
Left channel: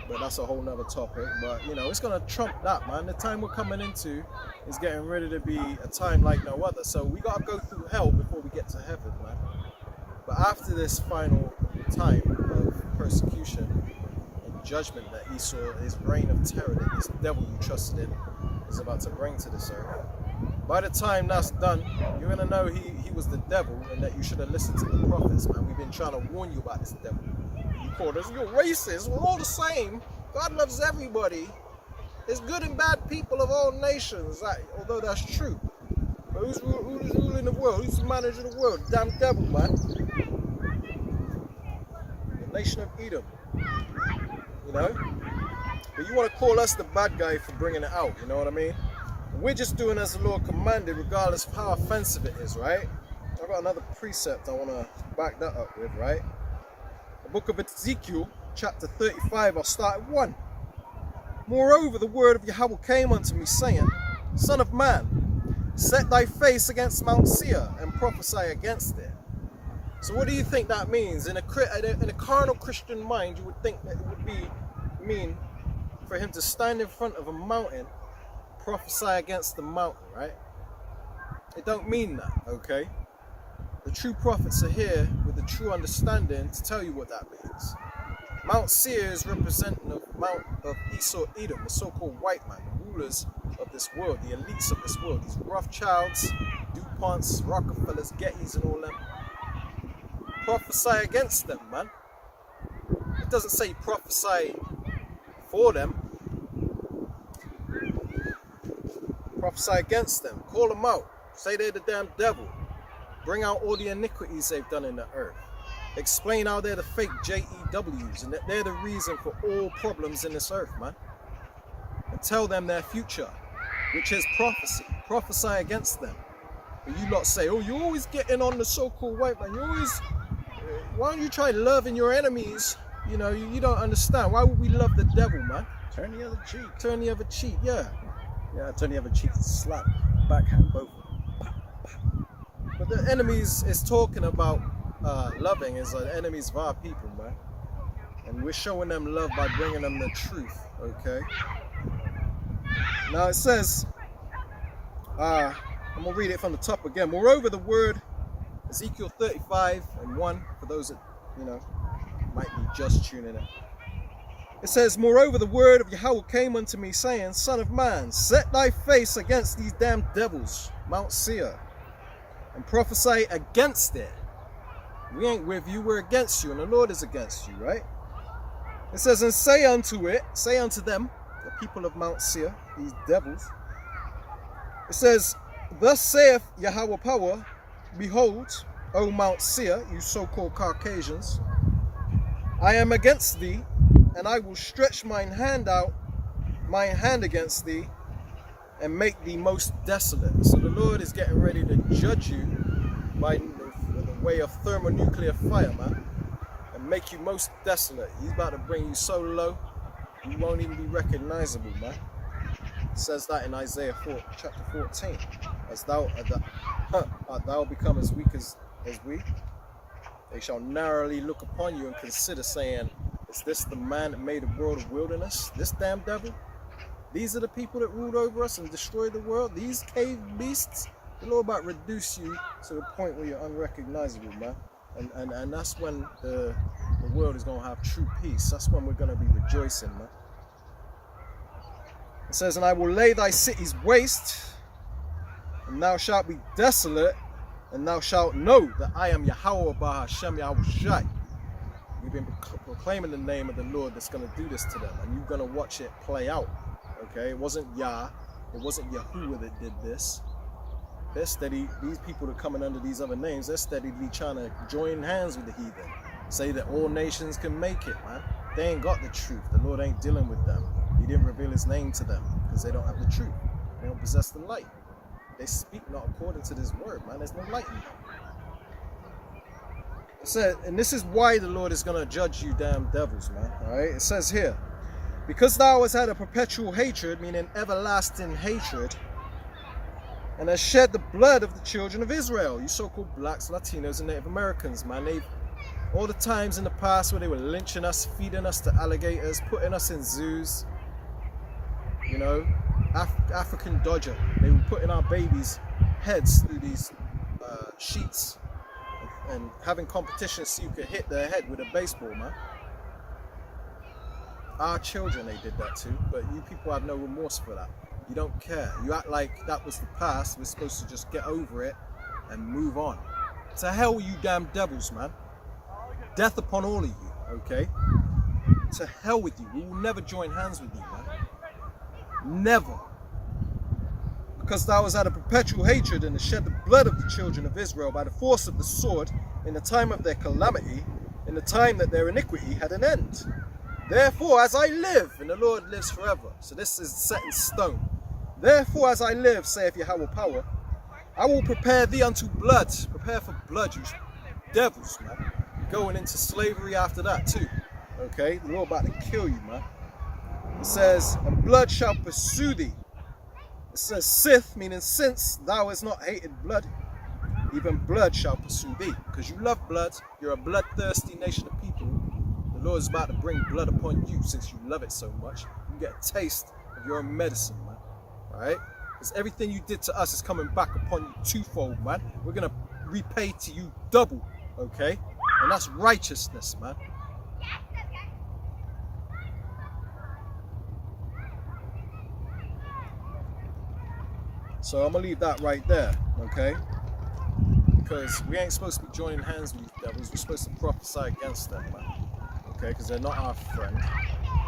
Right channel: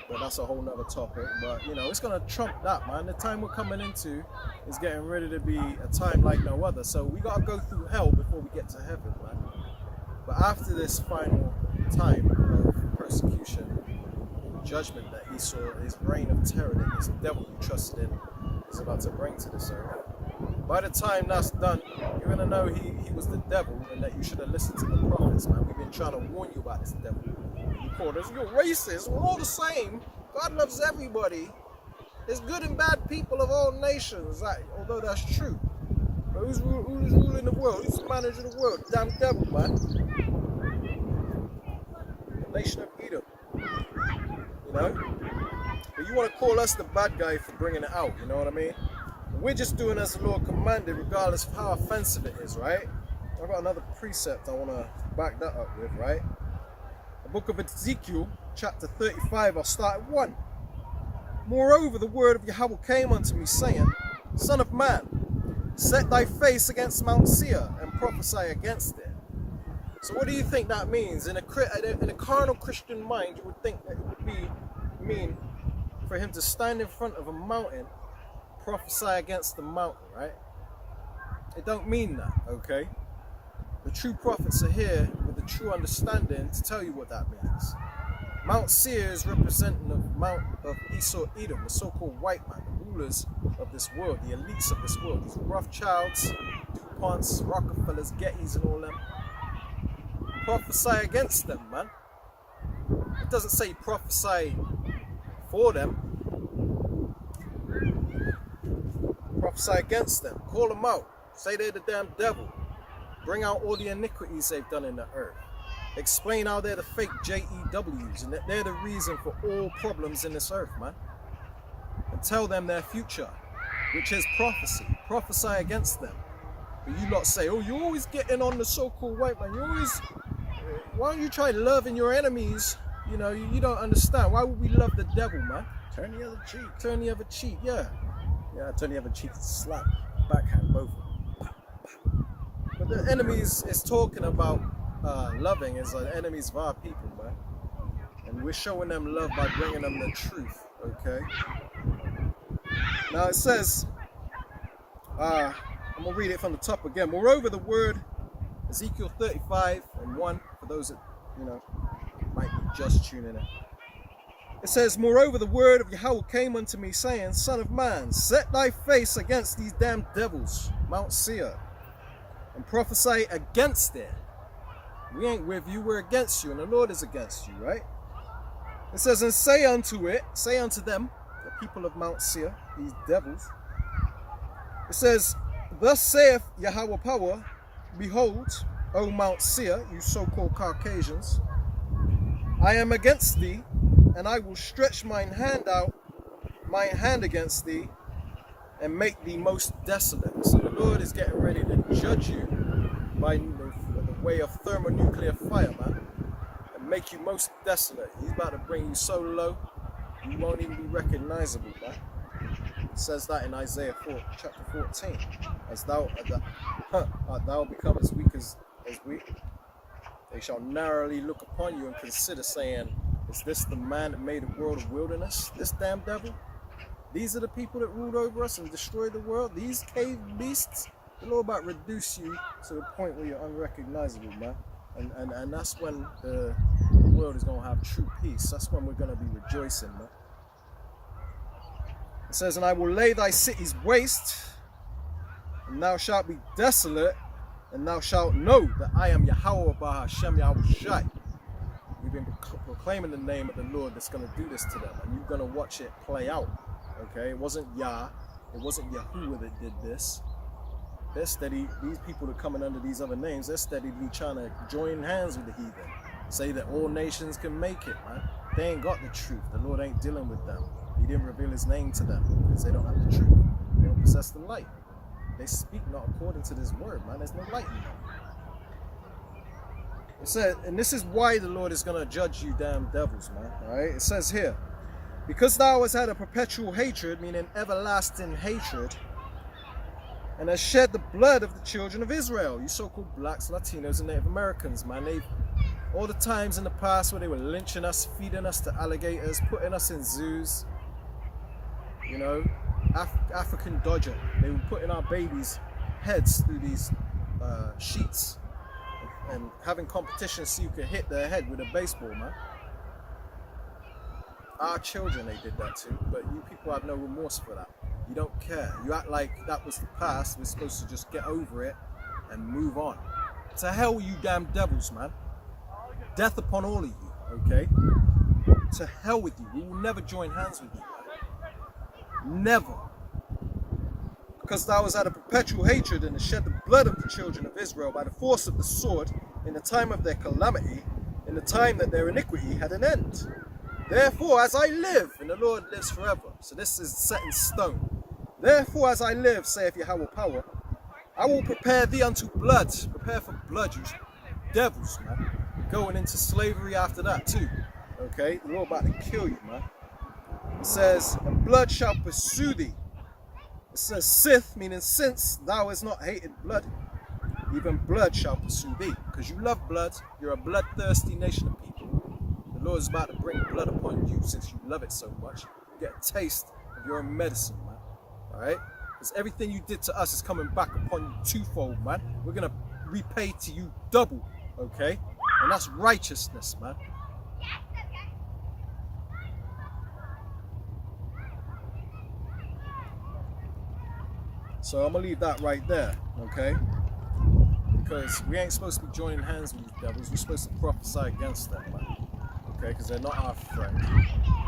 But that's a whole nother topic. But you know, it's gonna trump that, man. The time we're coming into is getting ready to be a time like no other. So we gotta go through hell before we get to heaven, man. But after this final time of persecution and judgment that he saw, his reign of terror that this devil you trusted in is about to bring to this earth. By the time that's done, you're gonna know he was the devil and that you should have listened to the prophets, man. We've been trying to warn you about this devil. You called us, you're racist. We're all the same. God loves everybody. There's good and bad people of all nations, like, although that's true. But who's ruling the world? Who's managing the world? Damn devil, man. The nation of Edom. You know? But you want to call us the bad guy for bringing it out, you know what I mean? We're just doing as the Lord commanded, regardless of how offensive it is, right? I've got another precept I want to back that up with, right? The book of Ezekiel, chapter 35, I'll start at 1. Moreover, the word of Yahweh came unto me, saying, Son of man, set thy face against Mount Seir and prophesy against it. So what do you think that means? In a carnal Christian mind, you would think that it would mean for him to stand in front of a mountain, prophesy against the mountain, right? It don't mean that, okay? The true prophets are here with the true understanding to tell you what that means. Mount Seir is representing the Mount of Esau Edom, the so-called white man, the rulers of this world, the elites of this world, these Rothschilds, DuPonts, Rockefellers, Gettys and all them. Prophesy against them, man. It doesn't say prophesy for them. Prophesy against them. Call them out. Say they're the damn devil. Bring out all the iniquities they've done in the earth. Explain how they're the fake JEWs and that they're the reason for all problems in this earth, man. And tell them their future, which is prophecy. Prophesy against them. But you lot say, oh, you're always getting on the so-called white man. You're always... Why don't you try loving your enemies? You know, you don't understand. Why would we love the devil, man? Turn the other cheek. Turn the other cheek, yeah. Yeah, turn the other cheek, slap, backhand, both of them. But the enemies is talking about loving is the enemies of our people, man. And we're showing them love by bringing them the truth, okay? Now it says, I'm going to read it from the top again. Moreover, the word, Ezekiel 35 and 1, for those that, you know, might be just tuning in. It says, moreover, the word of Yahweh came unto me, saying, Son of man, set thy face against these damn devils, Mount Seir, and prophesy against it. We ain't with you, we're against you, and the Lord is against you, right? It says, and say unto them, the people of Mount Seir, these devils. It says, thus saith Yahweh power, behold, O Mount Seir, you so-called Caucasians, I am against thee, and I will stretch mine hand against thee, and make thee most desolate. So the Lord is getting ready to judge you by the way of thermonuclear fire, man, and make you most desolate. He's about to bring you so low, you won't even be recognizable, man. It says that in Isaiah 4, chapter 14. As thou art thou become as weak as we, they shall narrowly look upon you and consider, saying, is this the man that made a world of wilderness? This damn devil? These are the people that ruled over us and destroyed the world? These cave beasts? The Lord about to reduce you to the point where you're unrecognizable, man. And that's when the world is going to have true peace. That's when we're going to be rejoicing, man. It says, and I will lay thy cities waste, and thou shalt be desolate, and thou shalt know that I am Yahweh Ahchyem Yahweh Shai. We've been proclaiming the name of the Lord that's going to do this to them, and you're going to watch it play out. Okay, it wasn't Yah, it wasn't Yahuwah that did this. They're steady, these people that are coming under these other names, they're steadily trying to join hands with the heathen. Say that all nations can make it, man. They ain't got the truth. The Lord ain't dealing with them. He didn't reveal his name to them because they don't have the truth. They don't possess the light. They speak not according to this word, man. There's no light in them. It says, and this is why the Lord is going to judge you damn devils, man. All right, it says here, because thou hast had a perpetual hatred, meaning everlasting hatred, and has shed the blood of the children of Israel. You so-called blacks, Latinos, and Native Americans, man. All the times in the past where they were lynching us, feeding us to alligators, putting us in zoos, you know, African Dodger. They were putting our babies' heads through these sheets and having competitions so you could hit their head with a baseball, man. Our children, they did that too, but you people have no remorse for that. You don't care. You act like that was the past. We're supposed to just get over it and move on. To hell with you damn devils, man. Death upon all of you, okay? To hell with you. We will never join hands with you, man. Never. Because thou was out of perpetual hatred and has shed the blood of the children of Israel by the force of the sword in the time of their calamity, in the time that their iniquity had an end. Therefore, as I live, and the Lord lives forever. So this is set in stone. Therefore, as I live, saith Yahweh power, I will prepare thee unto blood. Prepare for blood, you devils, man. Going into slavery after that too. Okay? The Lord about to kill you, man. It says, and blood shall pursue thee. It says, sith, meaning since thou hast not hated blood, even blood shall pursue thee. Because you love blood, you're a bloodthirsty nation of people. The Lord is about to bring blood upon you since you love it so much. You get a taste of your own medicine, man. Alright? Because everything you did to us is coming back upon you twofold, man. We're going to repay to you double, okay? And that's righteousness, man. So I'm going to leave that right there, okay? Because we ain't supposed to be joining hands with these devils. We're supposed to prophesy against them, man. Okay? Because they're not our friend.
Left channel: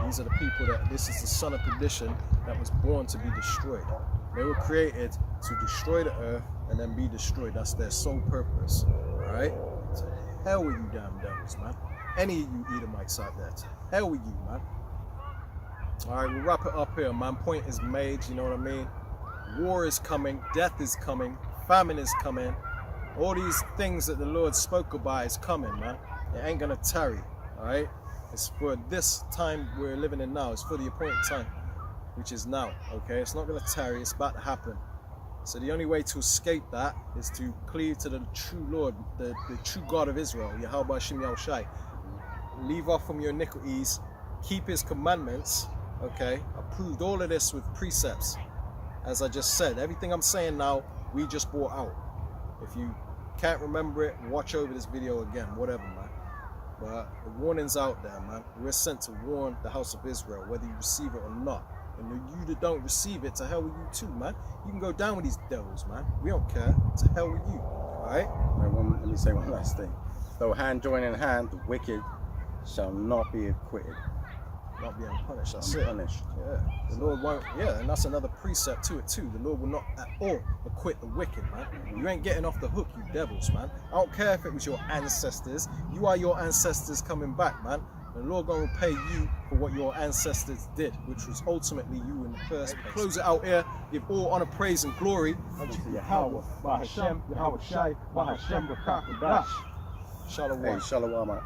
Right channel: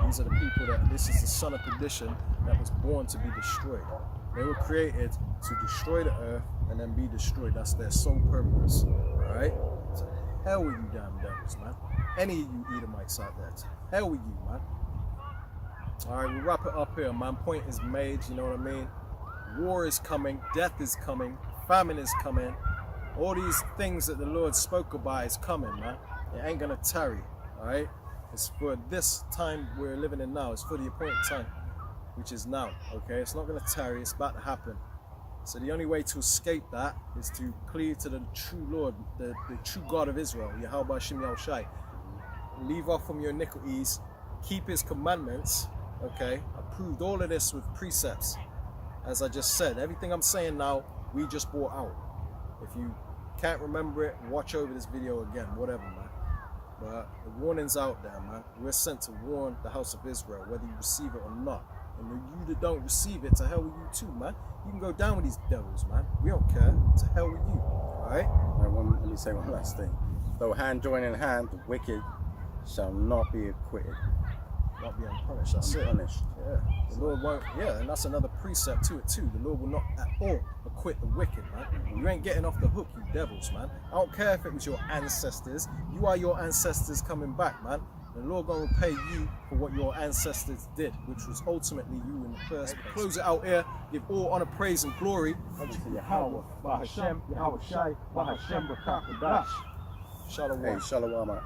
These are the people that, this is the son of perdition that was born to be destroyed. They were created to destroy the earth and then be destroyed. That's their sole purpose, alright? So hell with you damn devils, man. Any of you Edomites out there, to hell with you, man. Alright, we'll wrap it up here, man. Point is made, you know what I mean? War is coming, death is coming, famine is coming. All these things that the Lord spoke about is coming, man. It ain't gonna tarry, alright? It's for this time we're living in now. It's for the appointed time, which is now, okay? It's not gonna tarry, it's about to happen. So the only way to escape that is to cleave to the true Lord, the true God of Israel, Yahweh Ahchyem Yahushai. Leave off from your iniquities, keep his commandments, okay? I proved all of this with precepts. As I just said, everything I'm saying now, we just brought out. If you can't remember it, watch over this video again, whatever, man. But the warning's out there, man. We're sent to warn the house of Israel, whether you receive it or not. And you that don't receive it, to hell with you too, man. You can go down with these devils, man. We don't care. To hell with you, all right? Let me say one last thing. Though hand join in hand, the wicked shall not be acquitted. Not be unpunished, that's Unpunished. it. Yeah, the Lord won't, yeah, and that's another precept to it too. The Lord will not at all acquit the wicked, man. You ain't getting off the hook, you devils, man. I don't care if it was your ancestors. You are your ancestors coming back, man. The Lord gonna repay you for what your ancestors did, which was ultimately you in the first place. Close it out here. Give all honor, praise, and glory unto Yahweh, Ahchyem, Yahweh Shai, Ahchyem, Rakakadash. Shalom. Hey, shalom.